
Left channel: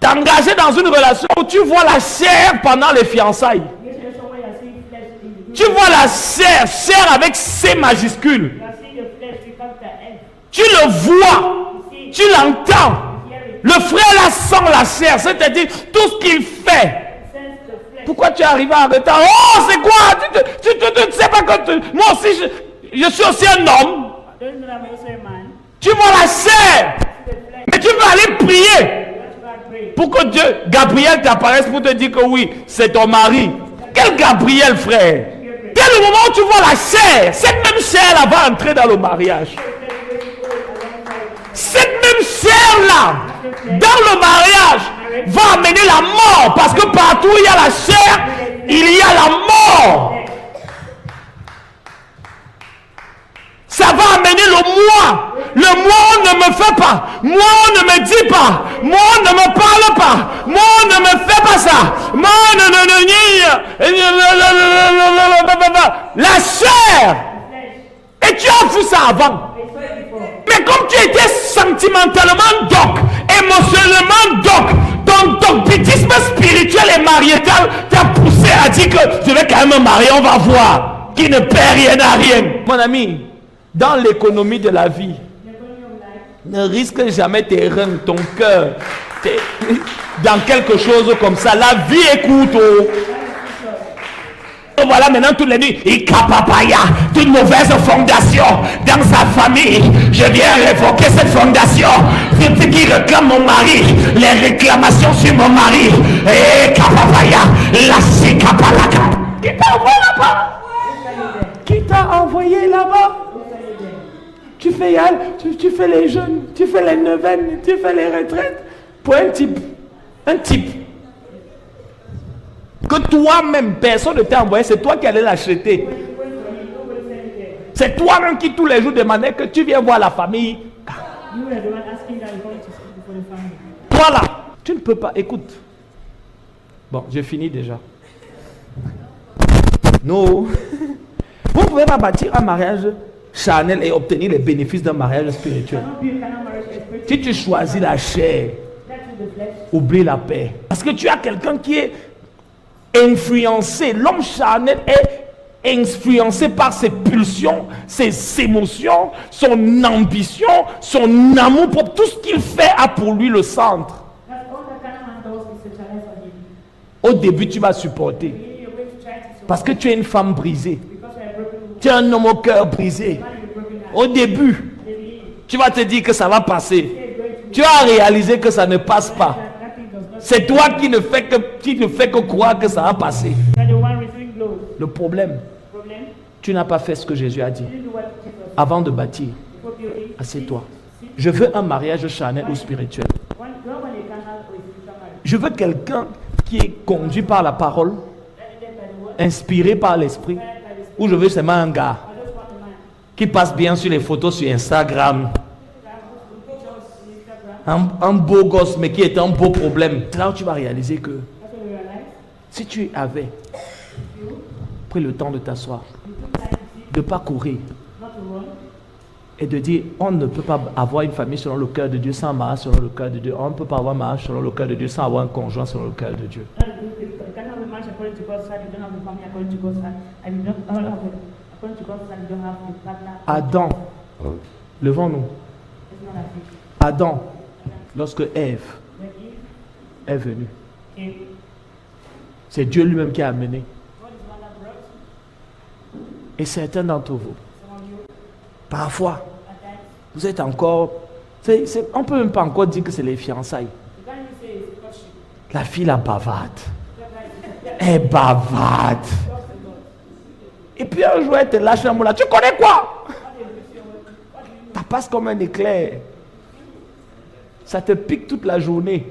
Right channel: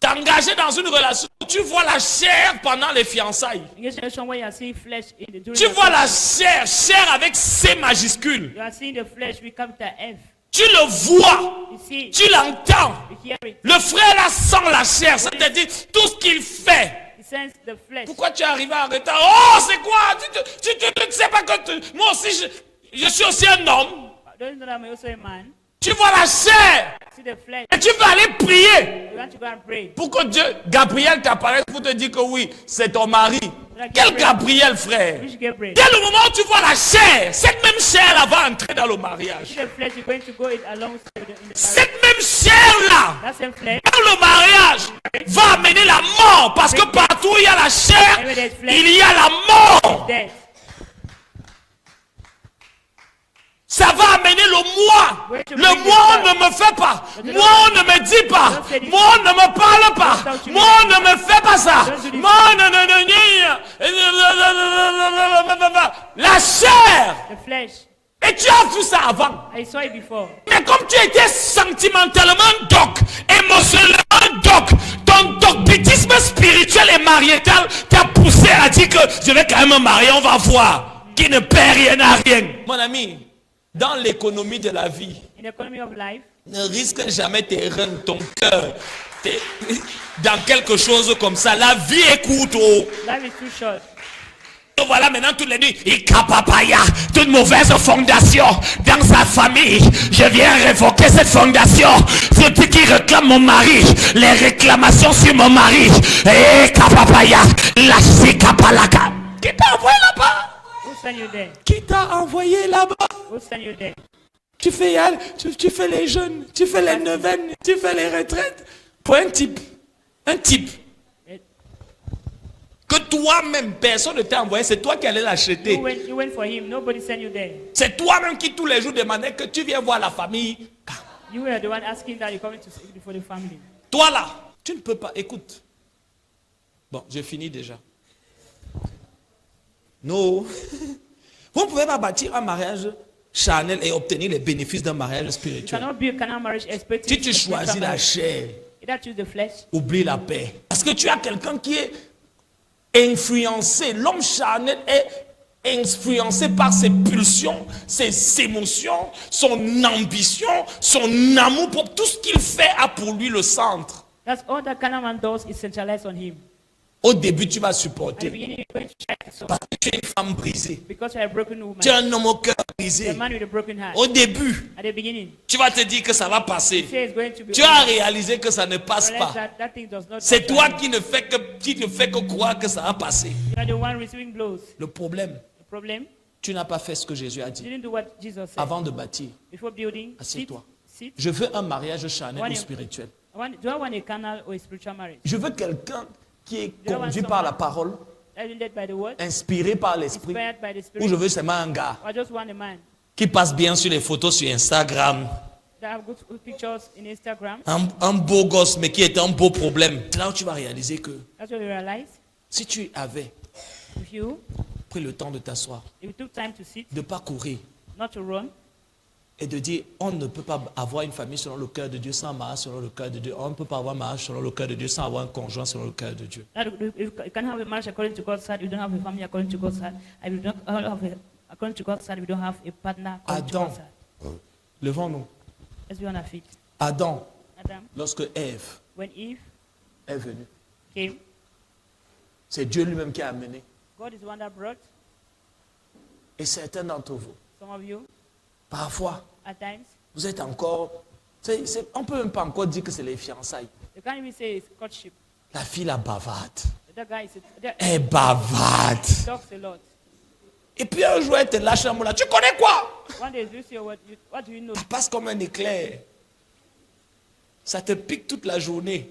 t'engager dans une relation où tu vois la chair pendant les fiançailles. You get situation where you are seeing flesh in the Tu vois la chair, chair avec C majuscule. You are seeing the flesh become the F. Tu le vois, You see, tu l'entends. you hear it. Le frère là sent la chair, c'est-à-dire tout ce qu'il fait. Sense the flesh. Pourquoi tu es arrivé en retard? Oh, c'est quoi? Tu ne sais pas que moi aussi, je suis aussi un homme. Don't you know that I'm also a man? Tu vois la chair, See the flesh. mais tu veux aller prier You have to go and pray. pour que Dieu, Gabriel t'apparaisse pour te dire que oui, c'est ton mari. Quel Gabriel, frère? You get pray. Dès le moment où tu vois la chair, cette même chair là va entrer dans le mariage. The flesh is going to go alongside of the Cette même chair là, That same flesh. dans le mariage, va amener la mort. Parce que partout où il y a la chair, il y a la mort. Death. Ça va amener le moi. Le moi, on ne me fait pas. Moi, on ne me dit pas. Moi, on ne me parle pas. Moi, on ne me fait pas ça. Moi, la chair. The flesh. Et tu as vu ça avant. I saw it before. Mais comme tu étais sentimentalement doc, émotionnellement doc, ton dogmatisme spirituel et marital t'a poussé à dire que je vais quand même me marier, on va voir. Qui ne perd rien à rien. Mon ami, dans l'économie de la vie, In the economy of life, ne risque jamais tes reins, ton cœur, dans quelque chose comme ça. La vie est courte. Life is too short. Et voilà maintenant toutes les nuits, Ikapapaya, toute mauvaise fondation dans sa famille. Je viens révoquer cette fondation. Depuis qui réclame mon mari, les réclamations sur mon mari. Et Kapapaya, la Sikapalaka. Qui t'a envoyé là-bas? Who sent you there? Qui t'a envoyé là-bas? Who sent you there? Tu fais tu fais les jeûnes, tu fais les neuvaines, tu fais les retraites pour un type. Un type. Que toi-même, personne ne t'a envoyé, c'est toi qui allais l'acheter. You went for him. Nobody sent you there. C'est toi-même qui tous les jours demandais que tu viens voir la famille. You were the one asking that you're coming to speak for the family. Toi là, tu ne peux pas. Écoute. Bon, j'ai fini déjà. Non. Vous ne pouvez pas bâtir un mariage charnel et obtenir les bénéfices d'un mariage spirituel. Cannot be a carnal marriage expecting. Si tu choisis la chair, Either choose the flesh. oublie la paix. Parce que tu as quelqu'un qui est influencé. L'homme charnel est influencé par ses pulsions, ses émotions, son ambition, son amour propre. Tout ce qu'il fait a pour lui le centre. That's all that carnal man does is centralize on him. Au début, tu vas At the supporter. beginning, you're going to try to support Parce que tu es une femme brisée. because you're a broken woman. Tu es un homme au cœur A brisé. man with a broken heart. Au début, At the beginning, tu vas te dire que ça va passer. say it's going to be. Tu as réalisé que ça ne passe pas. That thing does not. C'est toi qui ne fais que croire que ça va passer. You're the one receiving blows. Le problème, Problem. tu n'as pas fait ce que Jésus a You dit didn't do what Jesus said. avant de bâtir. Before building. Assieds-toi. Sit. Je veux un mariage charnel ou spirituel. Do I want a carnal or a spiritual marriage? Je veux quelqu'un qui est conduit par la parole, Led by the word. inspiré par l'esprit, Inspired by the ou spirit. je veux seulement un gars I just want a man qui passe bien sur les photos sur Instagram, that have good pictures in Instagram. un beau gosse mais qui est un beau problème. C'est là où tu vas réaliser que That's when you realize si tu avais if you pris le temps de t'asseoir, took time to sit, de ne pas courir not to run, et de dire on ne peut pas avoir une famille selon le cœur de Dieu sans un mariage selon le cœur de Dieu. On ne peut pas avoir un mariage selon le cœur de Dieu sans avoir un conjoint selon le cœur de Dieu. that you can have a marriage according to God's side, you don't have a family according to God's side, and you don't have according to God's side, you don't have a partner. according to Adam, God's side. levons-nous. Let's be on our feet. Adam, And then lorsque Ève when Eve est venue, came, c'est Dieu lui-même qui a amené. God is the one that brought Et certains d'entre vous, some of you parfois, at times. vous êtes encore... on ne peut même pas encore dire que c'est les fiançailles. You can't even say it's courtship. La fille la bavarde. That guy is Elle bavarde. talks a lot. Et puis un jour, elle te lâche un mot là. Tu connais quoi? One day do you see what do you know? Ça passe comme un éclair. Ça te pique toute la journée.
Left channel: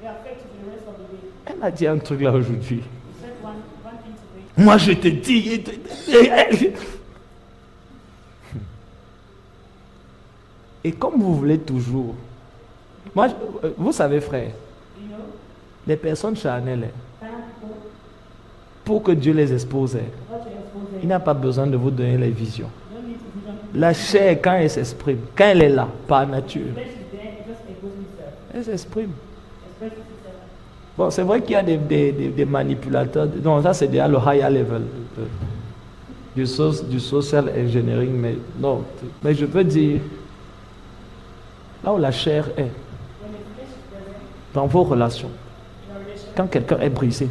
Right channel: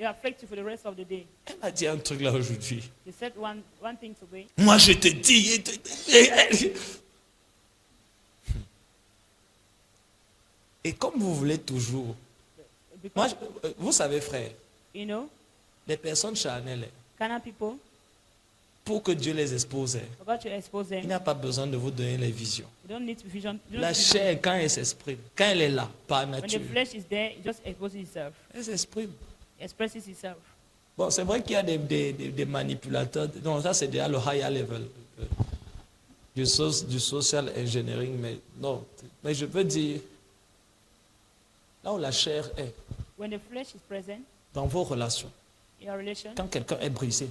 It affects you for the rest of the day. Elle m'a dit un truc là aujourd'hui. He said one thing to me. Moi, je te dis... Et comme vous voulez toujours... Moi, vous savez, frère, You know, les personnes charnelles, carnal people, pour que Dieu les expose, God to expose them. il n'a pas besoin de vous donner les visions. Don't need vision. La chair, quand elle s'exprime, quand elle est là, par When the nature, flesh is there, it just exposes itself. elle s'exprime. Expresses itself. Bon, c'est vrai qu'il y a des manipulateurs. Non, ça c'est déjà le higher level du social engineering, mais non. Mais je peux dire, là où la chair est, When the flesh is present dans vos relations, in a relation, quand quelqu'un est brisé, the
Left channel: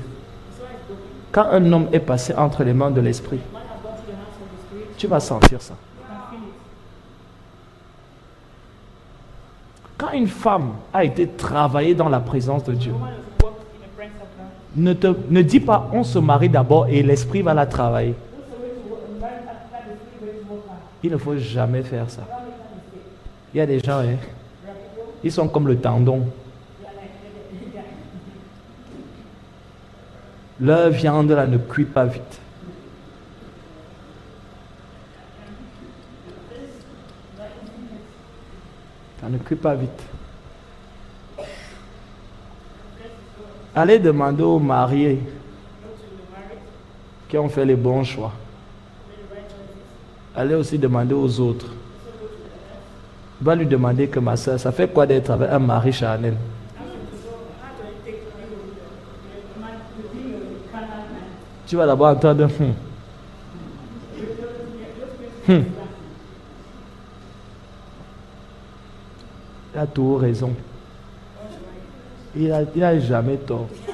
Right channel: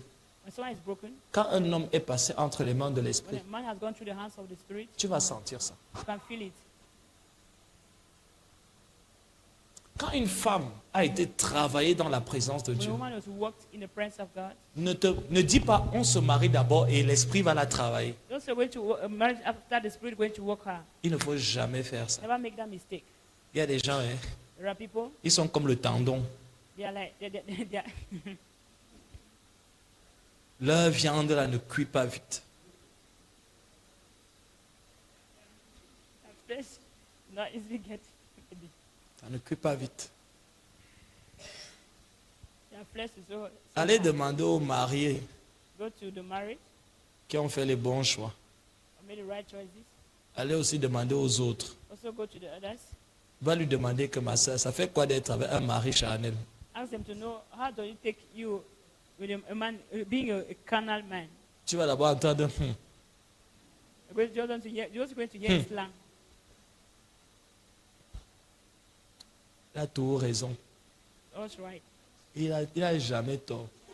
soul is broken. quand un homme est passé entre les mains de l'esprit, Man has gone through the hands of the spirit. tu vas sentir ça. You can feel it. Quand une femme a été travaillée dans la présence de The Dieu, woman has walked in the presence of God. ne dis pas on se marie d'abord et l'esprit va la travailler. Just a way to walk, a marriage after the spirit way to walk her. Il ne faut jamais faire ça. Never make that mistake. Il y a des gens, hein, There are people, ils sont comme le tendon. they are like, they are, Leur viande là ne cuit pas vite. this, not easily get. Ça ne cuit pas vite. The flesh is so, Allez demander aux mariés go to the marriage, qui ont fait les bons choix. make the right choices. Allez aussi demander aux autres. Also go to the others. Va lui demander que ma soeur, ça fait quoi d'être avec un mari charnel? Ask them to know how to take you with a man, with being a carnal man. Tu vas d'abord entendre, Just going to get slang. il a tout raison. That's right. Il a jamais tort. That's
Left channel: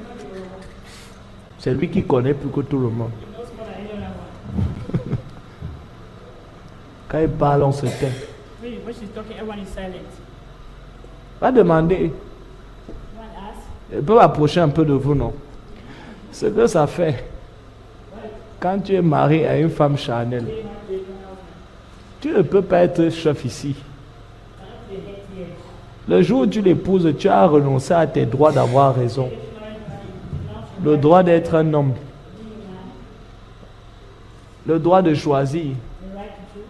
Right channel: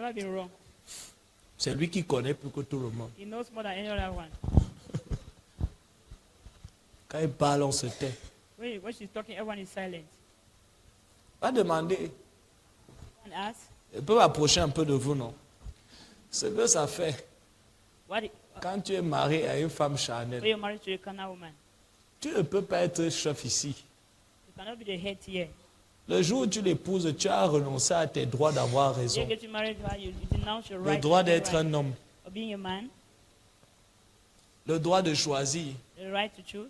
not be wrong. C'est lui qui connaît plus que tout le monde. He knows more than anyone else. Quand il parle, on se tait. Maybe when she's talking, everyone is silent. Va demander. One asks, Elle peut approcher un peu de vous, non? Ce que ça fait, what if quand tu es marié à une femme charnelle, they're married to a carnal woman? tu ne peux pas être chef ici. Cannot be the head here. Le jour où tu l'épouses, tu as renoncé à tes droits d'avoir raison. Getting married to her, you denounce your Le right droit to d'être un homme, being a man, le droit de choisir the right to choose,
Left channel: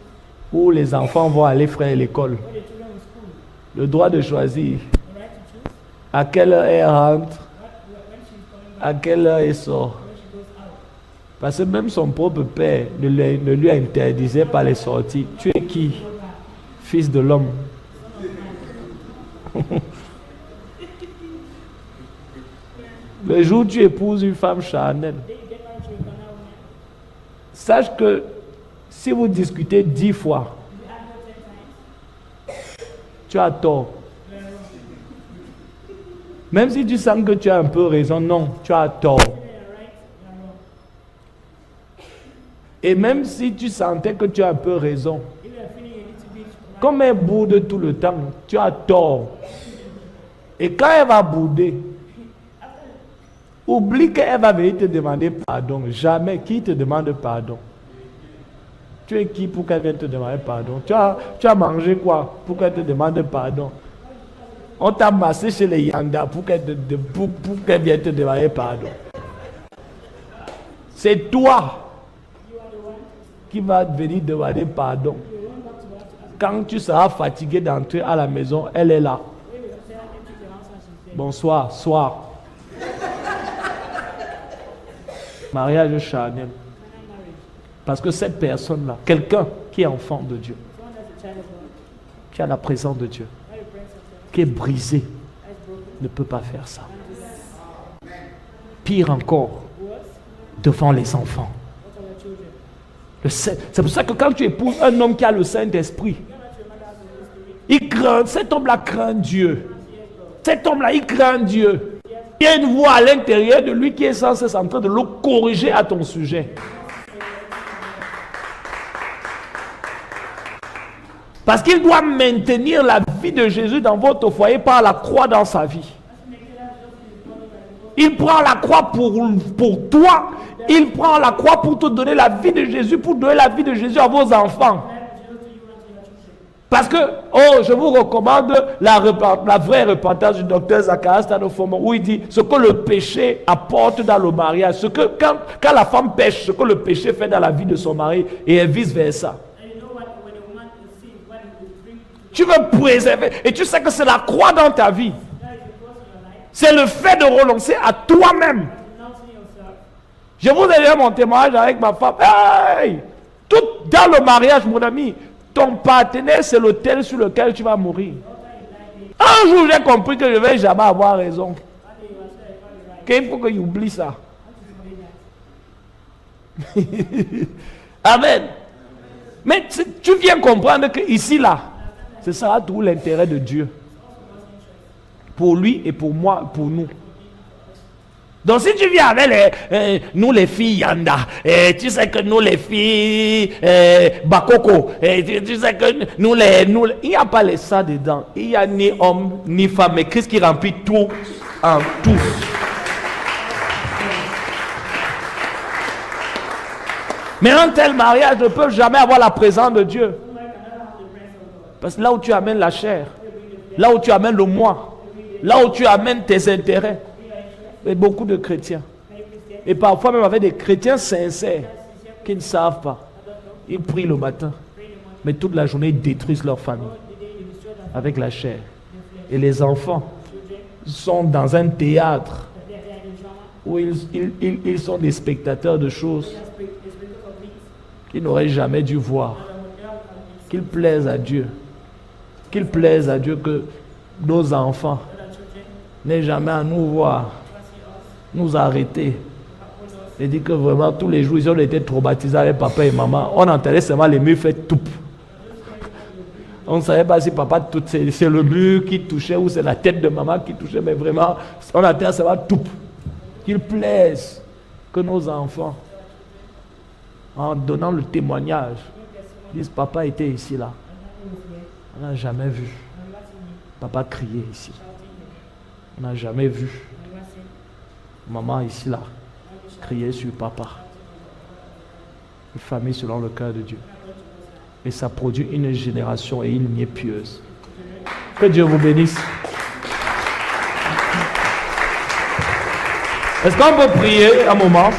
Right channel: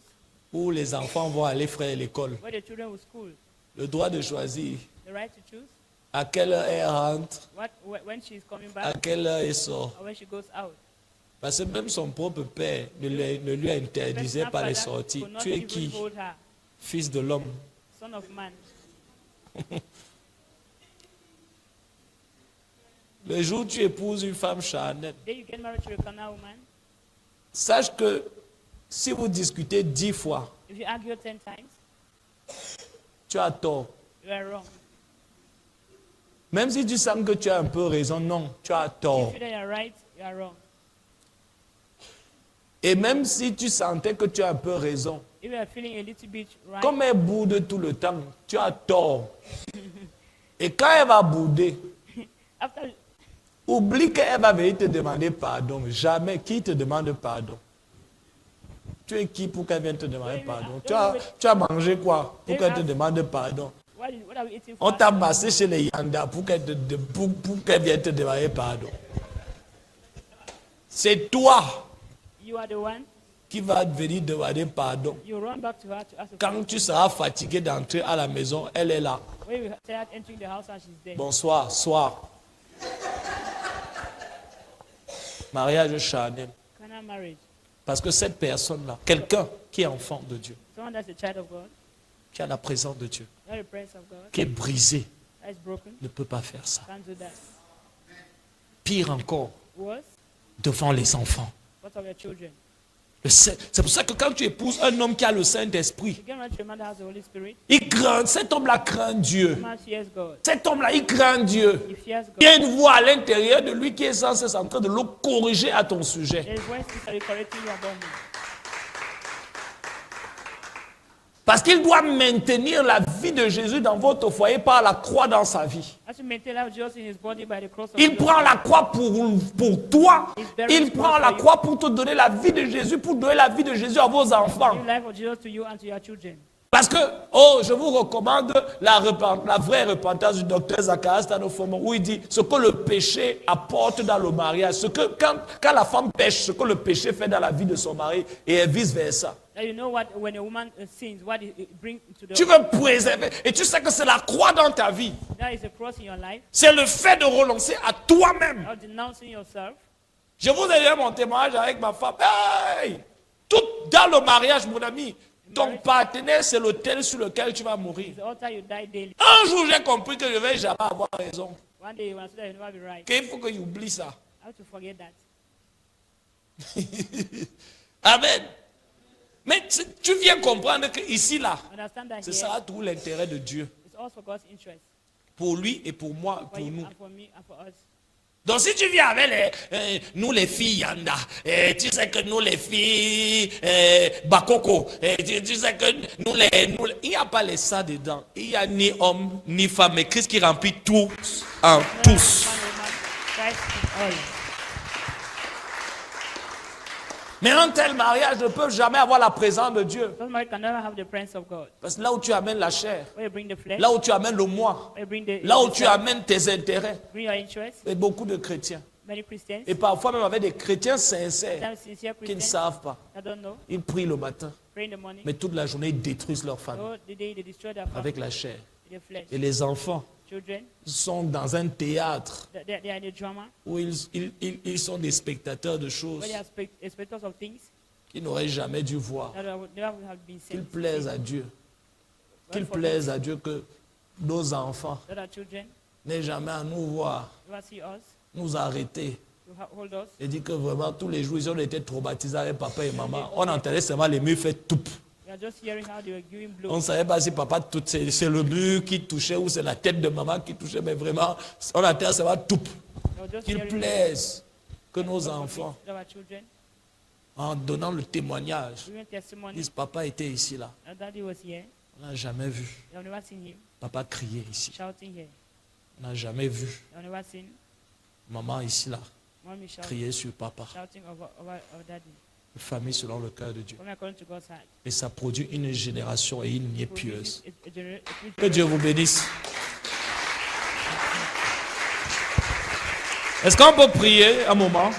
où les enfants vont aller faire l'école, where the children will school, le droit de choisir the right to choose, à quelle heure elle rentre, when she's coming à back, quelle heure elle sort. when she goes out. Parce que même son propre père ne lui interdisait pas les sorties. Tu es qui? Told her, Fils de l'homme. son of man. Le jour où tu épouses une femme charnelle, Then you get married to a carnal woman. sache que si vous discutez 10 fois, If you argue 10 times, tu as tort. you are wrong. Même si tu sens que tu as un peu raison, non, tu as tort. If you that you are right, you are wrong. Et même si tu sentais que tu as un peu raison, If you are feeling a little bit right, comme elle boude tout le temps, tu as tort. Et quand elle va bouder, after oublie qu'elle va venir te demander pardon. Jamais. Qui te demande pardon? Tu es qui pour qu'elle vienne te demander pardon? Tu as mangé quoi pour qu'elle te demande pardon? what are we eating? On t'a massé chez les Yanda pour qu'elle vienne te demander pardon. C'est toi You are the one. qui vas venir demander pardon. You run back to her to ask. Quand tu seras fatigué d'entrer à la maison, elle est là. When we tell her enter the house and she's there. Bonsoir, soir. Mariage charnel. Carnal marriage. Parce que cette personne-là, quelqu'un qui est enfant de Dieu, Someone that's a child of God, qui a la présence de Dieu, not a prince of God, qui est brisé, that is broken, ne peut pas faire ça. can't do that. Pire encore, Worse, devant les enfants. what of your children? C'est pour ça que quand tu épouses un homme qui a le Saint-Esprit, You get married to a man that has the Holy Spirit, il craint, cet homme-là craint Dieu. man fears God. Cet homme-là, il craint Dieu. He fears God. Il y a une voix à l'intérieur de lui qui est censée être en train de le corriger à ton sujet. There's voices that are correcting you about him. Parce qu'il doit maintenir la vie de Jésus dans votre foyer par la croix dans sa vie. As you maintain life just in his body by the cross of Il prend la croix pour toi. Il prend la croix pour te donner la vie de Jésus, pour donner la vie de Jésus à vos enfants. the life of Jesus to you and to your children. Parce que, oh, je vous recommande la vraie repentance du docteur Zacharias Tanofomo, où il dit ce que le péché apporte dans le mariage, ce que quand la femme pêche, ce que le péché fait dans la vie de son mari, et vice versa. And you know what, when a woman sins, what it brings to the Tu veux préserver, et tu sais que c'est la croix dans ta vie. that is a cross in your life, C'est le fait de renoncer à toi-même. or denouncing yourself. Je vous ai donné mon témoignage avec ma femme. Hey! Tout dans le mariage, mon ami, ton partenaire, c'est l'autel sur lequel tu vas mourir. The altar you die daily. Un jour, j'ai compris que je ne vais jamais avoir raison. One day you must say, "It's not be right." Qu'il faut que tu oublies ça. How to forget that? Amen. Mais tu viens comprendre que ici, là, Understand that ce sera tout l'intérêt de Dieu. it's also God's interest Pour lui et pour moi, pour nous. for me and for us. Donc si tu viens avec nous les filles Yanda, tu sais que nous les filles Bakoko, tu sais que il n'y a pas les ça dedans. Il n'y a ni homme ni femme, mais Christ qui remplit tout en tous. Mais un tel mariage ne peut jamais avoir la présence de Dieu. That marriage can never have the presence of God. Parce que là où tu amènes la chair, Where you bring the flesh, là où tu amènes le moi, where you bring the là où tu amènes tes intérêts, bring your interest. et beaucoup de chrétiens, Many Christians, et parfois même avec des chrétiens sincères, sometimes sincere qui ne Christians, savent pas. I don't know, Ils prient le matin, pray in the morning, mais toute la journée, ils détruisent leur famille all the day they destroy their family, avec la chair. their flesh. Et les enfants Children, sont dans un théâtre they are the drama, où ils sont des spectateurs de choses they are spectators of things qu'ils n'auraient jamais dû voir. that would never have been seen. Qu'ils plaisent à Dieu. Qu'il plaise à Dieu que nos enfants That our children n'aient jamais à nous voir, must see us, nous arrêter. hold us. Et dit que vraiment tous les jours, ils ont été traumatisés avec papa et maman. On entendait seulement les murs faire tout. We are just hearing how they will On ne savait pas si papa, c'est le mur qui touchait ou c'est la tête de maman qui touchait, mais vraiment, on attend, ça va tout. Qu'il plaise que nos enfants, en donnant le témoignage, disent papa était ici là. On n'a jamais vu papa crier ici. On n'a jamais vu maman ici là crier sur papa. Une famille selon le cœur de Dieu. Et ça produit une génération et une lignée pieuse. Que Dieu vous bénisse. Est-ce qu'on peut prier un moment?